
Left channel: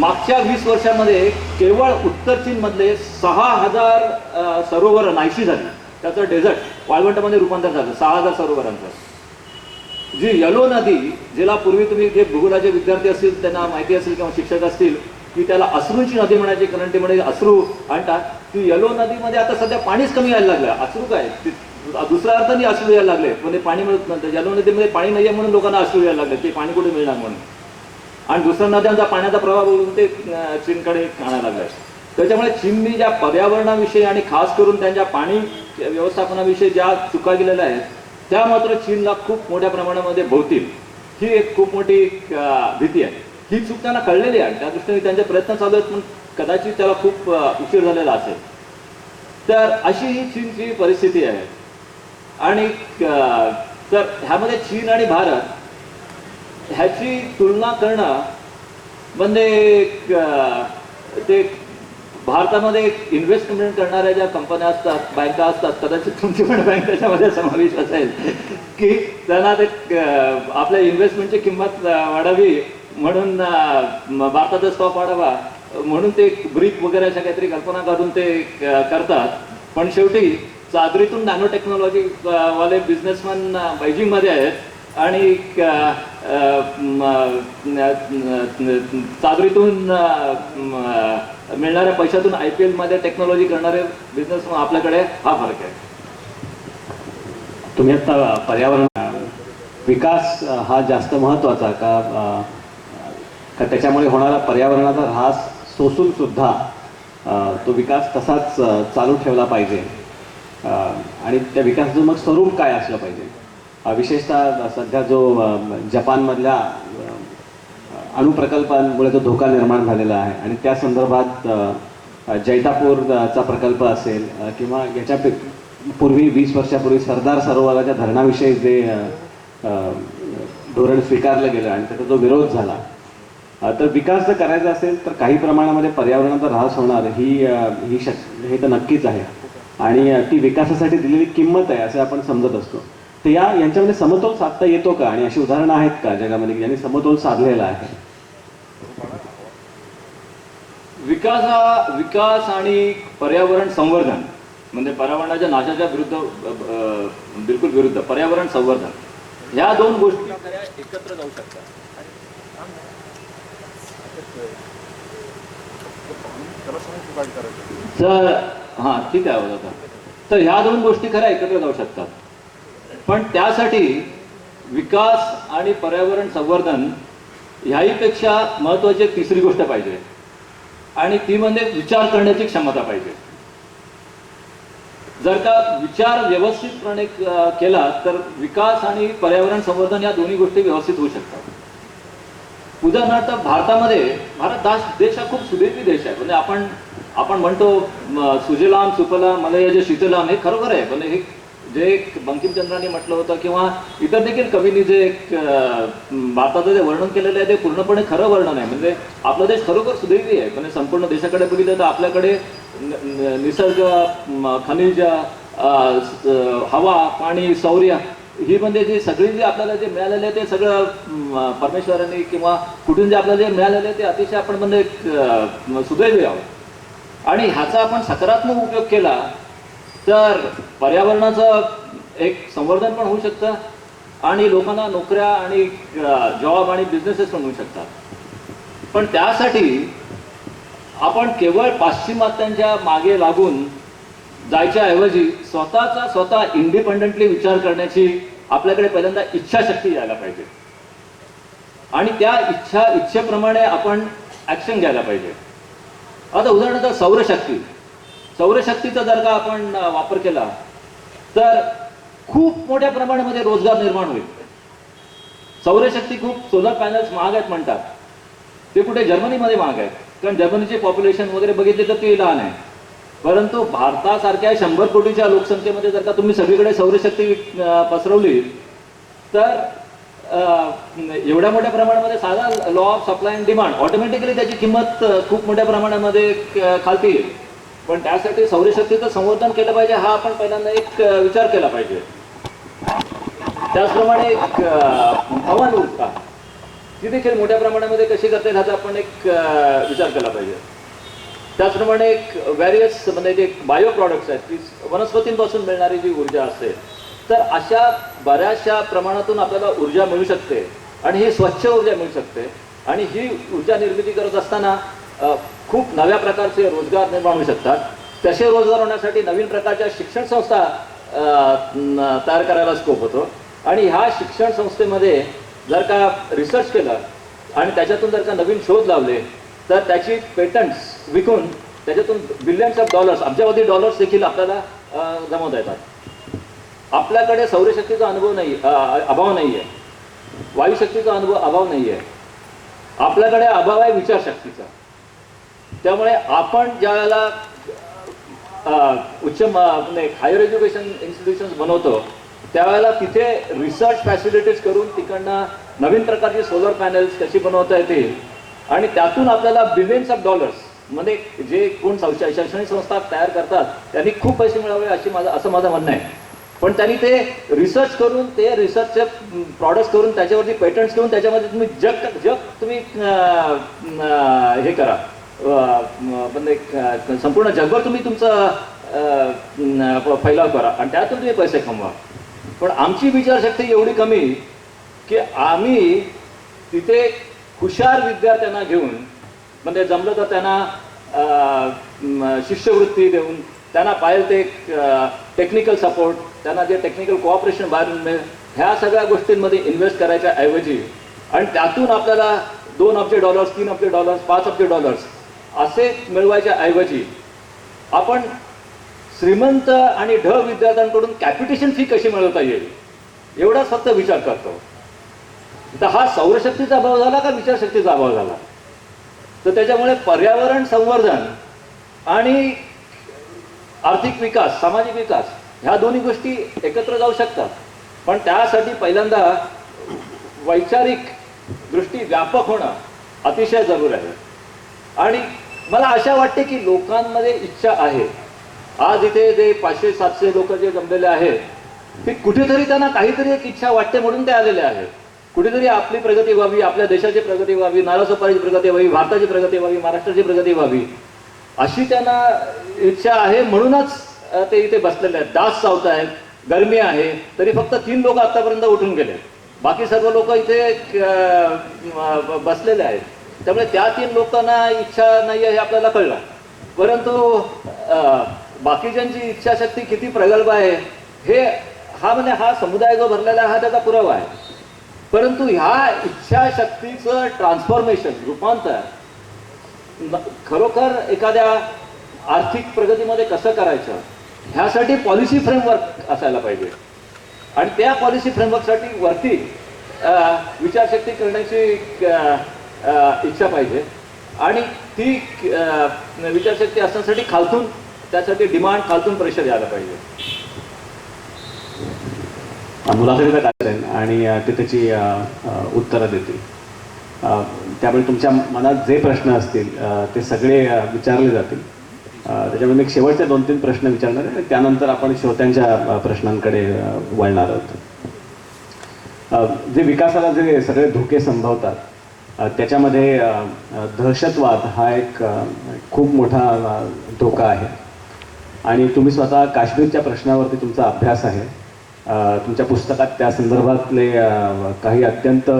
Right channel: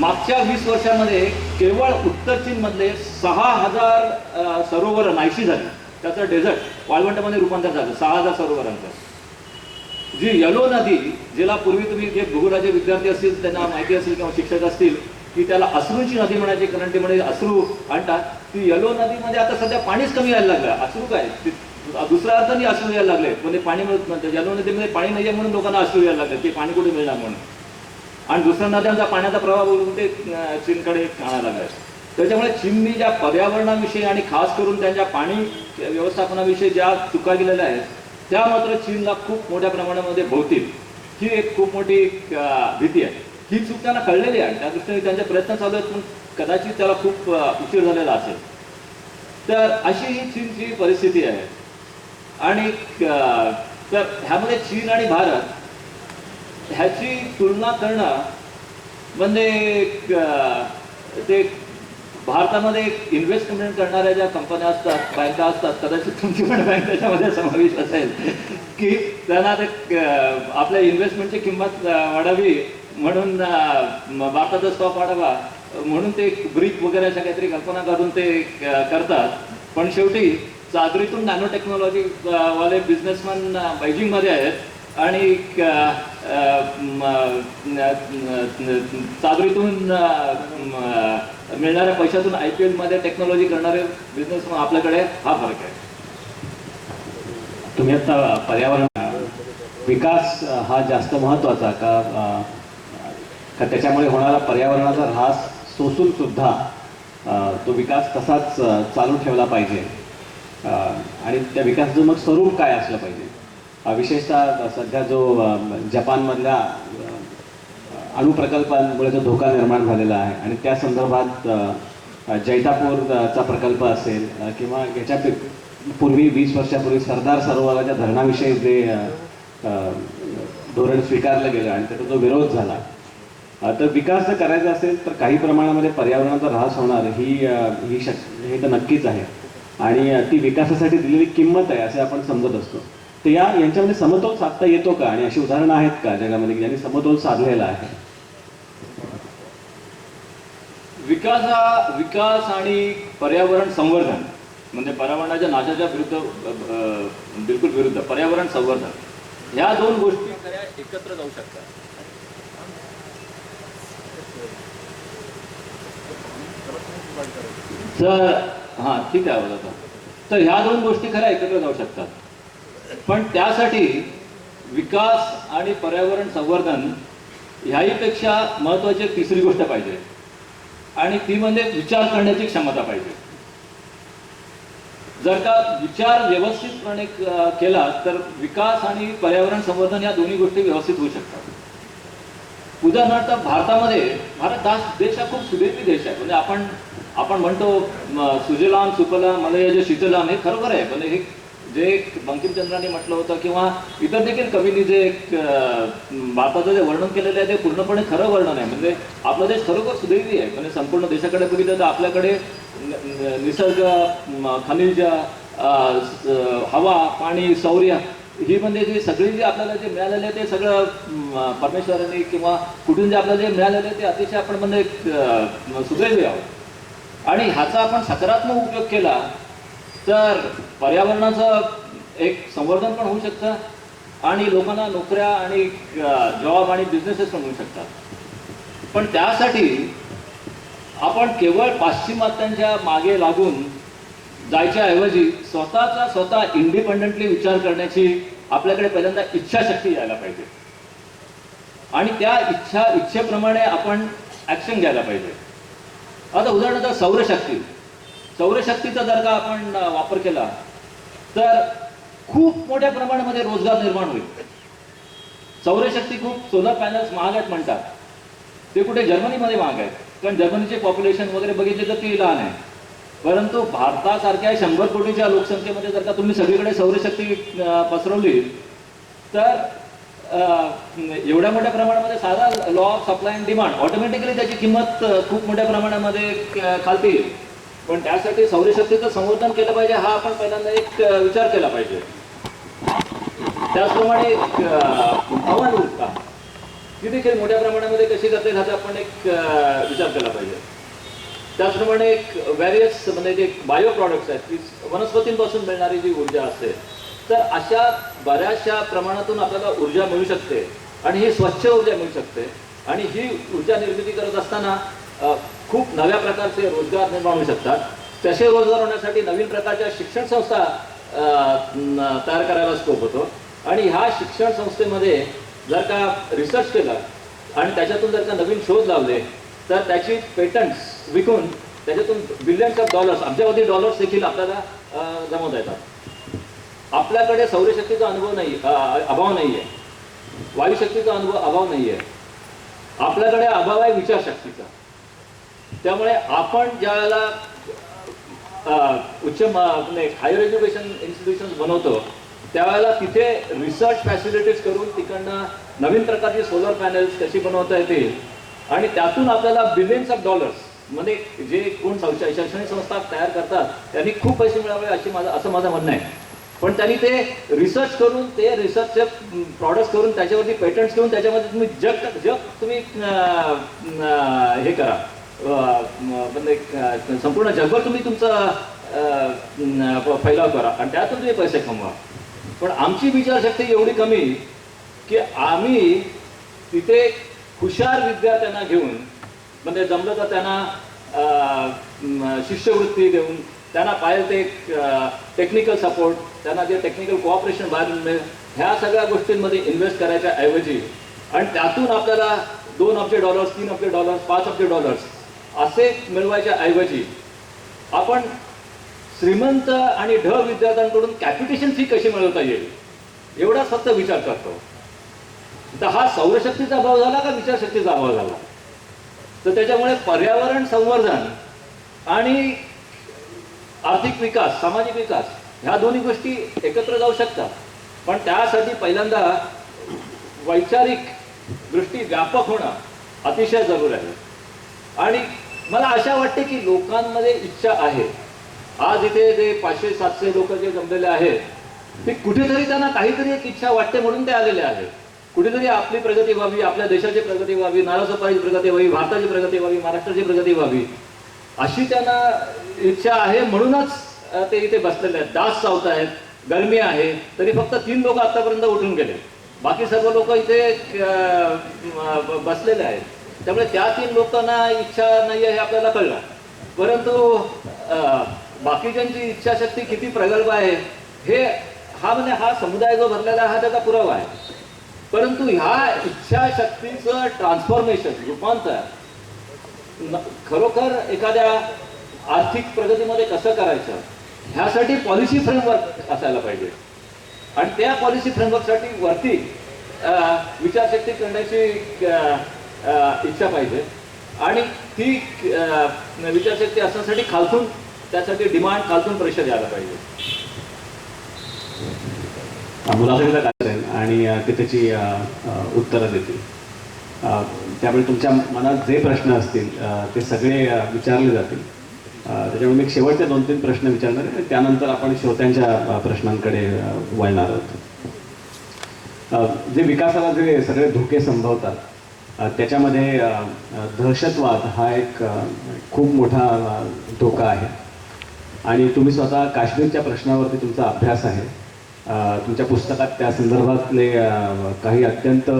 मागच्या 20 वर्षांमध्ये केवळ उत्तर चीनमधले 6000 सरोवर नाहीशी झाली. त्याचं डेझर्ट वाळवंटामध्ये रूपांतर झालं 6000 सरोवरांचं. जी यलो नदी, जिला पूर्वी तुम्ही जे भूगोलाचे विद्यार्थी असतील त्यांना माहिती असेल किंवा शिक्षक असतील की त्याला अश्रूंची नदी म्हणायची, कारण ती म्हणजे अश्रू आणतात. ती यलो नदीमध्ये आता सध्या पाणीच कमी यायला लागलं. अश्रू काय, दुसऱ्या अर्थाने अश्रू यायला लागले. म्हणजे पाणी मिळत नव्हतं. यलो नदीमध्ये पाणी नाही आहे म्हणून लोकांना अश्रू यायला लागले. ते पाणी कुठे मिळणार म्हणून. आणि दुसऱ्या नद्यांचा पाण्याचा प्रवाह बघून ते चीनकडे आणायला लागला. त्याच्यामुळे चीनने ज्या पर्यावरणाविषयी आणि खास करून त्यांच्या पाणी व्यवस्थापनाविषयी ज्या चुका केलेल्या आहेत त्या मात्र चीनला खूप मोठ्या प्रमाणामध्ये भोवतील. ही एक खूप मोठी भीती आहे. ही चूक त्यांना कळलेली आहे. त्या दृष्टीने त्यांचे प्रयत्न चालू आहेत पण कदाचित त्याला खूप उशीर झालेला असेल. तर अशी ही चीनची परिस्थिती आहे. आणि तर ह्यामध्ये चीन आणि भारत ह्याची तुलना करणं म्हणजे ते भारतामध्ये इन्व्हेस्टमेंट करणाऱ्या ज्या कंपन्या असतात, बँका असतात, कदाचित तुमची पण बँक त्याच्यामध्ये समावेश असेल की त्यांना ते आपल्या इन्व्हेस्टमेंटची किंमत वाढावी म्हणून भारताचा स्टॉक वाढावा म्हणून ते ब्रिक वगैरे अशा काहीतरी कल्पना काढून ते करतात. पण शेवटी चादरीतून नॅनो टेक्नॉलॉजी वाले बिझनेसमॅन बेजिंगमध्ये आहेत आणि चादरीतून मिळणाऱ्या पैशातून IPL मध्ये टेक्नॉलॉजी करणारे बिझनेसमॅन आपल्याकडे. हा फरक आहे. तुम्ही आता पर्यावरण विकास हा जास्त महत्त्वाचा का त्याच्यामुळे होणारा पर्यावरणाचा ऱ्हास सोसून सुद्धा तो विकास तसाच चालू ठेवला पाहिजे आणि त्या विकासाचं मग स्वरूप काय असलं पाहिजे. विशेषतः सध्या जो जपानमधल्या अणुप्रकल्पांमुळे जो धोका निर्माण झालेला आहे आणि त्या संदर्भात जैतापूरचा प्रकल्प असेल किंवा याच्या पूर्वी 20 वर्षापूर्वी सरदार सरोवराच्या धरणाविषयी जे धोरण स्वीकारलं गेलं आणि त्याचा जो विरोध झाला. तर विकास जर करायचा असेल तर काही प्रमाणामध्ये पर्यावरणाचा ऱ्हास होणार हे तर नक्कीच आहे आणि ती विकासासाठी दिलेली किंमत आहे असं आपण समजत असतो. तर यांच्यामध्ये समतोल साधता येतो का आणि अशी उदाहरणं आहेत का जगामध्ये की ज्यांनी समतोल साधलेला आहे. विकास आणि पर्यावरण संवर्धन म्हणजे पर्यावरणाच्या नाशाच्या विरुद्ध बिलकुल विरुद्ध पर्यावरण संवर्धन ह्या दोन गोष्टी खऱ्या एकत्र जाऊ शकतात. तर हां ठीक आहे आता. तर ह्या दोन गोष्टी खऱ्या एकत्र जाऊ शकतात, पण त्यासाठी विकास आणि पर्यावरण संवर्धन ह्याहीपेक्षा महत्त्वाची एक तिसरी गोष्ट पाहिजे, आणि ती म्हणजे विचार करण्याची क्षमता पाहिजे. जर का विचार व्यवस्थितपणे केला तर विकास आणि पर्यावरण संवर्धन या दोन्ही गोष्टी व्यवस्थित होऊ शकतात. उदाहरणार्थ भारत देश हा खूप सुदैवी देश आहे. म्हणजे आपण म्हणतो सुजलाम सुफलाम मलयज शीतलाम, हे खरोखर आहे. म्हणजे हे जे बंकिमचंद्रांनी म्हटलं होतं किंवा इतर देखील कवींनी जे भारताचं जे वर्णन केलेलं आहे ते पूर्णपणे खरं वर्णन आहे. म्हणजे आपला देश खरोखर सुदैवी आहे. म्हणजे संपूर्ण देशाकडे बघितलं तर आपल्याकडे निसर्ग, खनिज, हवा, पाणी, सौर्य ही म्हणजे जी सगळी जी आपल्याला जे मिळालेले आहे ते सगळं परमेश्वरांनी किंवा कुठून जे आपल्याला जे मिळालेलं आहे ते अतिशय आपण म्हणजे सुदैवी आहोत. आणि ह्याचा आपण सकारात्मक उपयोग केला तर पर्यावरणाचं एक संवर्धन पण होऊ शकतं आणि लोकांना नोकऱ्या आणि जॉब आणि बिझनेसेस पण होऊ शकतात. पण त्यासाठी आपण केवळ पाश्चिमात्यांच्या मागे लागून जायच्या ऐवजी स्वतः इंडिपेंडेंटली विचार करण्याची आपल्याकडे पहिल्यांदा इच्छाशक्ती यायला पाहिजे, आणि त्या इच्छेप्रमाणे आपण ऍक्शन घ्यायला पाहिजे. आता उदाहरणार्थ सौरशक्तीचा जर का आपण वापर केला तर खूप मोठ्या प्रमाणामध्ये रोजगार निर्माण होईल. सौरशक्ती खूप सोलर पॅनल्स महाग आहेत म्हणतात, ते कुठे जर्मनीमध्ये महाग आहेत, कारण जर्मनीचे पॉप्युलेशन वगैरे बघितले तर ते लहान आहे. परंतु भारतासारख्या 100 कोटीच्या लोकसंख्येमध्ये जर का तुम्ही सगळीकडे सौरशक्ती पसरवली तर एवढ्या मोठ्या प्रमाणामध्ये साधा law of supply and demand automatically त्याची किंमत खूप मोठ्या प्रमाणामध्ये खालती येईल. पण त्यासाठी सौरशक्तीचं संवर्धन केलं पाहिजे, हा आपण पहिल्यांदा एक विचार केला पाहिजे. त्याचप्रमाणे पवन ऊर्जा ती देखील मोठ्या प्रमाणामध्ये कशी करता येईल ह्याचा आपण एक विचार केला पाहिजे. त्याचप्रमाणे एक व्हॅरियस म्हणजे जे बायो प्रॉडक्ट्स आहेत की वनस्पतींपासून मिळणारी जी ऊर्जा असते, तर अशा बऱ्याचशा प्रमाणातून आपल्याला ऊर्जा मिळू शकते आणि ही स्वच्छ ऊर्जा मिळू शकते. आणि ही ऊर्जा निर्मिती करत असताना खूप नव्या प्रकारचे रोजगार निर्माण होऊ शकतात. तसे रोजगार होण्यासाठी नवीन प्रकारच्या शिक्षण संस्था तयार करायला स्कोप होतो. आणि ह्या शिक्षण संस्थेमध्ये जर का रिसर्च केलं आणि त्याच्यातून जर का नवीन शोध लावले तर त्याची पेटंट्स विकून त्याच्यातून बिलियन्स ऑफ डॉलर्स, अब्जावधी डॉलर्स देखील आपल्याला जमवता येतात. आपल्याकडे सौरशक्तीचा अभाव नाही आहे, वायुशक्तीचा अभाव नाही आहे, आपल्याकडे अभाव आहे विचारशक्तीचा. त्यामुळे आपण ज्या वेळेला हायर एज्युकेशन इन्स्टिट्यूशन्स बनवतो त्यावेळेला तिथे रिसर्च फॅसिलिटीज करून तिकडनं नवीन प्रकारची सोलर पॅनल्स कशी बनवता येतील आणि त्यातून आपल्याला बिलियन्स ऑफ डॉलर्स, म्हणजे जे कोण शैक्षणिक संस्था तयार करतात त्यांनी खूप पैसे मिळावे असं माझं म्हणणं आहे. पण त्यांनी ते रिसर्च करून ते रिसर्चचे प्रॉडक्ट्स करून त्याच्यावरती पेटंट्स घेऊन त्याच्यामध्ये तुम्ही जग तुम्ही हे करा, म्हणजे संपूर्ण जगभर तुम्ही तुमचं फैलाव करा आणि त्यातून तुम्ही पैसे कमवा. पण आमची विचारशक्ती एवढी कमी की आम्ही तिथे हुशार विद्यार्थ्यांना घेऊन, म्हणजे जमलं तर त्यांना शिष्यवृत्ती देऊन, त्यांना पाहिजे ते टेक्निकल सपोर्ट, त्यांना जे टेक्निकल कोऑपरेशन बाहेरून मिळेल, ह्या सगळ्या गोष्टींमध्ये इन्व्हेस्ट करायच्या ऐवजी आणि त्यातून आपल्याला $2 अब्ज, $3 अब्ज, $5 अब्ज असे मिळवायच्या ऐवजी आपण श्रीमंत आणि ढ विद्यार्थ्यांकडून कॅपिटेशन फी कशी मिळवता येईल एवढाच फक्त विचार करतो. तर हा सौरशक्तीचा अभाव झाला का विचारशक्तीचा अभाव झाला? तर त्याच्यामुळे पर्यावरण संवर्धन आणि आर्थिक विकास, सामाजिक विकास ह्या दोन्ही गोष्टी एकत्र जाऊ शकतात. पण त्यासाठी पहिल्यांदा वैचारिक दृष्टी व्यापक होणं अतिशय जरूर आहे. आणि मला आशा वाटते की लोकांमध्ये इच्छा आहे. आज इथे जे 500-700 लोक जे जमलेले आहेत ते कुठेतरी त्यांना काहीतरी एक इच्छा वाटते म्हणून ते आलेले आहेत. कुठेतरी आपली प्रगती व्हावी, आपल्या देशाची प्रगती व्हावी, नारासोपारीची प्रगती व्हावी, भारताची प्रगती व्हावी, महाराष्ट्राची प्रगती व्हावी अशी त्यांना इच्छा आहे. म्हणूनच ते इथे बसलेले आहेत. डास चावत आहेत, गरमी आहे, तरी फक्त 3 लोक आतापर्यंत उठून गेले. बाकी सर्व लोक इथे बसलेले आहेत. त्यामुळे त्या 3 लोकांना इच्छा नाही आहे हे आपल्याला कळलं. परंतु बाकीच्यांची इच्छाशक्ती किती प्रगल्भ आहे हे हा समुदाय जो भरलेला आहे हा त्याचा पुरावा आहे. परंतु ह्या इच्छाशक्तीचं ट्रान्सफॉर्मेशन, रूपांतर खरोखर एखाद्या आर्थिक प्रगतीमध्ये कसं करायचं ह्यासाठी पॉलिसी फ्रेमवर्क असायला पाहिजे. आणि त्या पॉलिसी फ्रेमवर्कसाठी वरती विचारशक्ती करण्याची इच्छा पाहिजे. आणि ती विचारशक्ती असण्यासाठी खालतून त्यासाठी डिमांड, खालतून प्रेशर यायला पाहिजे. मुलाखतीचा कार्यक्रम आहे आणि ते त्याची उत्तरं देतील. त्यामुळे तुमच्या मनात जे प्रश्न असतील ते सगळे विचारले जातील. त्याच्यामुळे एक शेवटचे 2-3 प्रश्न विचारणार आहे. त्यानंतर आपण श्रोत्यांच्या प्रश्नांकडे वळणार आहोत. जे विकासाला जे सगळे धोके संभवतात त्याच्यामध्ये दहशतवाद हा एक खूप मोठा धोका आहे. आणि तुम्ही स्वतः काश्मीरच्या प्रश्नावरती तुमचा अभ्यास आहे. तुमच्या पुस्तकात त्या संदर्भातले काही अत्यंत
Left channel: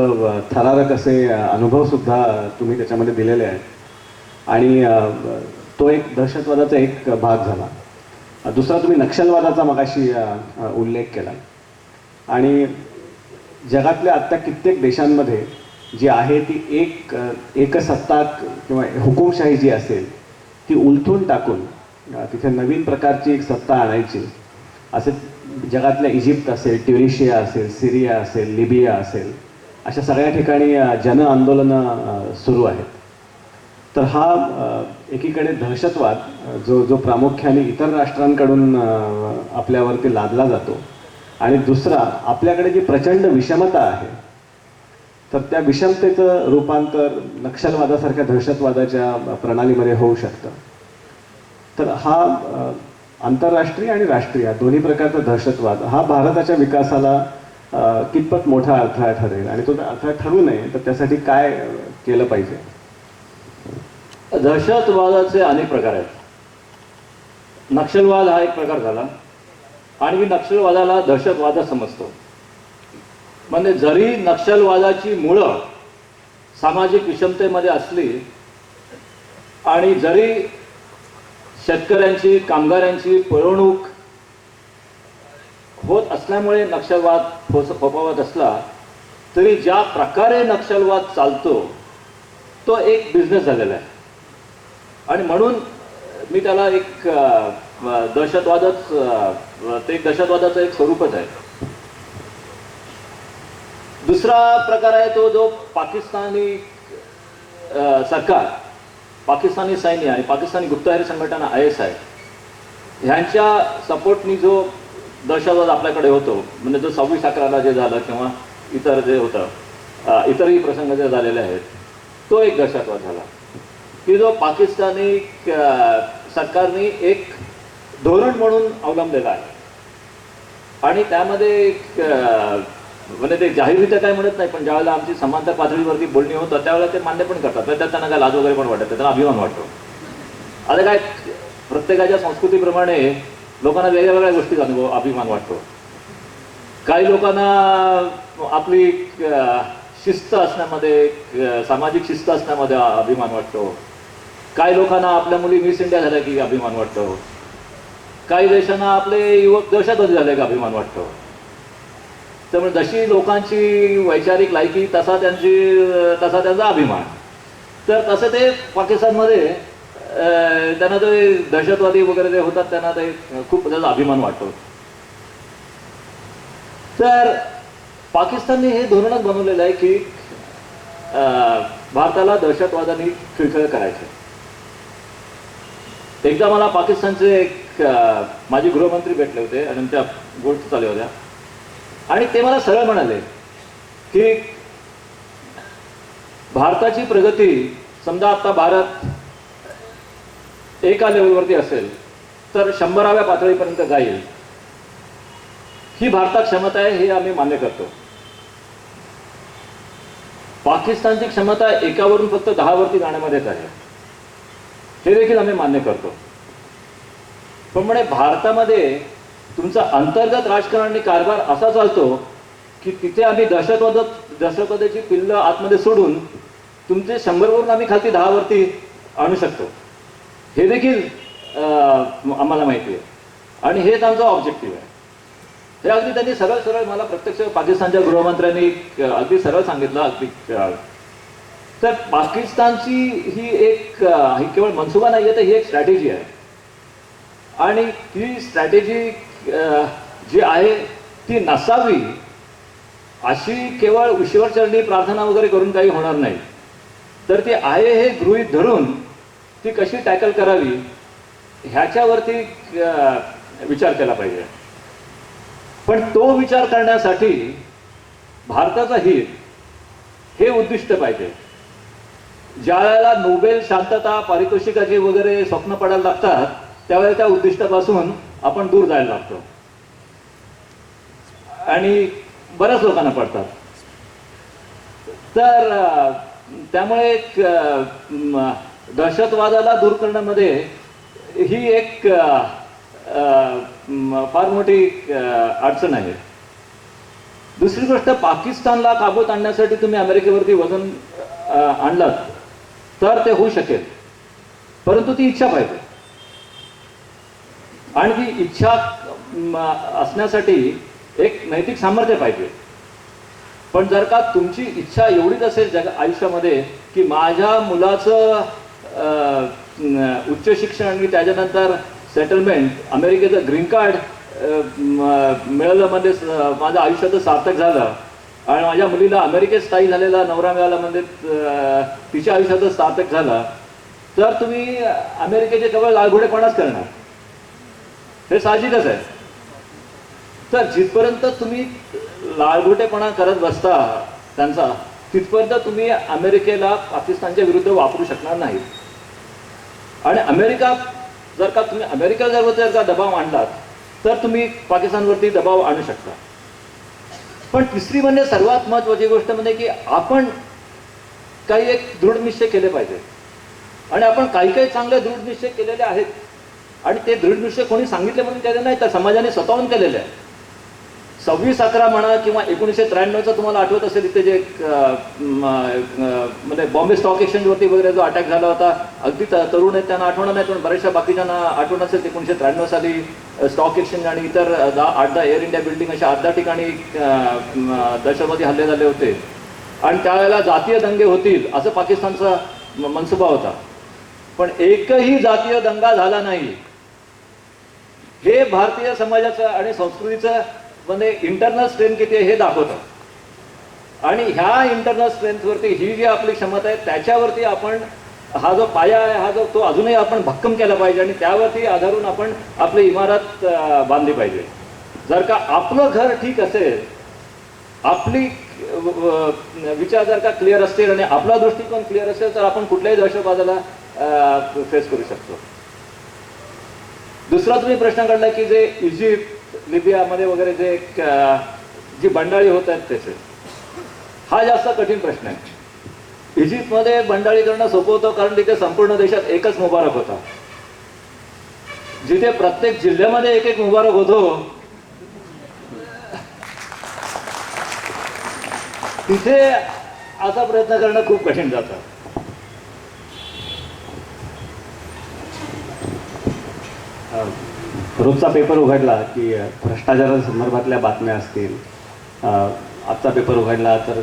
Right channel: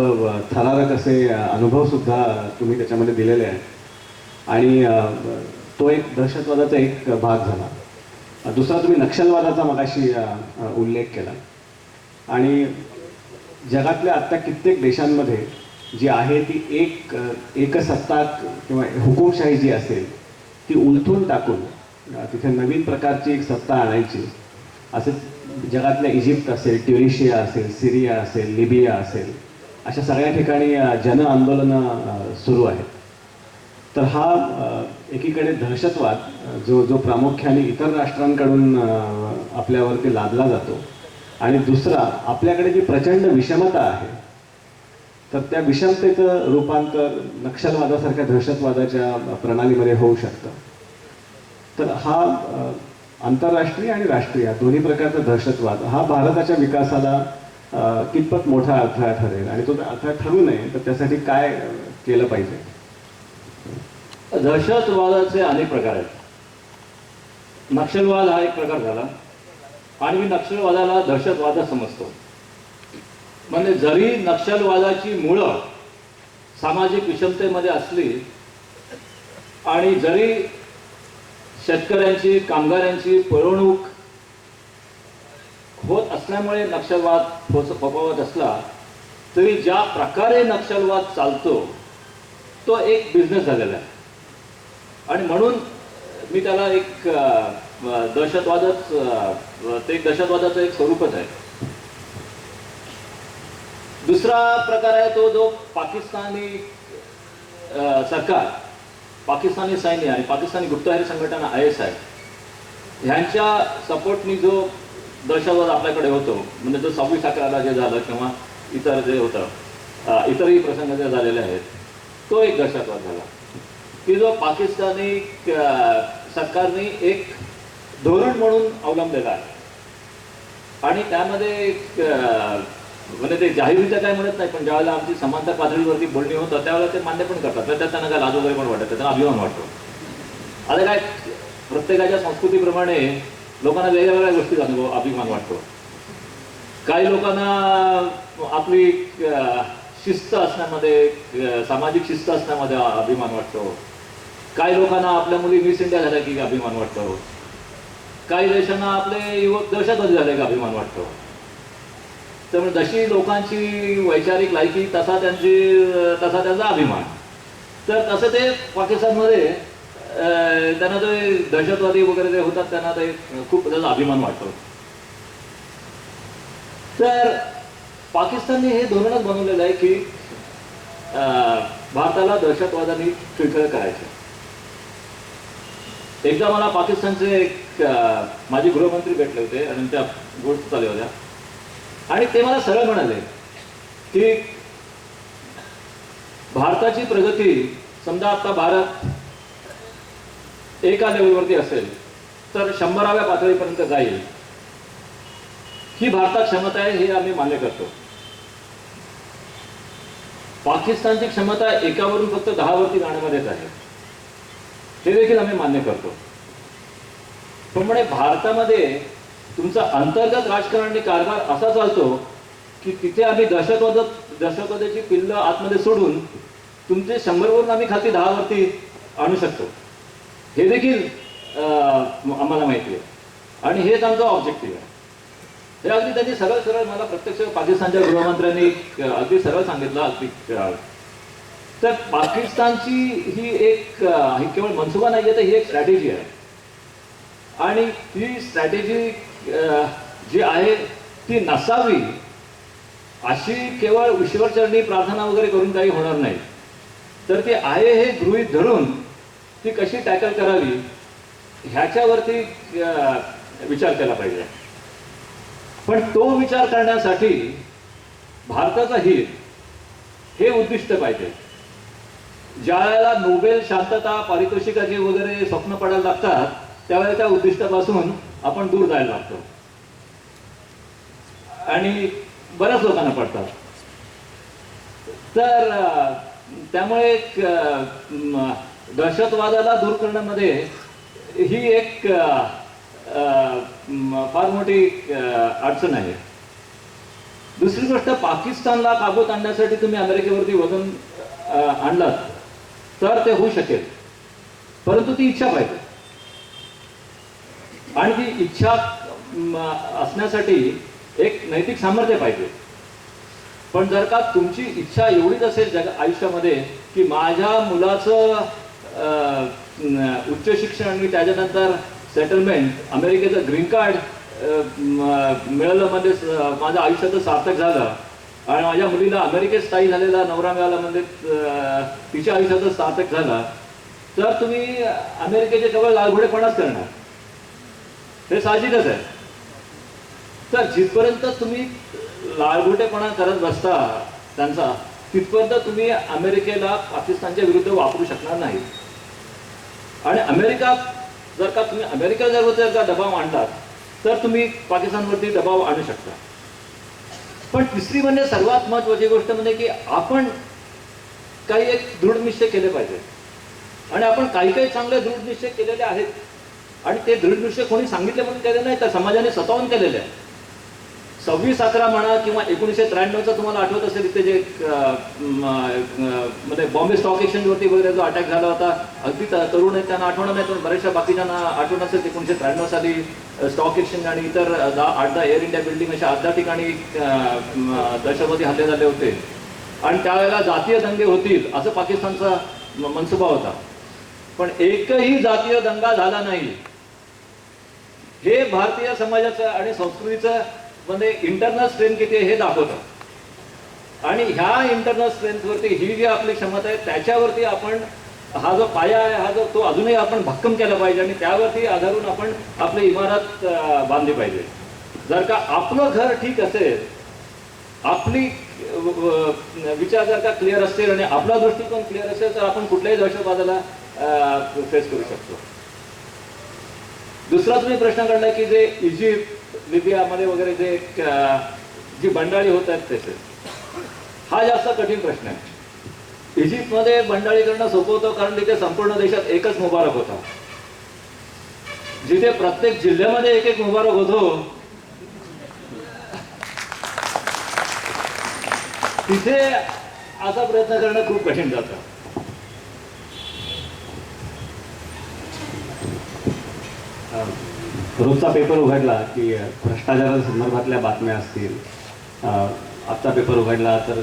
थरारक असे अनुभवसुद्धा तुम्ही त्याच्यामध्ये दिलेले आहेत. आणि तो एक दहशतवादाचा एक भाग झाला. दुसरा तुम्ही नक्षलवादाचा मगाशी उल्लेख केला. आणि जगातल्या आत्ता कित्येक देशांमध्ये जी आहे ती एकसत्ताक किंवा हुकुमशाही जी असेल ती उलथून टाकून तिथे नवीन प्रकारची एक सत्ता आणायची असे जगातल्या इजिप्त असेल, ट्युनिशिया असेल, सिरिया असेल, लिबिया असेल, अशा सगळ्या ठिकाणी जन आंदोलनं सुरू आहेत. तर हा एकीकडे दहशतवाद जो प्रामुख्याने इतर राष्ट्रांकडून आपल्यावरती लादला जातो. आणि दुसरा आपल्याकडे जी प्रचंड विषमता आहे तर त्या विषमतेचं रूपांतर नक्षलवादासारख्या दहशतवादाच्या प्रणालीमध्ये होऊ शकतं. तर हा आंतरराष्ट्रीय आणि राष्ट्रीय दोन्ही प्रकारचा दहशतवाद हा भारताच्या विकासाला कितपत मोठा अडथळा ठरेल आणि तो अडथळा ठरू नये तर त्यासाठी काय केलं पाहिजे? दहशतवादाचे अनेक प्रकार आहेत. नक्षलवाद हा एक प्रकार झाला आणि मी नक्षलवादाला दहशतवाद समजतो. म्हणजे जरी नक्षलवादाची मुळं सामाजिक विषमतेमध्ये असली आणि जरी शेतकऱ्यांची, कामगारांची पळवणूक होत असल्यामुळे नक्षलवाद फोफावत असला तरी ज्या प्रकारे नक्षलवाद चालतो तो एक बिझनेस झालेला आहे. आणि म्हणून मी त्याला एक दहशतवादच ते एक दहशतवादाचं एक स्वरूपच आहे. दुसरा प्रकार आहे तो जो पाकिस्तानी सरकार, पाकिस्तानी सैन्य आणि पाकिस्तानी गुप्तहेर संघटना ISI ह्यांच्या सपोर्टनी जो दहशतवाद आपल्याकडे होतो, म्हणजे जो 26/11ला जे झालं किंवा इतर जे होतं इतरही प्रसंग जे झालेले आहेत तो एक दहशतवाद झाला की जो पाकिस्तानी सरकारने एक धोरण म्हणून अवलंबलेला आहे. आणि त्यामध्ये म्हणजे ते जाहीररित्या काय म्हणत नाही पण ज्यावेळेला आमची समांतर पातळीवरती बोलणी होतं त्यावेळेला ते मान्य पण करतात. त्यात त्यांना काय लाज वगैरे पण वाटत, त्यांना अभिमान वाटतो. आता काय प्रत्येकाच्या संस्कृतीप्रमाणे लोकांना वेगवेगळ्या गोष्टीचा अभिमान वाटतो. काही लोकांना आपली शिस्त असण्यामध्ये, सामाजिक शिस्त असण्यामध्ये अभिमान वाटतो. काही लोकांना आपल्या मुली मिस इंडिया झाल्या की अभिमान वाटतो. काही देशांना आपले युवक दहशतवादी झाले की अभिमान वाटतो. त्यामुळे जशी लोकांची वैचारिक लायकी तसा त्यांचा अभिमान. तर तसं ते पाकिस्तानमध्ये त्यांना ते दहशतवादी वगैरे जे होतात त्यांना ते खूप त्याचा अभिमान वाटतो. तर पाकिस्तानने हे धोरणच बनवलेलं आहे की भारताला दहशतवादाने खिळखिळ करायचं. एकदा मला पाकिस्तानचे एक माजी गृहमंत्री भेटले होते आणि त्या गोष्टी चालू होत्या आणि ते मला सरळ म्हणाले की भारताची प्रगती समजा आता भारत एका लेवलवरती असेल तर 100व्या पातळीपर्यंत जाईल, ही भारतात क्षमता आहे हे आम्ही मान्य करतो. पाकिस्तानची क्षमता 1वरून फक्त 10वरती जाण्यामध्येच आहे हे देखील आम्ही मान्य करतो. पण म्हणे भारतामध्ये तुमचा अंतर्गत राजकारणी कारभार असा चालतो की तिथे आम्ही दहशतवादाची पिल्लं आतमध्ये सोडून तुमचे 100वरून आम्ही खालती 10वरती आणू शकतो, हे देखील आम्हाला माहिती आहे. आणि हेच आमचा ऑब्जेक्टिव्ह आहे. हे अगदी त्यांनी सरळ सरळ मला प्रत्यक्ष पाकिस्तानच्या गृहमंत्र्यांनी अगदी सरळ सांगितलं. अगदी तर पाकिस्तानची ही केवळ मनसुबा नाही आहे, तर ही एक स्ट्रॅटेजी आहे. आणि ती स्ट्रॅटेजी जी आहे ती नसावी अशी केवळ ईश्वरचरणी प्रार्थना वगैरे करून काही होणार नाही. तर ती आहे हे गृहीत धरून ती कशी टॅकल करावी ह्याच्यावरती विचार केला पाहिजे. पण तो विचार करण्यासाठी भारताचं हित हे उद्दिष्ट पाहिजे. ज्या वेळेला नोबेल शांतता पारितोषिकाची वगैरे स्वप्न पडायला लागतात त्यावेळेला त्या उद्दिष्टापासून आपण दूर जायला लागतो आणि बऱ्याच लोकांना पडतात. तर त्यामुळे दहशतवादाला दूर करण्यामध्ये ही एक फार मोठी अडचण आहे. दुसरी गोष्ट, पाकिस्तानला काबूत आणण्यासाठी तुम्ही अमेरिकेवरती वजन आणलात तर ते होऊ शकेल, परंतु ती इच्छा पाहिजे. आणि ती इच्छा असण्यासाठी एक नैतिक सामर्थ्य पाहिजे. पण जर का तुमची इच्छा एवढीच असेल आयुष्यामध्ये की माझ्या मुलाचं उच्च शिक्षण आणि त्याच्यानंतर सेटलमेंट, अमेरिकेचं ग्रीन कार्ड मिळालं म्हणजे माझं आयुष्याचं सार्थक झालं आणि माझ्या मुलीला अमेरिकेत स्थायी झालेला नवरा मिळाला म्हणजे तिच्या आयुष्याचं सार्थक झालं, तर तुम्ही अमेरिकेचे केवळ लालघोडेपणाच करणार, हे साहजिकच आहे. तर जिथपर्यंत तुम्ही लालघोटेपणा करत बसता त्यांचा, तिथपर्यंत तुम्ही अमेरिकेला पाकिस्तानच्या विरुद्ध वापरू शकणार नाही. आणि अमेरिका जर का दबाव आणलात तर तुम्ही पाकिस्तानवरती दबाव आणू शकता. पण तिसरी म्हणजे सर्वात महत्त्वाची गोष्ट म्हणजे की आपण काही एक दृढ निश्चय केले पाहिजे. आणि आपण काही काही चांगले दृढ निश्चय केलेले आहेत. आणि ते दृढ निश्चय कोणी सांगितले म्हणून केले नाही, तर समाजाने स्वतःहून केलेले आहे. 26/11 म्हणा किंवा 1993 तुम्हाला आठवत असेल इथे जे म्हणजे बॉम्बे स्टॉक एक्सचेंजवरती वगैरे जो अटॅक झाला होता, अगदी तरुण आहेत त्यांना आठवण नाही, पण बऱ्याचशा बाकीच्यांना आठवण असेल. 1993 साली स्टॉक एक्सचेंज आणि इतर 8-10 एअर इंडिया बिल्डिंग अशा 8-10 ठिकाणी दहशतवादी हल्ले झाले होते. आणि त्यावेळेला जातीय दंगे होतील असं पाकिस्तानचा मनसुबा होता. पण एकही जातीय दंगा झाला नाही. हे भारतीय समाजाचं आणि संस्कृतीचं म्हणजे इंटरनल स्ट्रेंथ किती आहे हे दाखवतं. आणि ह्या इंटरनल स्ट्रेंथवरती ही जी आपली क्षमता आहे त्याच्यावरती आपण हा जो पाया आहे तो अजूनही आपण भक्कम केला पाहिजे आणि त्यावरती आधारून आपण आपली इमारत बांधली पाहिजे. जर का आपलं घर ठीक असेल, आपली विचार जर का क्लिअर असतील आणि आपला दृष्टिकोन क्लिअर असेल तर आपण कुठल्याही दहशतवादाला फेस करू शकतो. दुसरा तुम्ही प्रश्न काढला की जे इजिप्त, लिबियामध्ये वगैरे जी बंडाळी होत आहेत त्याचे, हा जास्त कठीण प्रश्न आहे. इजिप्तमध्ये बंडाळी करणं सोपं होतं कारण तिथे संपूर्ण देशात एकच मुबारक होता. जिथे प्रत्येक जिल्ह्यामध्ये एक मुबारक होतो, तिथे असा प्रयत्न करणं खूप कठीण जातं. रोजचा पेपर उघडला की भ्रष्टाचारासंदर्भातल्या बातम्या असतील, आजचा पेपर उघडला तर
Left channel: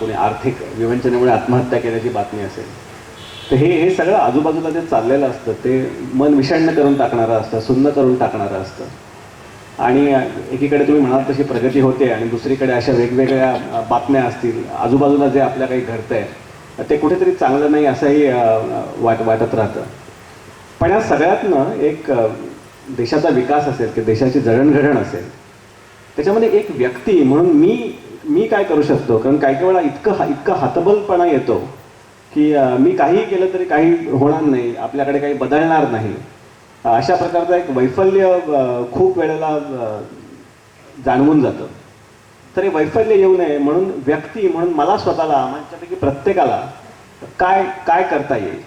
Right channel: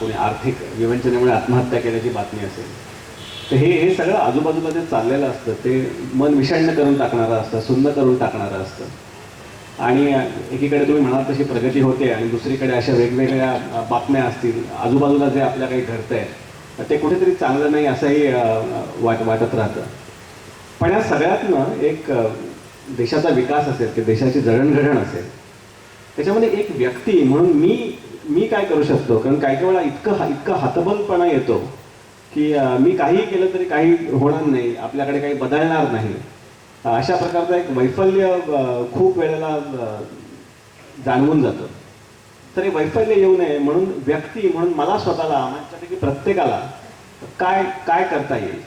कोणी आर्थिक विवंचनेमुळे आत्महत्या केल्याची बातमी असेल, तर हे सगळं आजूबाजूला जे चाललेलं असतं ते मन विषण्ण करून टाकणारं असतं, सुन्न करून टाकणारं असतं. आणि एकीकडे तुम्ही म्हणाल तशी प्रगती होते आणि दुसरीकडे अशा वेगवेगळ्या बातम्या असतील, आजूबाजूला जे आपल्या काही घडतंय ते कुठेतरी चांगलं नाही असंही वाटत राहतं. पण या सगळ्यातनं एक देशाचा विकास असेल की देशाची जडणघडण असेल, त्याच्यामध्ये एक व्यक्ती म्हणून मी काय करू शकतो. कारण काही वेळा इतका हतबलपणा येतो की मी काही केलं तरी काही होणार नाही, आपल्याकडे काही बदलणार नाही, अशा प्रकारचं एक वैफल्य खूप वेळेला जाणवून जातं. तर हे वैफल्य येऊ नये म्हणून व्यक्ती म्हणून मला स्वतःला, माझ्यापैकी प्रत्येकाला काय करता येईल.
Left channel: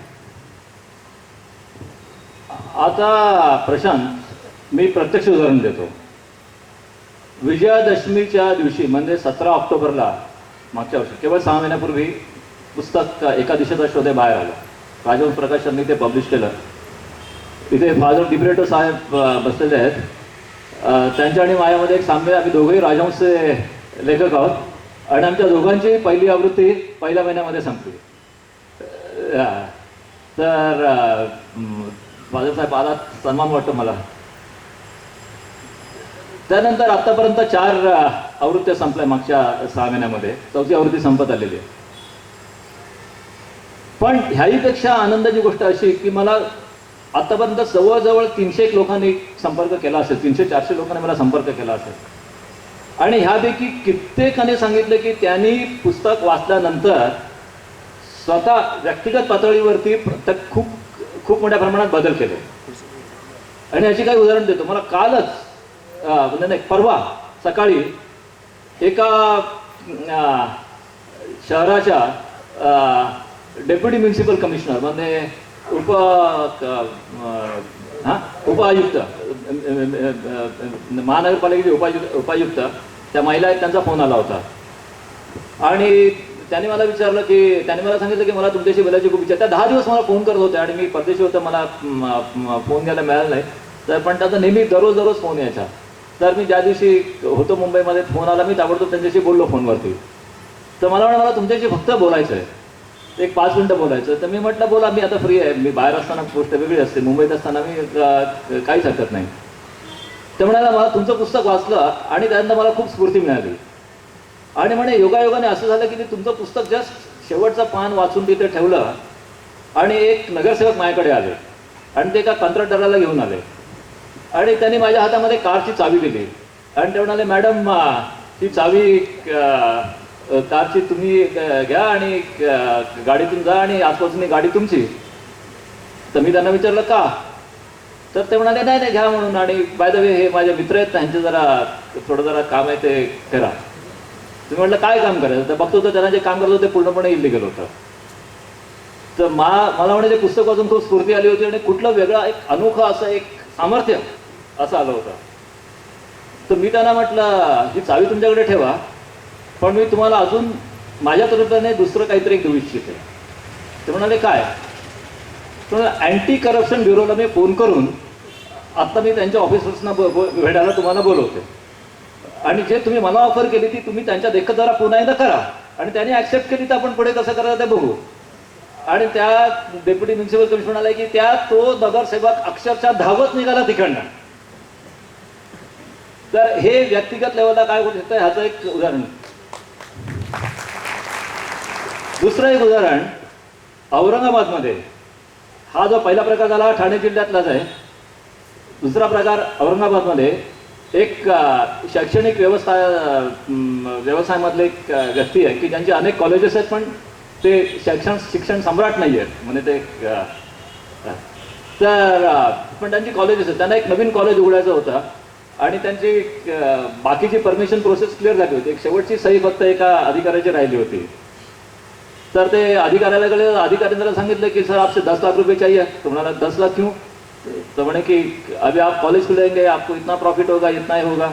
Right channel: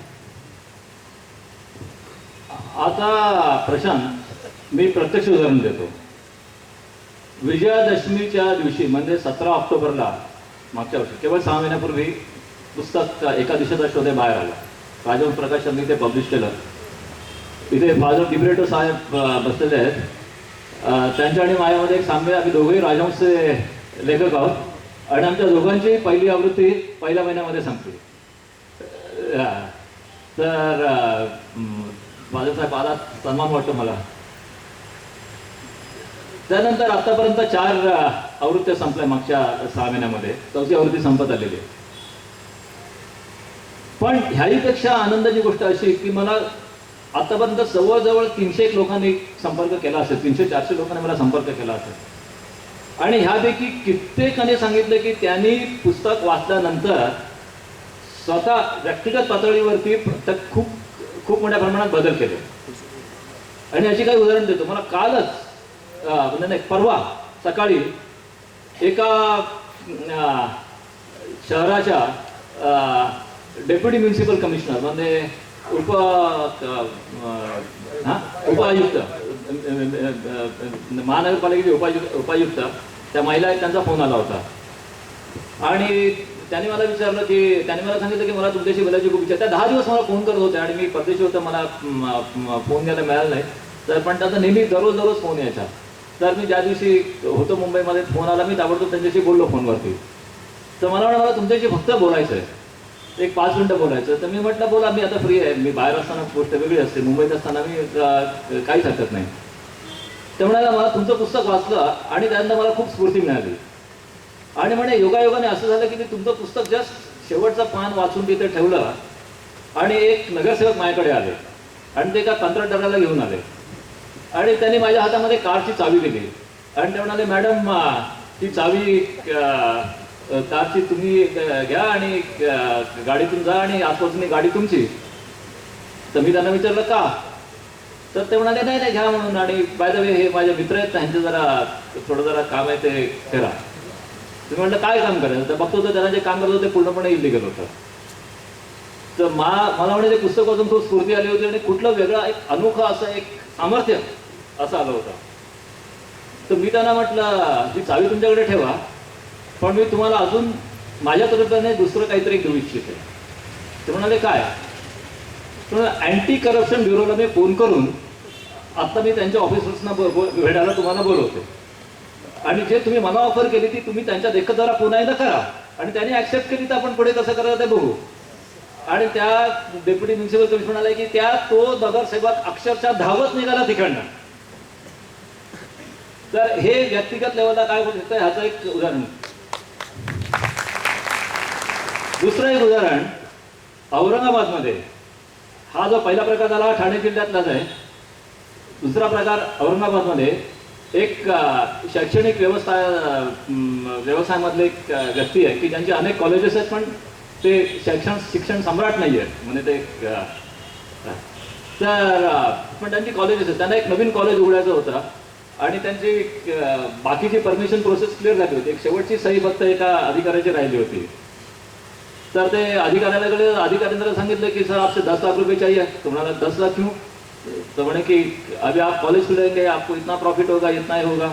आता प्रशांत, मी प्रत्यक्ष उदाहरण देतो. विजयादशमीच्या दिवशी म्हणजे 17 ऑक्टोबरला मागच्या वर्षी केवळ 6 महिन्यापूर्वी पुस्तक एका दिशेचा शोध हे बाहेर आलं. राजवंश प्रकाशननी ते पब्लिश केलं. इथे फादर डिब्रेटो साहेब बसलेले आहेत. त्यांच्या आणि माझ्यामध्ये एक साम्य, आम्ही दोघंही राजवंशचे लेखक आहोत आणि आमच्या दोघांची पहिली आवृत्ती पहिल्या महिन्यामध्ये संपली. तर फादर साहेब आला, सन्मान वाटतो मला. त्यानंतर आतापर्यंत 4 आवृत्त्या संपल्या मागच्या 6 महिन्यामध्ये. 4थी आवृत्ती संपत आलेली आहे. पण ह्याहीपेक्षा आनंदाची गोष्ट अशी की मला आतापर्यंत जवळजवळ 300 लोकांनी संपर्क केला असेल, 300-400 लोकांनी मला संपर्क केला असेल. आणि ह्यापैकी कित्येकाने सांगितलं की त्यांनी पुस्तक वाचल्यानंतर स्वतः व्यक्तिगत पातळीवरती खूप खूप मोठ्या प्रमाणात बदल केले. आणि याची काही उदाहरण देतो. मला कालच म्हणजे नाही, परवा सकाळी एका शहराच्या डेप्युटी म्युन्सिपल कमिशनर म्हणजे उपायुक्त, महानगरपालिकेचे उपायुक्त त्या महिला आहेत, त्यांचा फोन आला होता. आणि त्यांनी मला विचारलं की, त्यांनी मला सांगितलं की मला तुमच्याशी बोलायची खूप इच्छा. त्या 10 दिवस मला फोन करत होत्या आणि मी परदेशी होतं, मला फोन घ्यायला मिळाला नाही. तर पण त्याचा नेहमी दररोज फोन यायचा. तर मी ज्या दिवशी होतो मुंबईमध्ये, फोन आला, मी ताबडतोब त्यांच्याशी बोललो फोनवरती. तर मला तुमच्याशी फक्त बोलायचं आहे, एक 5 मिनटं बोलायचं. तर मी म्हटलं बोला, मी आता फ्री आहे. मी बाहेर असताना गोष्ट वेगळी असते, मुंबईत असताना मी काहीच हरकत नाही. ते म्हणाला मला तुमचं पुस्तक वाचलं आणि त्यानंतर मला खूप स्फूर्ती मिळाली. आणि म्हणे योगायोगाने असं झालं की मी तुमचं पुस्तक जस्ट शेवटचं पान वाचून तिथे ठेवलं आणि एक नगरसेवक माझ्याकडे आले आणि ते एका कंत्राटदाराला घेऊन आले आणि त्यांनी माझ्या हातामध्ये कारची चावी दिली आणि ते म्हणाले, मॅडम ती चावी कारची तुम्ही घ्या आणि गाडीतून जा आणि आजपासून गाडी तुमची. तर मी त्यांना विचारलं का? तर ते म्हणाले नाही घ्या म्हणून. आणि बाय द वे हे माझे मित्र आहेत, त्यांचे थोडं जरा काम आहे ते करा. तुम्ही म्हटलं काय काम करायचं? तर बघतो तर त्यांना जे काम करत होतं ते पूर्णपणे इलिगल होतं. तर मला म्हणे ते पुस्तक वाचून खूप स्फूर्ती आली होती आणि कुठलं वेगळा एक अनोखं असं एक सामर्थ्य असं आलं होतं. तर मी त्यांना म्हटलं ही चावी तुमच्याकडे ठेवा, पण मी तुम्हाला अजून माझ्या तर्फेने दुसरं काहीतरी देऊ इच्छिते. ते म्हणाले काय? अँटी करप्शन ब्युरोला मी फोन करून आत्ता मी त्यांच्या ऑफिसर्सना भेटायला तुम्हाला बोलवते आणि जे तुम्ही मला ऑफर केली ती तुम्ही त्यांच्या देखत जरा पुन्हा एकदा करा आणि त्यांनी ॲक्सेप्ट केली तर आपण पुढे कसं करायचं ते बघू. आणि त्या डेप्युटी म्युन्सिपल कमिशनर आला की तो नगरसेवक अक्षरशः धावत निघाला तिकडनं. तर हे व्यक्तिगत लेवलला काय होऊ शकतं ह्याचं एक उदाहरण. दुसरं एक उदाहरण, औरंगाबादमध्ये हा जो पहिला प्रकार झाला ठाणे जिल्ह्यातलाच आहे. दुसरा प्रकार औरंगाबादमध्ये एक शैक्षणिक व्यवसायामधले एक व्यक्ती आहे की ज्यांचे अनेक कॉलेजेस आहेत पण ते शिक्षण सम्राट नाही आहेत म्हणजे ते. तर पण त्यांची कॉलेजेस आहेत, त्यांना एक नवीन कॉलेज उघडायचं होतं आणि त्यांची बाकीची परमिशन प्रोसेस क्लिअर झाली होती. एक शेवटची सही फक्त एका अधिकाऱ्याची राहिली होती. तर ते अधिकाऱ्यांना सांगितलं की सर आपसे 10 लाख रुपये चाहिए. तुम्हाला 10 लाख क्यों? तो म्हणे की अभी आप कॉलेज खुलेंगे, आपको इतना प्रॉफिट होगा, इतना ही होगा.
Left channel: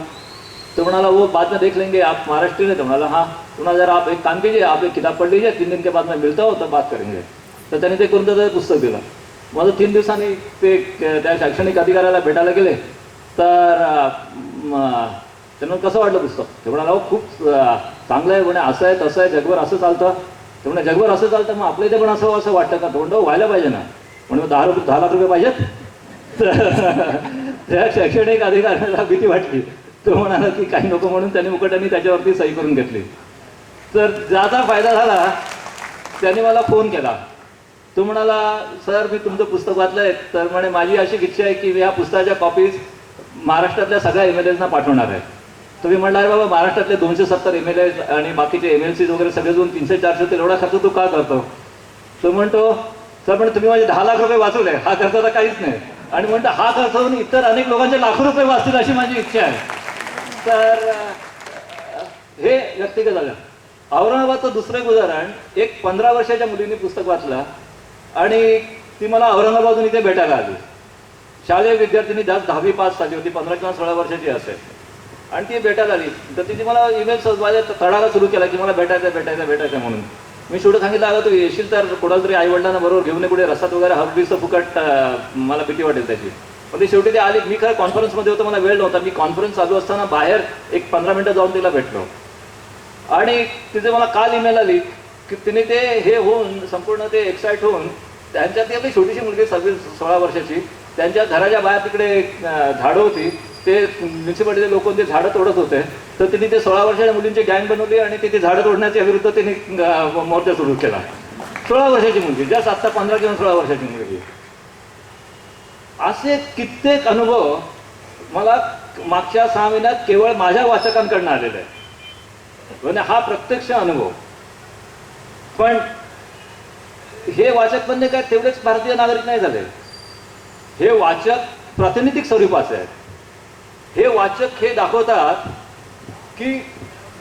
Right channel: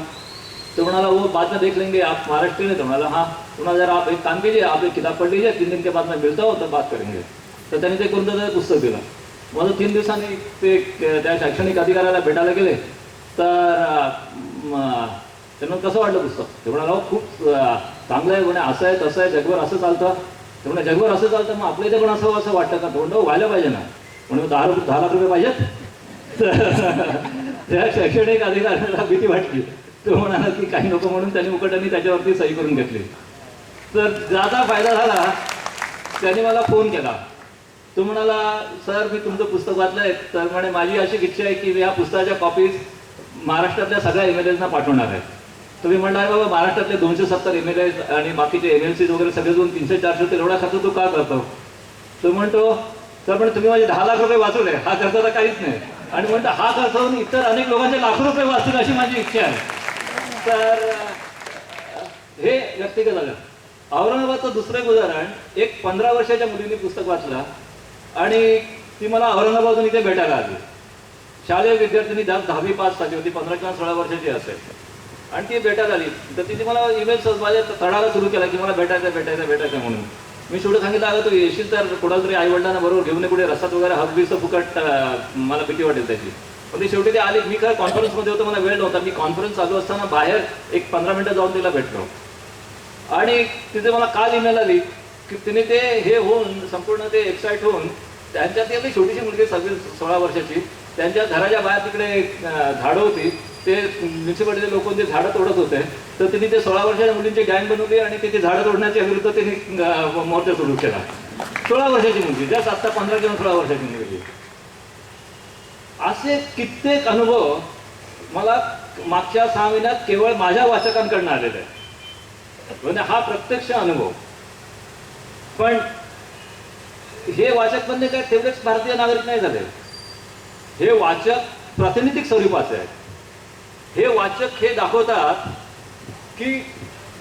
तो म्हणाला वो बाद में देख लेंगे, आप महाराष्ट्र में. तो म्हणाला हाँ. तुम्हाला जरा आप एक काम कीजिए, आप एक किताब पढ़ लीजिए, 3 दिन के बाद मैं मिलता हूँ तब बात करेंगे. तर त्यांनी ते करून त्याचं पुस्तक दिलं. मग 3 दिवसांनी ते त्या शैक्षणिक अधिकाऱ्याला भेटायला गेले. तर त्यांना कसं वाटलं पुस्तक? ते म्हणाला हो खूप चांगलं आहे म्हणे, असं आहे तसं आहे, जगभर असं चालतं. ते म्हणे जगभर असं चालतं मग आपल्या इथे पण असं वाटतं का? तो म्हणतो व्हायला पाहिजे ना. म्हणून 10 लाख रुपये पाहिजेत. त्या शैक्षणिक अधिकाऱ्याला भीती वाटली. तो म्हणाला की काही नको म्हणून त्यांनी मुकट्याने त्याच्यावरती सही करून घेतली. तर ज्याचा फायदा झाला त्याने मला फोन केला. तो म्हणाला सर मी तुमचं पुस्तक वाचलं आहे. तर म्हणे माझी अशी इच्छा आहे की या पुस्तकाच्या कॉपीज महाराष्ट्रातल्या सगळ्या MLAsना पाठवणार आहे. तुम्ही म्हणला अरे बाबा महाराष्ट्रातले 270 MLA आणि बाकीचे MLCs वगैरे सगळे दोन 300-400 ते एवढा खर्च तू का करतो? तो म्हणतो सर पण तुम्ही माझे 10 लाख रुपये वाचवले, हा खर्च तर काहीच नाही. आणि म्हणतो हा खर्च होऊन इतर अनेक लोकांचे लाखो रुपये वाचतील अशी माझी इच्छा आहे. तर हे व्यक्तिगत झालं. औरंगाबादचं दुसरं एक उदाहरण, एक 15 वर्षाच्या मुलीने पुस्तक वाचलं आणि ती मला औरंगाबादहून इथे भेटायला आली. शालेय विद्यार्थिनी 10वी पास झाली होती, 15 किंवा 16 वर्षाची असेल. आणि ती भेटायला आली. तर तिने मला ईमेल माझ्या तडाला सुरू केला की मला भेटायचं म्हणून. मी शेवटी सांगितलं, अगं तू येशील तर कोणाला तरी आईवडिलांना बरोबर घेऊन ये, कुठे रस्त्यात वगैरे हकबीचं फुकट, मला भीती वाटेल त्याची. पण ती शेवटी ती आली. मी खरं कॉन्फरन्समध्ये होतो, मला वेळ नव्हता. मी कॉन्फरन्स चालू असताना बाहेर एक 15 मिनिटं जाऊन तिला भेटलो. आणि तिथे मला काल ईमेल आली की तिने ते हे होऊन संपूर्ण ते एक्साईट होऊन त्यांच्या ती आपली छोटीशी मुलगी 16 वर्षाची, त्यांच्या घराच्या बाहेर तिकडे झाडं होती, ते म्युन्सिपालिटीचे लोक ते झाडं तोडत होते. तर तिने ते 16 वर्षाच्या मुलींची गँग बनवली आणि तिथे झाडं तोडण्याच्या विरुद्ध तिने मोर्चा सुरू केला. 16 वर्षाची मुलगी, जस्ट आत्ता 15 किंवा 16 वर्षाची मुलगी. असे कित्येक अनुभव मला मागच्या 6 महिन्यात केवळ माझ्या वाचकांकडून आलेले आहे. म्हणजे हा प्रत्यक्ष अनुभव. पण हे वाचक म्हणजे काय तेवढेच भारतीय नागरिक नाही झाले, हे वाचक प्रातिनिधिक स्वरूपाचे आहेत. हे वाचक हे दाखवतात की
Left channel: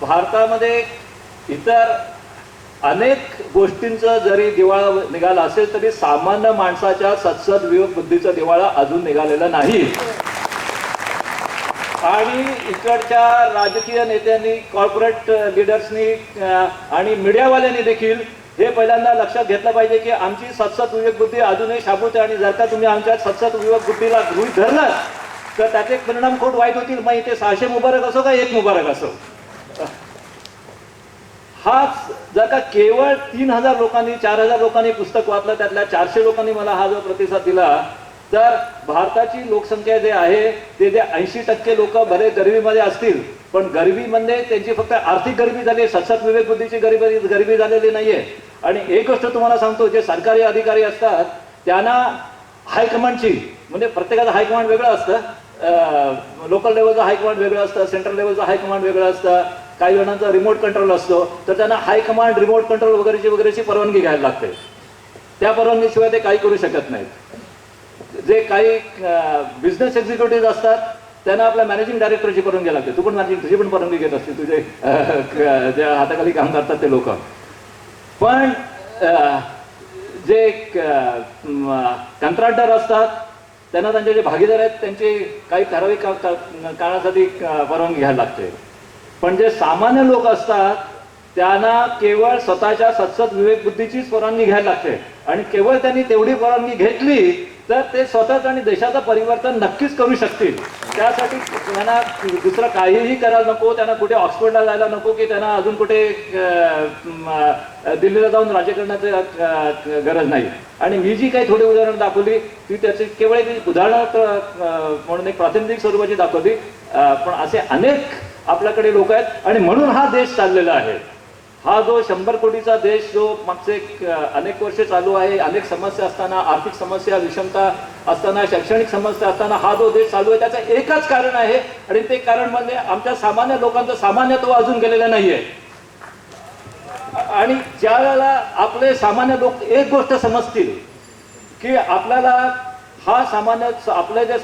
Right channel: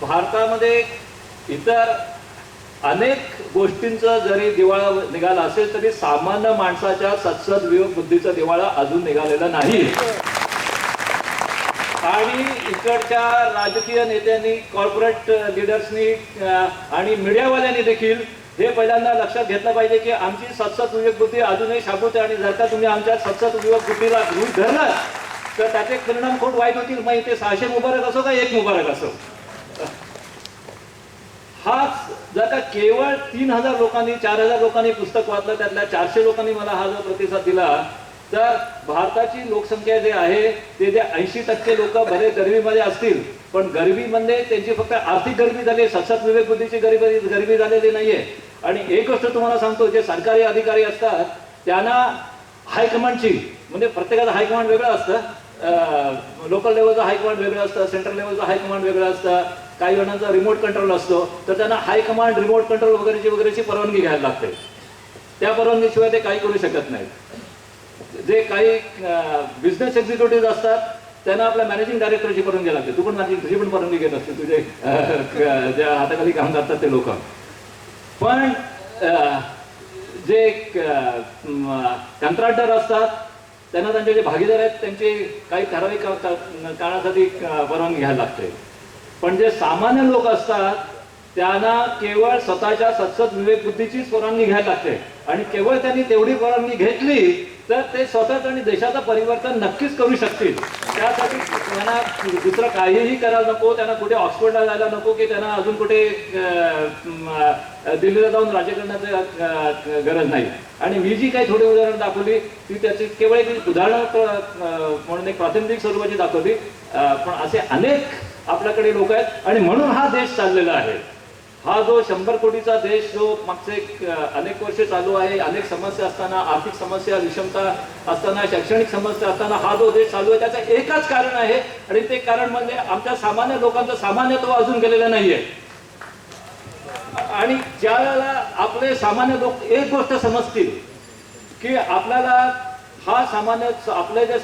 भारतामध्ये इतर अनेक गोष्टींचा जरी दिवाळा निघाला असेल तरी सामान्य माणसाच्या सत्सद विवेक बुद्धीचा दिवाळा अजून निघालेला नाही. आणि इकडच्या राजकीय नेत्यांनी, कॉर्पोरेट लिडर्सनी आणि मीडियावाल्यांनी देखील हे पहिल्यांदा लक्षात घेतलं पाहिजे की आमची सत्सद विवेक बुद्धी अजूनही शाबूत आहे. आणि जर का तुम्ही आमच्या सत्सद विवेक बुद्धीला गृहीत धरलं तर त्याचे परिणाम खूप वाईट होतील. मग इथे 600 मुबारक असो का 1 मुबारक असो. हाच जर का केवळ 3000 लोकांनी, 4000 लोकांनी पुस्तक वाचलं, त्यातल्या 400 लोकांनी मला हा जो प्रतिसाद दिला, तर भारताची लोकसंख्या जे आहे ते 80% लोक बरे गरिबीमध्ये असतील. पण गरिबीमध्ये त्यांची फक्त आर्थिक गरिबी झाली, सत्सद विवेक बुद्धीची गरिबी झालेली नाहीये. आणि एक गोष्ट तुम्हाला सांगतो, जे सरकारी अधिकारी असतात त्यांना हायकमांडची, म्हणजे प्रत्येकाचं हायकमांड वेगळं असतं. लोकल लेवलचं हायकमांड वेगळं असतं, सेंट्रल लेवलचं हायकमांड वेगळं असतं, काही जणांचा रिमोट कंट्रोल असतो. तर त्यांना हायकमांड, रिमोट कंट्रोल वगैरेची परवानगी घ्यायला लागते. त्या परवानगीशिवाय ते काही करू शकत नाहीत. जे काही बिझनेस एक्झिक्युटिव्ह असतात त्यांना आपल्या मॅनेजिंग डायरेक्टरची परवानगी लागते. तू पण मॅनेजिंग, तुझी पण परवानगी घेत असते, तुझे ज्या हाताखाली काम करतात ते लोक. पण जे कंत्राटदार असतात त्यांना त्यांचे जे भागीदार आहेत त्यांची काही ठराविक काळासाठी परवानगी घ्यायला लागते. पण जे सामान्य लोक असतात त्यांना केवळ स्वतःच्या सत्सद विवेक बुद्धीचीच परवानगी घ्यायला लागते. आणि केवळ त्यांनी तेवढी परवानगी घेतली तर ते स्वतःच आणि देशाचं परिवर्तन नक्कीच करू शकतील. त्यासाठी त्यांना दुसरं काहीही करायला नको, त्यांना कुठे ऑक्सफर्डला जायला नको, की त्यांना अजून कुठे दिल्लीला जाऊन राज्य करण्याची गरज नाही. आणि मी जी काही थोडी उदाहरणं दाखवली ती त्याची केवळ एक उदाहरणं म्हणून एक प्रातिनिधिक स्वरूपाची दाखवली. पण असे अनेक आपल्याकडे लोक आहेत आणि म्हणून हा देश चाललेला आहे. हा जो 100 कोटीचा देश जो मागचे अनेक वर्ष चालू आहे, अनेक समस्या असताना, आर्थिक समस्या, विषमता असताना, शैक्षणिक समस्या असताना हा जो देश चालू आहे त्याचं एकच कारण आहे. आणि ते कारण म्हणजे आमच्या सामान्य लोकांचं सामान्यत्व अजून गेलेलं नाहीये. आणि ज्या वेळेला आपले सामान्य लोक एक गोष्ट समजतील की आपल्याला हा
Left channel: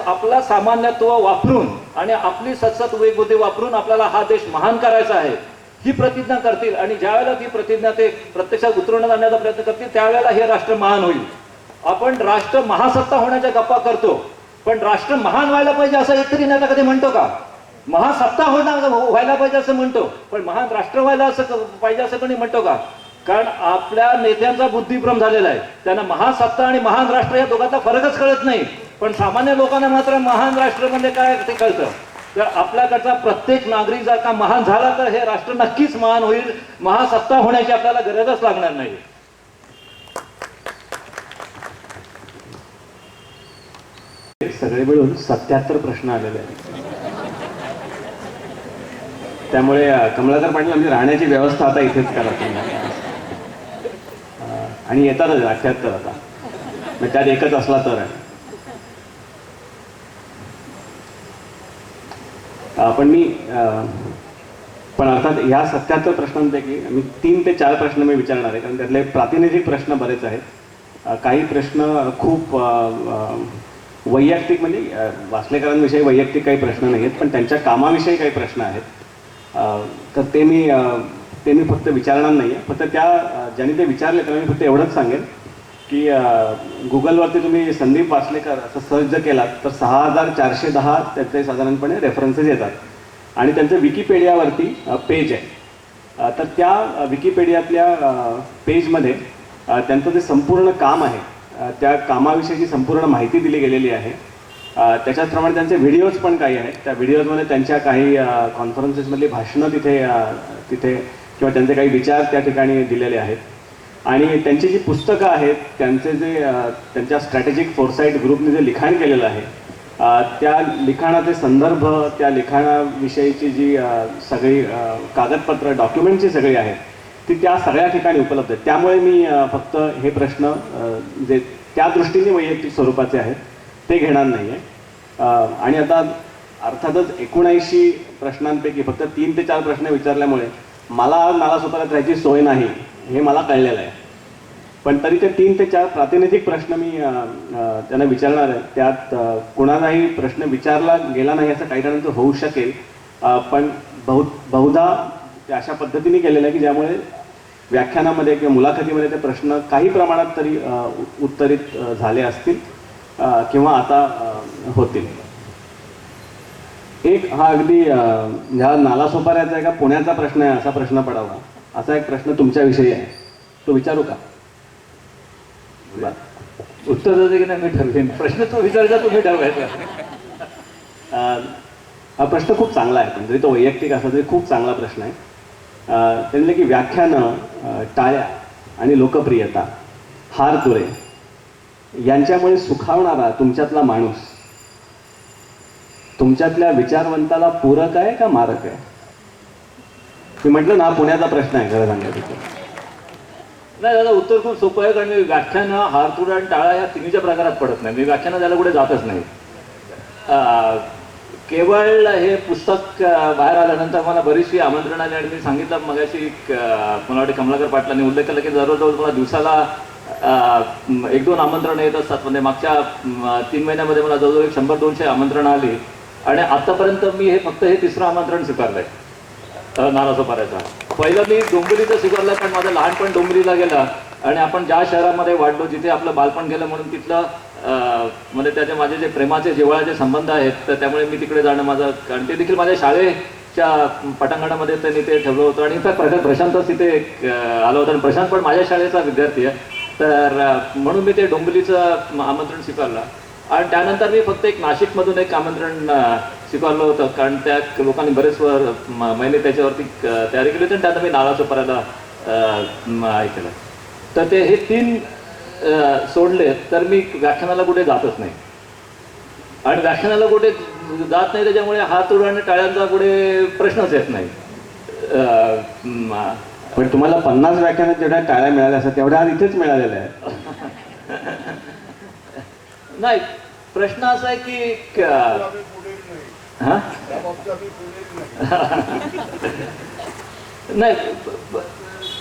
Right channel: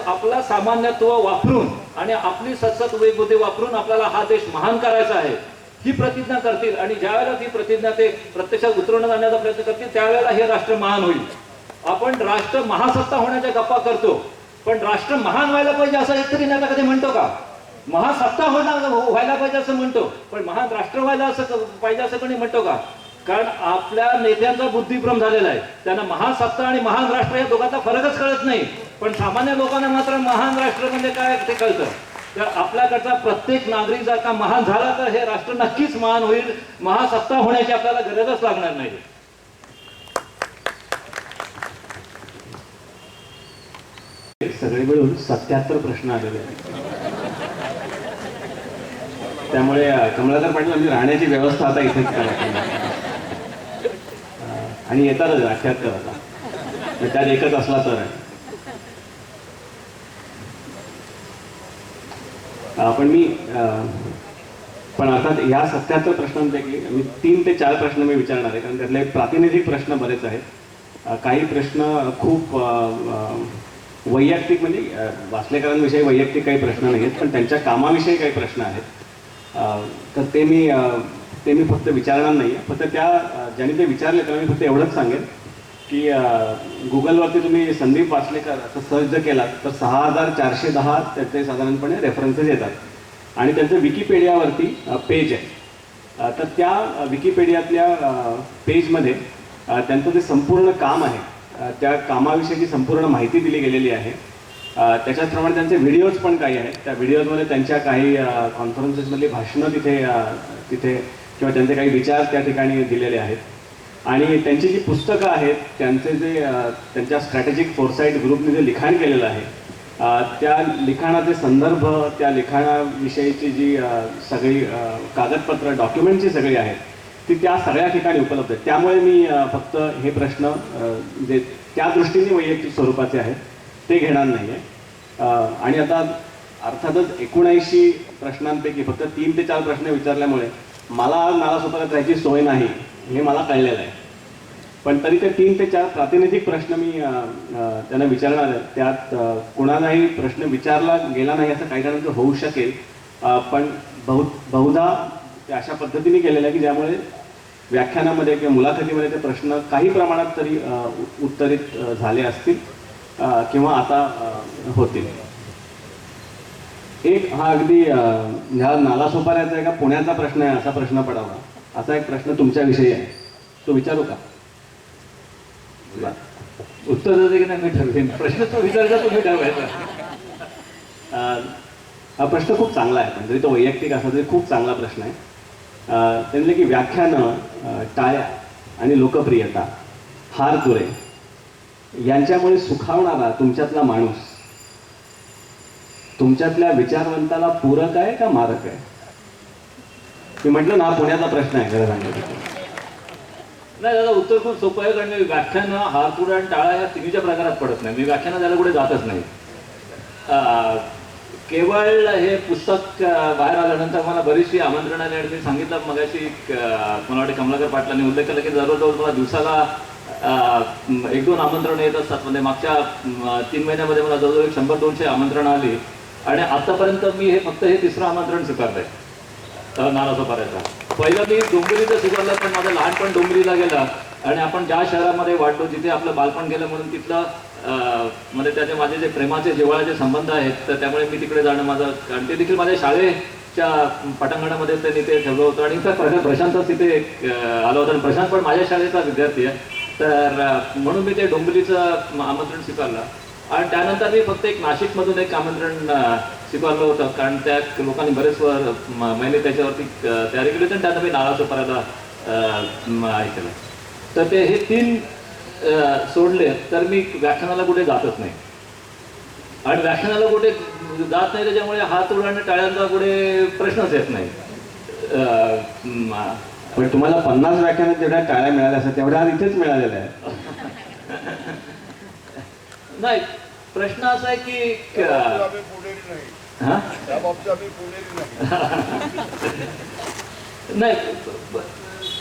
आपला सामान्यत्व वापरून आणि आपली सत्सद विवेक बुद्धी वापरून आपल्याला हा देश महान करायचा आहे ही प्रतिज्ञा करतील. आणि ज्या वेळेला ती प्रतिज्ञा ते प्रत्यक्षात उतरवण्यात आणण्याचा प्रयत्न करतील त्यावेळेला हे राष्ट्र महान होईल. आपण राष्ट्र महासत्ता होण्याच्या गप्पा करतो, पण राष्ट्र महान व्हायला पाहिजे असं एकतरी नेता कधी म्हणतो का? महासत्ता व्हायला पाहिजे असं म्हणतो, पण महान राष्ट्र व्हायला असं पाहिजे असं कोणी म्हणतो का? कारण आपल्या नेत्यांचा बुद्धिभ्रम झालेला आहे. त्यांना महासत्ता आणि महान राष्ट्र या दोघांचा फरकच कळत नाही. पण सामान्य लोकांना मात्र महान राष्ट्र म्हणजे काय ते कळतं. तर आपल्याकडचा प्रत्येक नागरिक जर का महान झाला तर हे राष्ट्र नक्कीच महान होईल. महासत्ता होण्याची आपल्याला गरजच लागणार नाही. सगळे मिळून 77 प्रश्न आलेले आहेत. त्यामुळे कमलाकर पाटील आमची राहण्याची व्यवस्था आता इथेच करा आणि येतातच 78 आता, त्यात एकच असला तर. पण अर्थात ह्या 77 प्रश्नांपैकी मी 3 ते 4 प्रश्न मी विचारणार आहे, कारण त्यातले प्रातिनिधिक प्रश्न बरेच आहेत. काही प्रश्न खूप वैयक्तिक, म्हणजे वाचलेकरांविषयी वैयक्तिक काही प्रश्न नाही आहेत, पण त्यांच्या कामाविषयी काही प्रश्न आहेत. तर ते मी फक्त विचारणार नाही आहे. फक्त ज्यांनी ते विचारले त्यांना मी फक्त एवढंच सांगेन की गुगलवरती तुम्ही संदीप वासलेकर असं सर्च जर केलात तर 6410 त्याचे साधारणपणे रेफरन्सेस येतात. आणि त्यांचं विकिपीडियावरती पेज आहे. तर त्या विकिपीडियातल्या पेजमध्ये त्यांचं जे संपूर्ण काम आहे त्या कामाविषयीची संपूर्ण माहिती दिली गेलेली आहे. त्याच्याचप्रमाणे त्यांचे व्हिडिओज पण काही आहेत. त्या व्हिडिओजमध्ये त्यांच्या काही कॉन्फरन्सेसमधली भाषणं तिथे किंवा त्यांचे काही विचार त्या ठिकाणी दिलेले आहेत. आणि त्यांची जी पुस्तकं आहेत त्यांचे जे त्यांच्या स्ट्रॅटेजिक फोरसाईट ग्रुपने जे लिखाण केलेलं आहे त्या लिखाणाचे संदर्भ, त्या लिखाणाविषयीची जी सगळी कागदपत्र डॉक्युमेंटची सगळी आहेत ती त्या सगळ्या ठिकाणी उपलब्ध आहेत. त्यामुळे मी फक्त हे प्रश्न जे त्या दृष्टीने वैयक्तिक स्वरूपाचे आहेत ते घेणार नाही आहे. आणि आता अर्थातच 79 प्रश्नांपैकी फक्त 3 ते 4 प्रश्न विचारल्यामुळे मला नालासोपाऱ्यात राहायची सोय नाही हे मला कळलेलं आहे. पण तरी ते 3 ते 4 प्रातिनिधिक प्रश्न मी त्यांना विचारणार आहे. त्यात कुणालाही प्रश्न विचारला गेला नाही असं काही जणांचं होऊ शकेल, पण बहुधा ते अशा पद्धतीने केलेलं आहे की ज्यामुळे व्याख्यानामध्ये किंवा मुलाखतीमध्ये ते प्रश्न काही प्रमाणात तरी उत्तरित झाले असतील किंवा आता होतील. एक हा अगदी ह्या नालासोपाऱ्याचा आहे का पुण्याचा प्रश्न आहे असा प्रश्न पडावा, असा एक प्रश्न तुमच्याविषयी आहे, तो विचारू का? उत्तर देते की नाही मी ठरवेन. प्रश्न तो विचारायचा तुम्ही ठरवायचा. हा प्रश्न खूप चांगला आहे, पण जरी तो वैयक्तिक असला तरी खूप चांगला प्रश्न आहे. त्यांनी की व्याख्यानं, टाळ्या आणि लोकप्रियता, हार तुरे यांच्यामुळे सुखावणारा तुमच्यातला माणूस तुमच्यातल्या विचारवंताला पूरक आहे का मारक आहे? मी म्हटलं ना पुण्याचा प्रश्न आहे खरं सांगायचं. नाही दादा, उत्तर खूप सोपं आहे. कारण मी व्याख्यानं, हारतुरा आणि टाळा या तिन्हीच्या प्रकारात पडत नाही. मी व्याख्यानं द्यायला कुठे जातच नाही. केवळ हे पुस्तक बाहेर आल्यानंतर मला बरीचशी आमंत्रण आली आणि मी सांगितलं मगाशी मला वाटते कमलाकर पाटलांनी उल्लेख केला की जवळजवळ मला दिवसाला 1-2 आमंत्रणं येत असतात. म्हणजे मागच्या 3 महिन्यामध्ये मला जवळजवळ 100-200 आमंत्रणं आली आणि आतापर्यंत मी फक्त हे 3रं आमंत्रण स्वीकारलंय नालासोपाऱ्याचा. पहिलं मी डोंबिवलीचं स्वीकारलं, पण माझं लहानपण डोंबिवलीला गेलं आणि आपण ज्या शहरामध्ये वाढलो जिथे आपलं बालपण गेलं म्हणून तिथलं म्हणजे त्याचे माझे जे प्रेमाचे जिव्हाळ्याचे संबंध आहेत तर त्यामुळे मी तिकडे जाणं माझं, कारण ते देखील माझ्या शाळेच्या पटांगणामध्ये त्यांनी ते ठेवलं होतं. आणि इनफॅक्ट प्रशांतच तिथे आलं होतं आणि प्रशांत पण माझ्या शाळेचा विद्यार्थी आहे. तर म्हणून मी ते डोंबिवलीचं आमंत्रण स्वीकारलं. आणि त्यानंतर मी फक्त एक नाशिकमधून एक आमंत्रण स्वीकारलं होतं, कारण त्या लोकांनी बरेच महिने त्याच्यावरती तयारी केली होती आणि त्यानंतर मी नालासोपाऱ्याला हे केलं. तर ते हे 3 सोडले तर मी व्याख्यानाला कुठे जातच नाही. आणि व्याख्यानाला कुठे जात नाही त्याच्यामुळे हात आणि टाळ्यांचा कुठे प्रश्नच येत नाही. पण तुम्हाला 50 व्याख्यानात जेवढ्या टाळ्या मिळाल्या असतात तेवढ्या इथेच मिळालेल्या आहेत. नाही, प्रश्न असा आहे की नाही,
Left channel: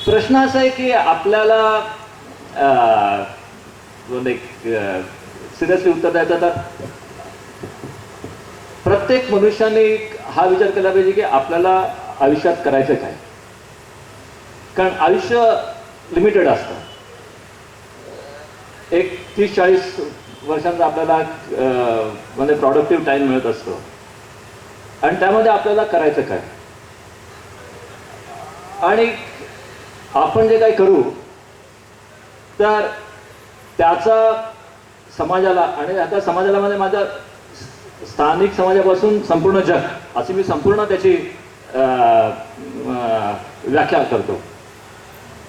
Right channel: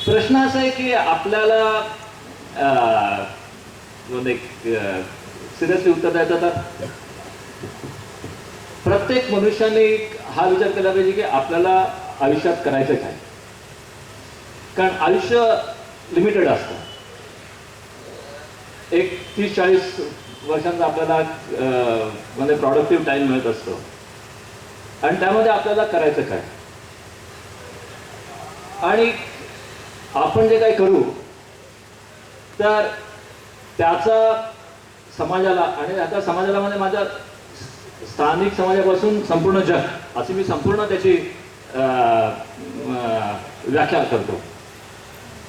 प्रश्न असा आहे की आपल्याला सिरियसली उत्तर द्यायचं तर प्रत्येक मनुष्याने हा विचार केला पाहिजे की आपल्याला आयुष्यात करायचं काय. कारण आयुष्य लिमिटेड असतं. एक 30-40 वर्षांचा आपल्याला म्हणजे प्रॉडक्टिव्ह टाईम मिळत असतो आणि त्यामध्ये आपल्याला करायचं काय. आणि आपण जे काही करू तर त्याचा समाजाला, आणि आता समाजाला म्हणजे माझ्या स्थानिक समाजापासून संपूर्ण जग अशी मी संपूर्ण त्याची व्याख्या करतो.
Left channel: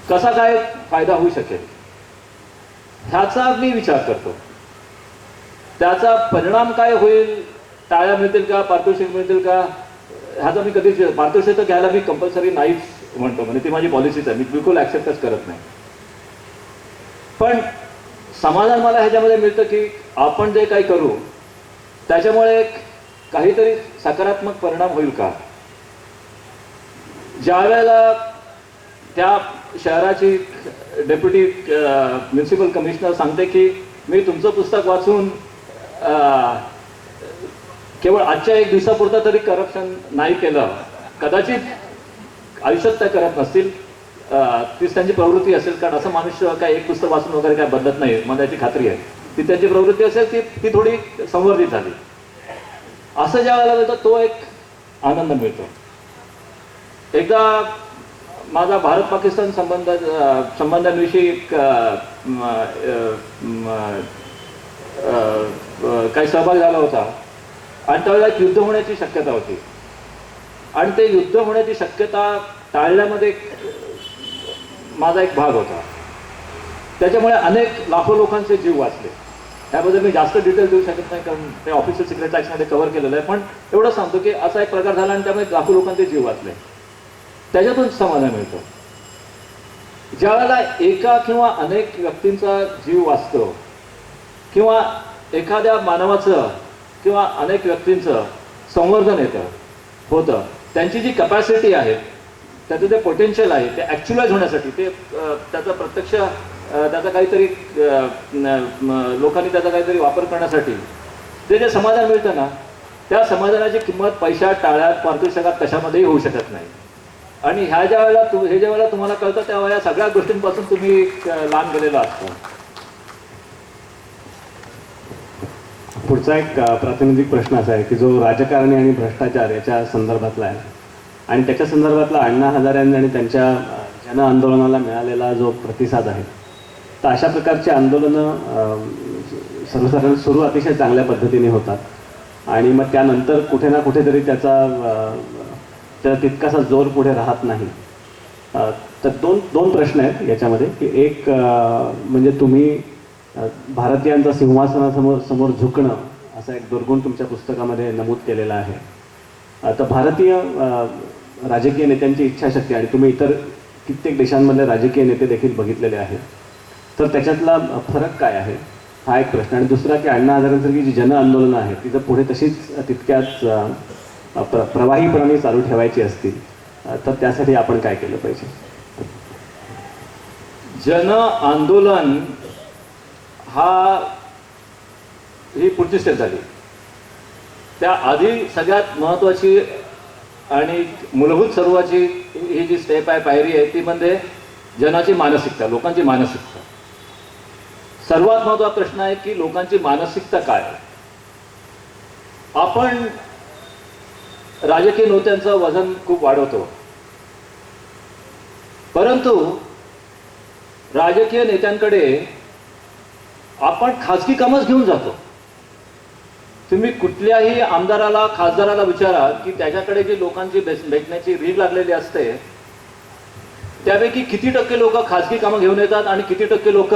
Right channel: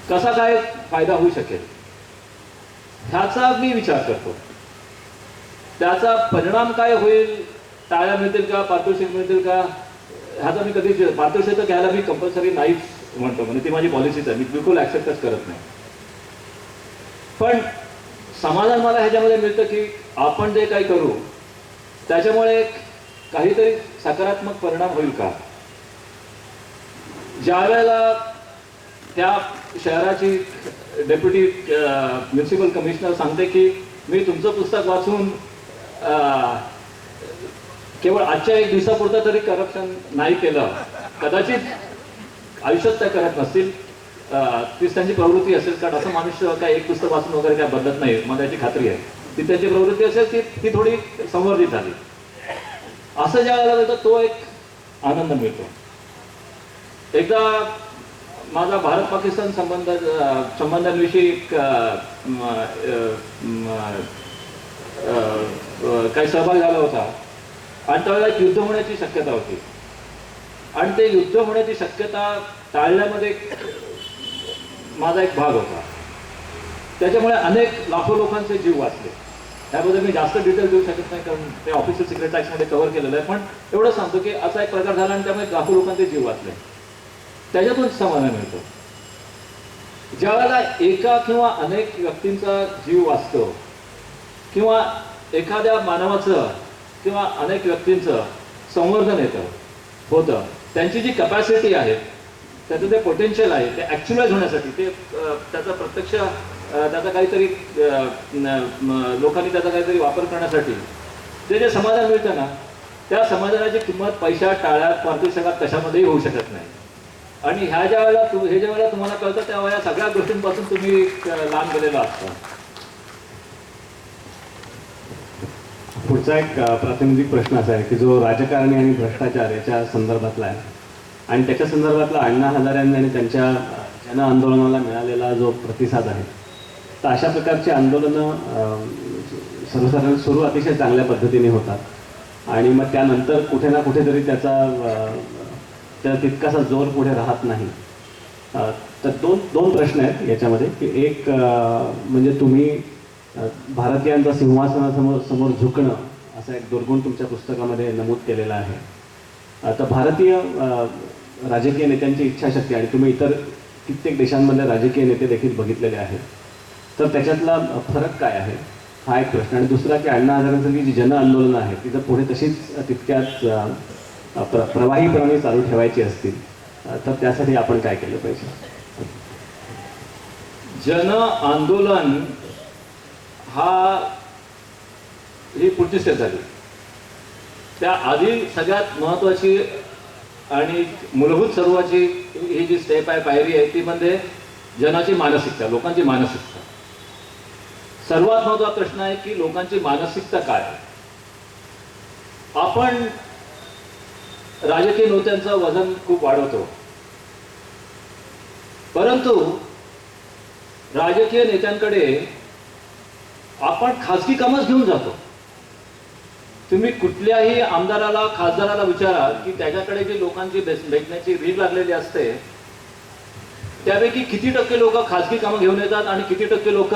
कसा काय फायदा होऊ शकेल ह्याचा मी विचार करतो. त्याचा परिणाम काय होईल, टाळ्या मिळतील का, पारितोषिक मिळतील का, ह्याचा मी कधीच पारितोषिक तर घ्यायला मी कंपल्सरी नाहीच म्हणतो. म्हणजे ती माझी पॉलिसीच आहे, मी बिलकुल ॲक्सेप्टच करत नाही. पण समाधान मला ह्याच्यामध्ये मिळतं की आपण जे काही करू त्याच्यामुळे काहीतरी सकारात्मक परिणाम होईल का. ज्या वेळेला त्या शहराची डेप्युटी म्युन्सिपल कमिशनर सांगते की मी तुमचं पुस्तक वाचून केवळ आजच्या 1 दिवसापुरतं तरी करप्शन नाही केलं, कदाचित आयुष्यात त्या करत नसतील, तीच त्यांची प्रवृत्ती असेल. कारण असं मनुष्य काय एक पुस्तक वाचून वगैरे काय बदलत नाही, मला त्याची खात्री आहे. ती त्यांची प्रवृत्ती असेल ती थोडी संवर्धित झाली. असं ज्या वेळेला होतं तो एक आनंद मिळतो. एकदा माझा भारत पाकिस्तान संबंधांविषयी काही सहभाग झाला होता आणि त्यावेळेला एक युद्ध होण्याची शक्यता होती आणि ते युद्ध होण्याची शक्यता टाळण्यामध्ये माझा एक भाग होता. त्याच्यामुळे अनेक लाखो लोकांचे जीव वाचले. त्याबद्दल मी जास्त डिटेल देऊ शकत नाही कारण ते ऑफिशियल सिक्रेट ॲक्टमध्ये कव्हर केलेलं आहे, पण एवढं सांगतो की असा एक प्रकार झाला आणि त्यामुळे लाखो लोकांचे जीव वाचले. त्याच्यातून समाधान मिळतं. ज्या वेळेला एका किंवा अनेक व्यक्तींचा जीव वाचतो किंवा एखाद्या मानवाचं किंवा अनेक व्यक्तींचं संवर्धन होतं, त्यांची जी कॅपॅसिटी आहे, त्याचं जे पोटेन्शियल आहे ते ॲक्च्युलाइज होण्यासाठी, ते त्याचा प्रत्यक्ष त्याचा काहीतरी लोकांनी त्याचा काहीतरी वापर करण्यासाठी जे समाधान मिळतं ना, त्या समाधानाची किंमत पैशात, टाळ्यात, पारितोषिकात कशामध्येही होऊ शकत नाही. आणि ज्या वेळेला तुम्हाला कळतं तेव्हा या सगळ्या गोष्टींपासून तुम्ही लांब गेलेला असता. पुढचा एक प्रातिनिधिक प्रश्न असा आहे की जो राजकारणी आणि भ्रष्टाचार याच्या संदर्भातला आहे आणि त्याच्या संदर्भातला अण्णा हजारे आणि त्यांच्या जन आंदोलनाला मिळालेला जो प्रतिसाद आहे, तर अशा प्रकारची आंदोलनं सर्वसाधारण सुरू अतिशय चांगल्या पद्धतीने होतात आणि मग त्यानंतर कुठे ना कुठेतरी त्याचा तितकासा जोर पुढे राहत नाही. तर दोन प्रश्न आहेत याच्यामध्ये की एक म्हणजे तुम्ही भारतीयांचा सिंहासनासमोर झुकणं असा एक दुर्गुण तुमच्या पुस्तकामध्ये नमूद केलेला आहे. तर भारतीय राजकीय नेत्यांची इच्छाशक्ती आणि तुम्ही इतर कित्येक देशांमधले राजकीय नेते देखील बघितलेले आहेत, तर त्याच्यातला फरक काय आहे हा एक प्रश्न. आणि दुसरा की अण्णा हजारेंसारखी जी जन आंदोलनं आहेत ती जर पुढे तशीच तितक्याच प्रवाहीपणाने चालू ठेवायची असतील तर त्यासाठी आपण काय केलं पाहिजे? जन आंदोलन ही पुढची स्टेप झाली. त्या आधी सगळ्यात महत्त्वाची आणि मूलभूत सर्वाची ही जी स्टेप आहे, पायरी आहे, ती म्हणजे जनाची मानसिकता, लोकांची मानसिकता. सर्वात महत्त्वाचा प्रश्न आहे की लोकांची मानसिकता काय. आपण राजकीय नेत्यांचं वजन खूप वाढवतो, परंतु राजकीय नेत्यांकडे आपण खाजगी कामच घेऊन जातो. तुम्ही कुठल्याही आमदाराला, खासदाराला विचारा की त्याच्याकडे जी लोकांची भेटण्याची रीड लागलेली असते त्यापैकी किती टक्के लोक खाजगी कामं घेऊन येतात आणि किती टक्के लोक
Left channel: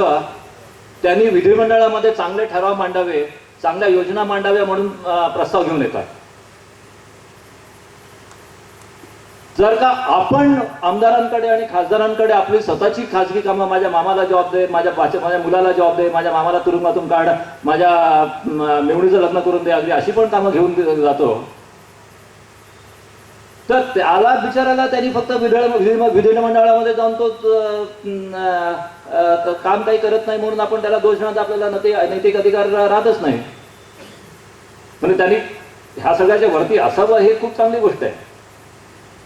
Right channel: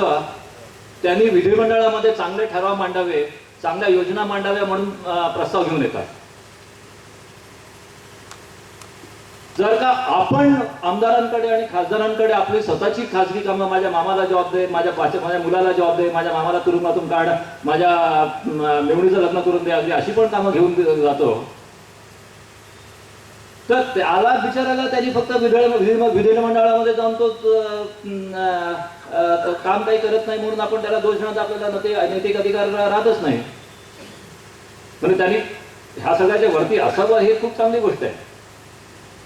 त्यांनी विधिमंडळामध्ये चांगले ठराव मांडावे, चांगल्या योजना मांडाव्या म्हणून प्रस्ताव घेऊन येतात. जर का आपण आमदारांकडे आणि खासदारांकडे आपली स्वतःची खाजगी कामं, माझ्या मामाला जॉब दे, माझ्या मुलाला जॉब दे, माझ्या मामाला तुरुंगातून काढ, माझ्या मेवणीचं लग्न करून दे, अगदी अशी पण कामं घेऊन जातो, तर त्याला बिचारायला त्यांनी फक्त विधिमंडळामध्ये जाऊन तो काम काही करत नाही म्हणून आपण त्याला दोष देण्यात आपल्याला नैतिक अधिकार राहतच नाही. म्हणजे त्यांनी ह्या सगळ्याच्या वरती असावं हे खूप चांगली गोष्ट आहे.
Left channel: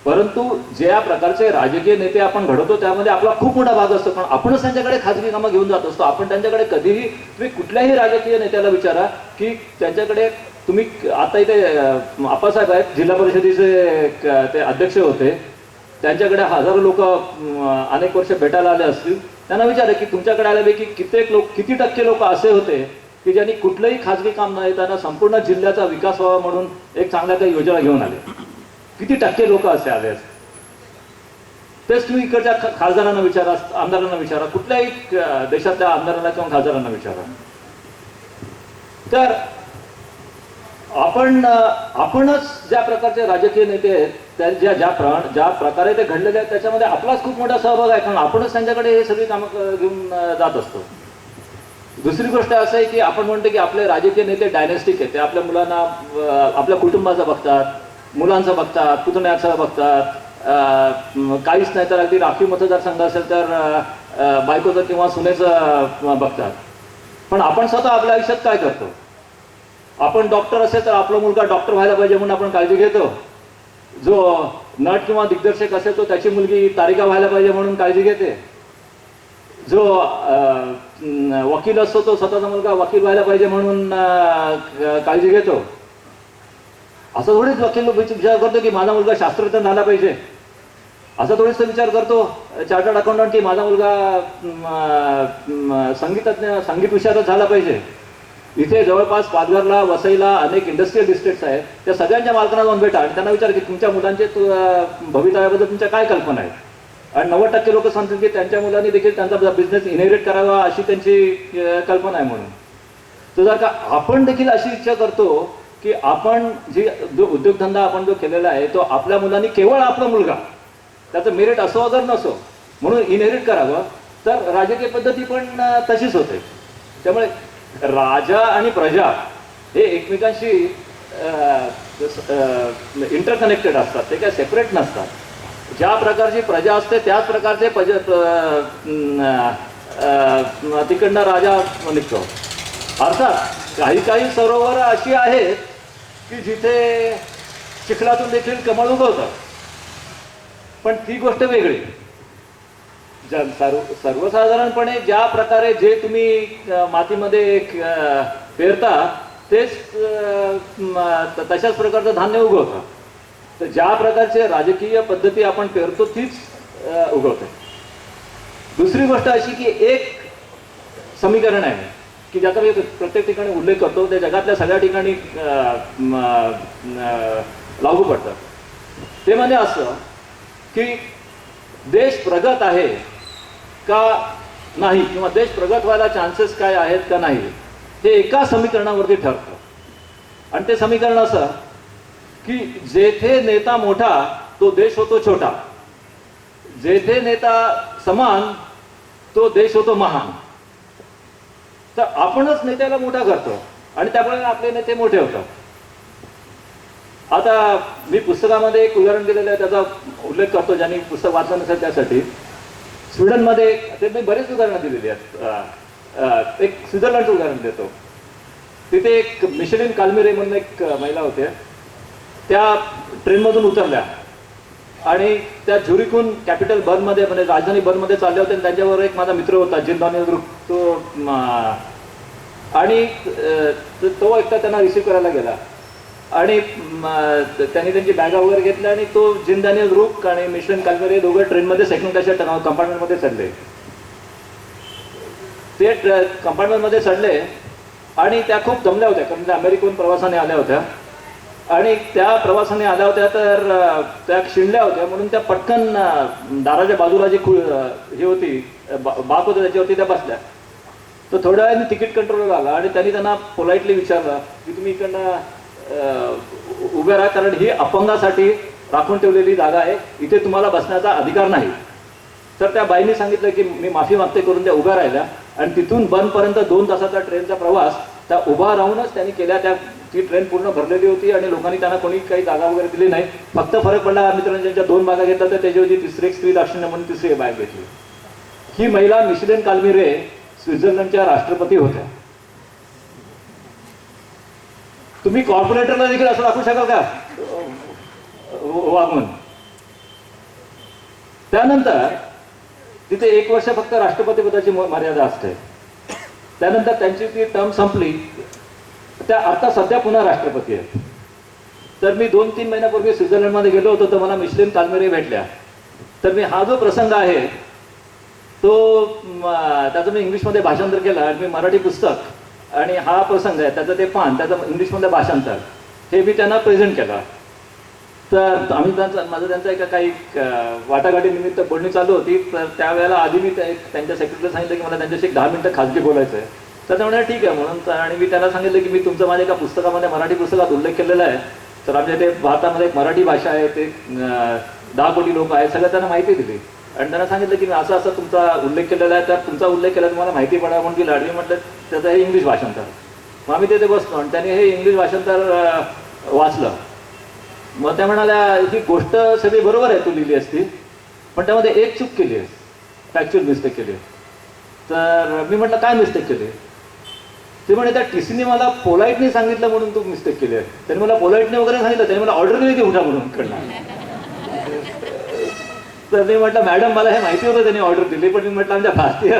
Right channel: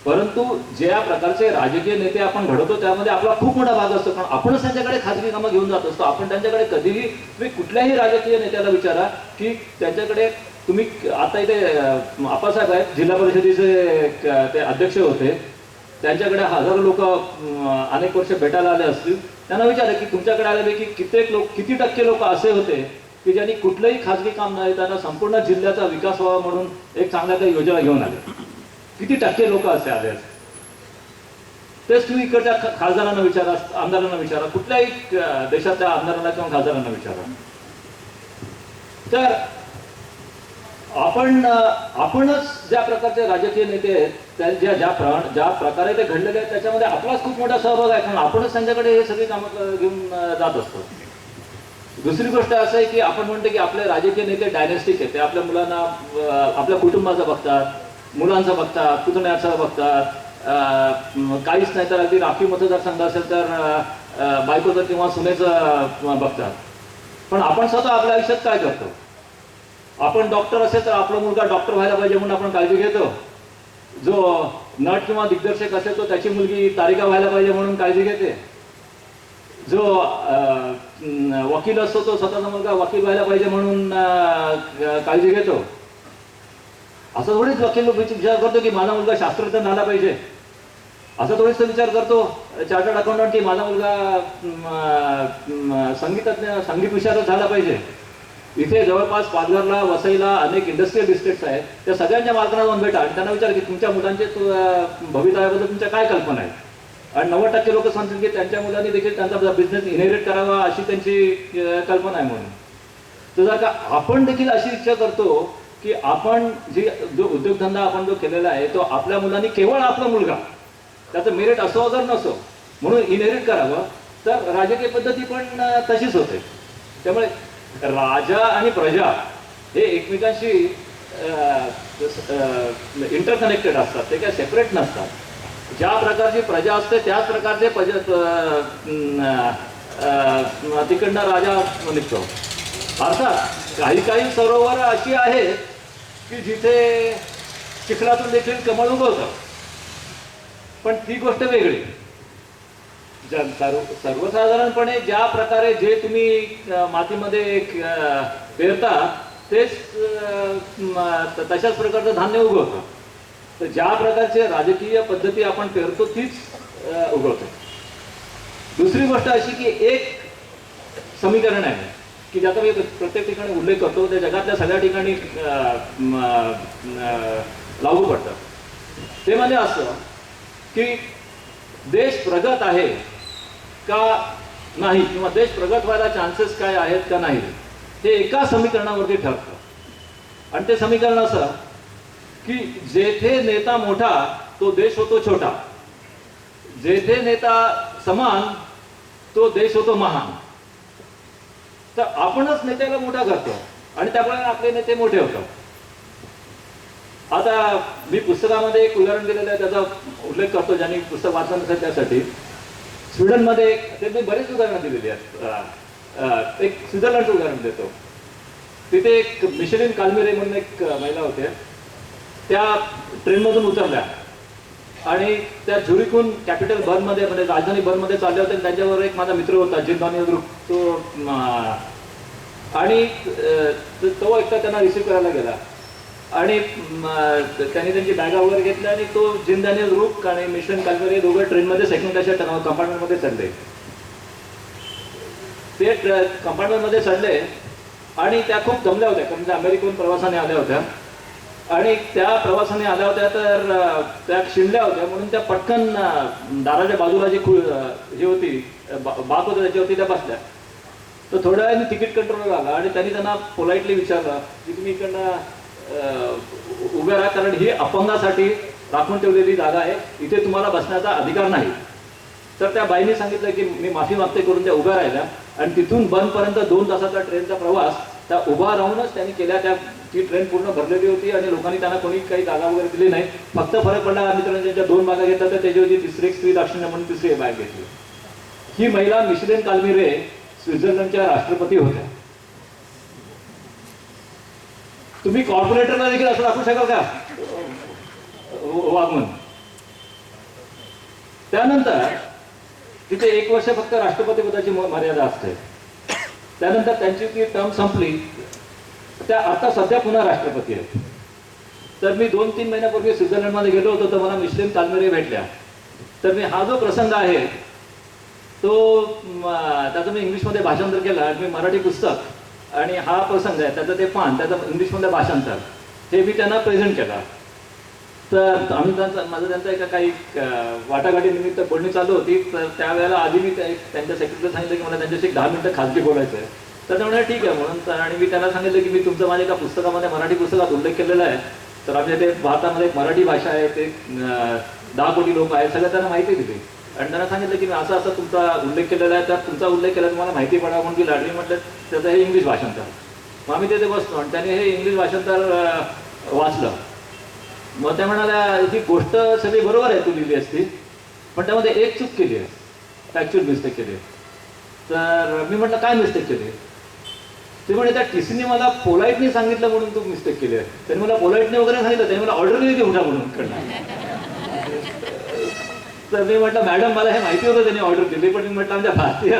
परंतु ज्या प्रकारचे राजकीय नेते आपण घडवतो त्यामध्ये आपला खूप मोठा भाग असतो, कारण आपणच त्यांच्याकडे खाजगी कामं घेऊन जात असतो. आपण त्यांच्याकडे कधीही, तुम्ही कुठल्याही राजकीय नेत्याला विचारा की त्यांच्याकडे तुम्ही, आता इथे आप्पासाहेब आहेत, जिल्हा परिषदेचे ते अध्यक्ष होते, त्यांच्याकडे हजारो लोक अनेक वर्ष भेटायला आले असतील, त्यांना विचारा की तुमच्याकडे आलेपैकी किती टक्के लोक असे होते की ज्यांनी कुठलंही खाजगी काम न येताना संपूर्ण जिल्ह्याचा विकास व्हावा म्हणून एक चांगल्या काही योजना घेऊन आले? किती टक्के लोक असे आले? तेच तुम्ही इकडच्या खासदारांना विचारा, आमदारांना विचारा, कुठल्याही देशातल्या आमदारांना किंवा खासदारांना विचारा. तर आपणच ज्या प्रकारचे राजकीय नेते आहेत, त्या ज्या प्रकारे ते घडलेले आहेत त्याच्यामध्ये आपलाच खूप मोठा सहभाग आहे, कारण आपणच त्यांच्याकडे हे सगळी कामं घेऊन जात असतो. दुसरी गोष्ट असं आहे की आपण म्हणतो की आपले राजकीय नेते डायनेस्टिक आहेत, ते आपल्या मुलांना, आपल्या कुटुंबाचं बघतात, मुलांचं बघतात, पुतण्याचं बघतात, काहीच नाही तर अगदी राखीव मतदारसंघ असेल तर बायकोचं किंवा सुनेचं बघतात. पण आपण स्वतः आपल्या आयुष्यात काय करतो? आपण डॉक्टर असेल तर आपला मुलगा डॉक्टर व्हायला पाहिजे म्हणून आपण काळजी घेतो. जो नट किंवा दिग्दर्शक असेल तो त्याची मुलगी तारिका व्हायला पाहिजे म्हणून काळजी घेते. जो वकील असतो तो स्वतःचा मुलगा वकील व्हायला पाहिजे म्हणून काळजी घेतो. असं थोडीच वकील विचार करतो की माझा मुलगा शास्त्रज्ञ झाला पाहिजे, असं थोडीच तो विचार करतो चार्टर्ड अकाउंटंट की माझा मुलगा संगीत विषयातच झाला पाहिजे. इथे जवळपास पालघरला, वसईला अनेक इंडस्ट्रियल डिस्ट्रिक्ट्स आहेत. त्या सगळ्यांच्या मालकांना जाऊन भेटा आणि त्यांना विचार की तुमच्या मुलांचे भवितव्याबद्दल तुमच्या काय कल्पना आहेत. आणि 90% लोक सांगतील की त्यांच्या मुलांनी देखील त्यांचा बिझनेस इनहेरिट करावा अशी त्यांची कल्पना आहे म्हणून. तर जर का आपण देखील अशी इच्छा करतो की आपण जो उद्योगधंदा आपण जो केलेला आहे तो आपल्या मुलांनी, केवळ आपला मुलगा त्याचं मेरिट असो अगर नसो म्हणून इनहेरिट करावं, तर राजकीय पद्धती पण तशीच होते. त्यामुळे राजा आणि प्रजा हे एकमेकांशी इंटरकनेक्टेड असतात, ते काय सेपरेट नसतात. ज्या प्रकारची प्रजा असते त्याच प्रकारचे तिकडनं राजा निघतो. अर्थात काही काही सरोवर अशी आहेत की जिथे चिखलातून देखील कमळ उगवतं, पण ती गोष्ट वेगळी. सर्वसाधारणपणे ज्या प्रकारे जे तुम्ही मातीमध्ये पेरता तेच तशाच प्रकारचं धान्य उगवतं. तर ज्या प्रकारचे राजकीय पद्धती आपण पेरतो तीच उगवते. दुसरी गोष्ट अशी की एक समीकरण आहे की ज्याचा मी प्रत्येक ठिकाणी उल्लेख करतो, ते जगातल्या सगळ्या ठिकाणी लागू पडतं. ते म्हणजे असं की देश प्रगत आहे का नाही किंवा देश प्रगत व्हायला चान्सेस काय आहेत का नाही हे एका समीकरणावरती ठरतं. आणि ते समीकरण असं की जेथे नेता मोठा तो देश होतो छोटा, जेथे नेता समान तो देश होतो महान. तर आपणच नेत्याला मोठा करतो आणि त्यामुळे आपले नेते मोठे होतात. आता मी पुस्तकामध्ये एक उदाहरण दिलेलं आहे, त्याचा उल्लेख करतो ज्यांनी पुस्तक वाचलं नसेल त्यासाठी. स्वीडनमध्ये ते मी बरेच उदाहरणं दिलेली आहेत. एक स्वित्झर्लंडचं उदाहरण देतो. तिथे एक मिशेलिन काल्मिरे म्हणून एक महिला होत्या. त्या ट्रेनमधून उतरल्या आणि त्या झुरिकहून कॅपिटल बर्नमध्ये म्हणजे राजधानी बर्नमध्ये चालल्या होत्या. त्यांच्याबरोबर एक माझा मित्र होता जिंदानी ग्रुप, तो आणि तो एकटा त्यांना रिसीव्ह करायला गेला आणि त्यांनी त्यांची बॅगा वगैरे घेतल्या आणि तो जिंदानी ग्रुप आणि मिशेलिन काल्मिरे दोघं ट्रेनमध्ये सेकंड क्लासच्या कंपार्टमेंटमध्ये चढले. ते कंपार्टमेंटमध्ये चढले आणि त्या खूप जमल्या होत्या कारण त्या अमेरिकेहून प्रवासाने आल्या होत्या आणि त्या प्रवासाने आल्या होत्या तर त्या शिंडल्या होत्या म्हणून त्या पटकन दाराच्या बाजूला जी ही होती बाक होती त्याच्यावरती त्या बसल्या. तर थोड्या वेळाने तिकीट कंट्रोलर आला आणि त्यांनी त्यांना पोलाइटली विचारलं की तुम्ही इकडनं उभे राहा कारण ही अपंगासाठी राखून ठेवलेली जागा आहे, इथे तुम्हाला बसण्याचा अधिकार नाही. तर त्या बाईंनी सांगितलं की मी माफी मागते करून त्या उभ्या राहिल्या आणि तिथून बंदपर्यंत 2 तासाचा ट्रेनचा प्रवास त्या उभा राहूनच त्यांनी केल्या. ती ट्रेन पूर्ण भरलेली होती आणि लोकांनी त्यांना कोणी काही जागा वगैरे दिली नाही. फक्त फरक पडला मित्रांनी त्यांच्या 2 बागा घेतल्या तर त्याच्यावरती तिसरी एक स्त्री दाक्षिण्य म्हणून तिसरी बॅग घेतली. ही महिला मिशेलिन काल्मिरे स्वित्झर्लंडच्या राष्ट्रपती होत्या. तुम्ही कॉर्पोरेटरला देखील असं दाखवू शकाल का वागून? त्यानंतर तिथे 1 वर्ष फक्त राष्ट्रपती पदाची मर्यादा असते. त्यानंतर त्यांची ती टर्म संपली. त्या आता सध्या पुन्हा राष्ट्रपती आहेत. तर मी 2-3 महिन्यापूर्वी स्वित्झर्लंडमध्ये गेलो होतो तर मला मिशेलिन काल्मिरे भेटल्या. तर मी हा जो प्रसंग आहे तो त्याचं मी इंग्लिशमध्ये भाषांतर केलं आणि मी मराठी पुस्तक आणि हा प्रसंग आहे त्याचं ते पान त्याचं इंग्लिशमध्ये भाषांतर हे मी त्यांना प्रेझेंट केलं. तर आम्ही माझं त्यांचा एका काही वाटाघाटी निमित्त बोलणी चालू होती. तर त्यावेळेला आधी मी त्यांच्या सेक्रेटरीला सांगितलं की मला त्यांच्याशी 10 मिनिटं खाजगी बोलायचं आहे. तर ते म्हणाले ठीक आहे म्हणून. आणि मी त्यांना सांगितलं की मी तुमचं माझ्या एका पुस्तकामध्ये मराठी पुस्तकात उल्लेख केलेला आहे. तर आमच्या इथे भारतामध्ये एक मराठी भाषा आहे, ते 10 कोटी लोक आहेत, सगळं त्यांना माहिती दिली. आणि त्यांना सांगितलं की मी असं असं तुमचा उल्लेख केलेला आहे, तर तुमचा उल्लेख केला तुम्हाला माहिती पडावं म्हणून की लाडवी म्हटलं त्याचं हे इंग्लिश भाषांतर. मग आम्ही तिथे बसलो आणि त्यांनी हे इंग्लिश भाषांतर वाचलं. मग त्या म्हणाल्या ही गोष्ट सगळी बरोबर आहे तू लिहिली असती पण त्यामध्ये एक चूक केली आहे, फॅक्च्युअल मिस्टेक केली. तर मी म्हटलं काय मिस्टेक केली? ते म्हणे त्या टीसीने मला पोलाइटली सांगितलं म्हणून तू मिस्टेक केली आहे. त्यांनी मला पोलाइटने वगैरे सांगितलं, त्यांनी मला ऑर्डर दिली की उठा म्हणून कडनं. तर मी म्हटलं मॅडम मला हे माहिती होतं त्यांनी ऑर्डर दिली पण मी म्हटलं आमच्या भारतीय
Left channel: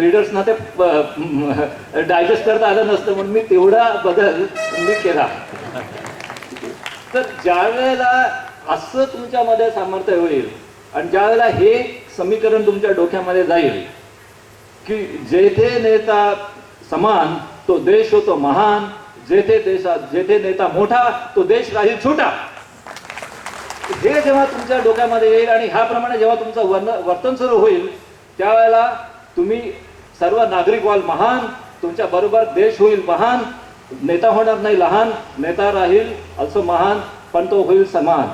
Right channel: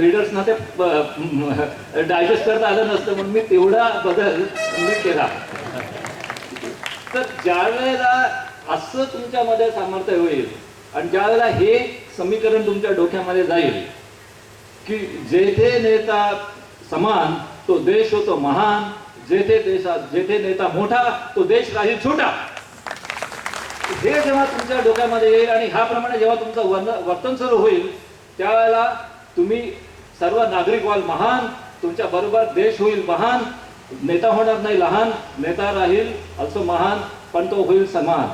रीडर्सना ते डायजेस्ट करता आलं नसतं म्हणून मी तेवढा बदल मी केला. तर ज्या वेळेला असं तुमच्यामध्ये सामर्थ्य होईल आणि ज्या वेळेला हे समीकरण तुमच्या डोक्यामध्ये जाईल की जेथे नेता समान तो देश होतो महान, जेथे नेता मोठा तो देश राहील छोटा, हे जेव्हा तुमच्या डोक्यामध्ये येईल आणि ह्याप्रमाणे जेव्हा तुमचं वर्तन सुरू होईल त्यावेळेला तुम्ही सर्व नागरिक व्हाल महान, तुमच्या बरोबर देश होईल महान, नेता होणार नाही लहान, नेता राहील also महान पण तो होईल समान.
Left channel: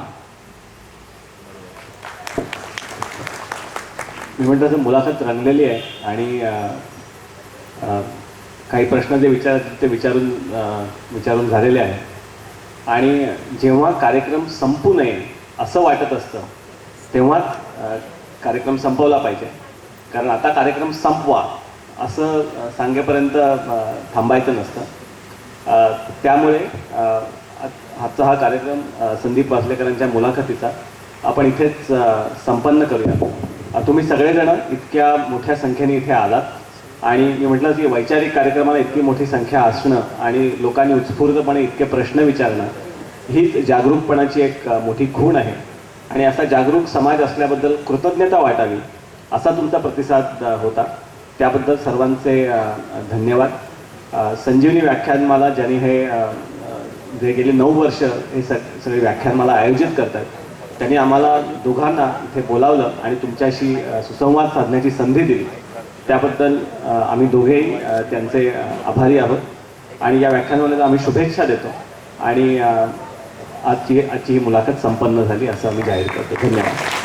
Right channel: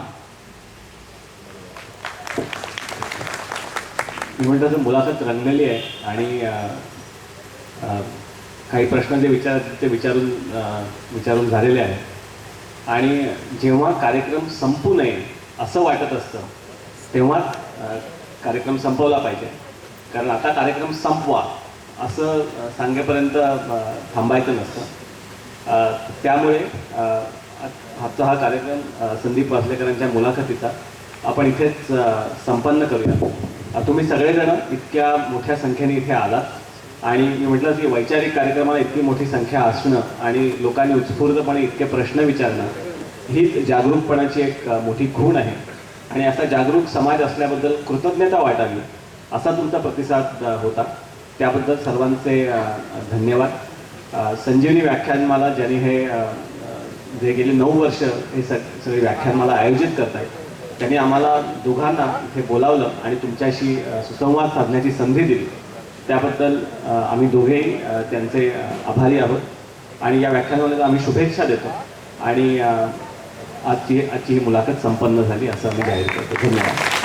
मी म्हणतो तर मुलाखत रंगलेली आहे आणि काही प्रश्न जे विचारून झालेले आहेत आणि जेव्हा कार्यक्रम संपू नये असं वाटत असतं तेव्हा कार्यक्रम संपवला पाहिजे. कारण आता कार्यक्रम संपवा असं सांगेपर्यंत थांबायचं नसतं. त्यामुळे आजचा हा कार्यक्रम संदीप वासलेकरांच्या मुलाखतीचा आपण इथेच संपन्न करूया. तुम्ही सगळेजण इतक्या मोठ्या संख्येने इथे आलात आणि मी म्हटलं की वैचारिक कार्यक्रमाला इतकी मोठी संख्या असणं आणि लोकांनी उत्स्फूर्तपणे इतके प्रश्न विचारणं ही जागरूकपणाची एक मोठी खूण आहे आणि असा जागरूक समाज असल्याबद्दल कृतज्ञता वाटावी असा तुमचा प्रतिसाद होता. त्याबद्दल सर्वांचे धन्यवाद. संजीवनी व्याख्यानमाला ज्यांनी हे जे गेली 9 वर्ष हे सगळे व्याख्यानमाला आयोजित करत आहेत त्यांनी आम्हाला दोघांना इथे बोलावलं आणि तुमच्याशी सुसंवाद साधण्याची संधी दिली. त्याबद्दल आम्ही दोघेही त्यांचे आभारी आहोत आणि या व्याख्यानाला आम्ही शुभेच्छा देतो आणि आजची ही मुलाखत संपन्न झाली असं आम्ही जाहीर करतो. धन्यवाद.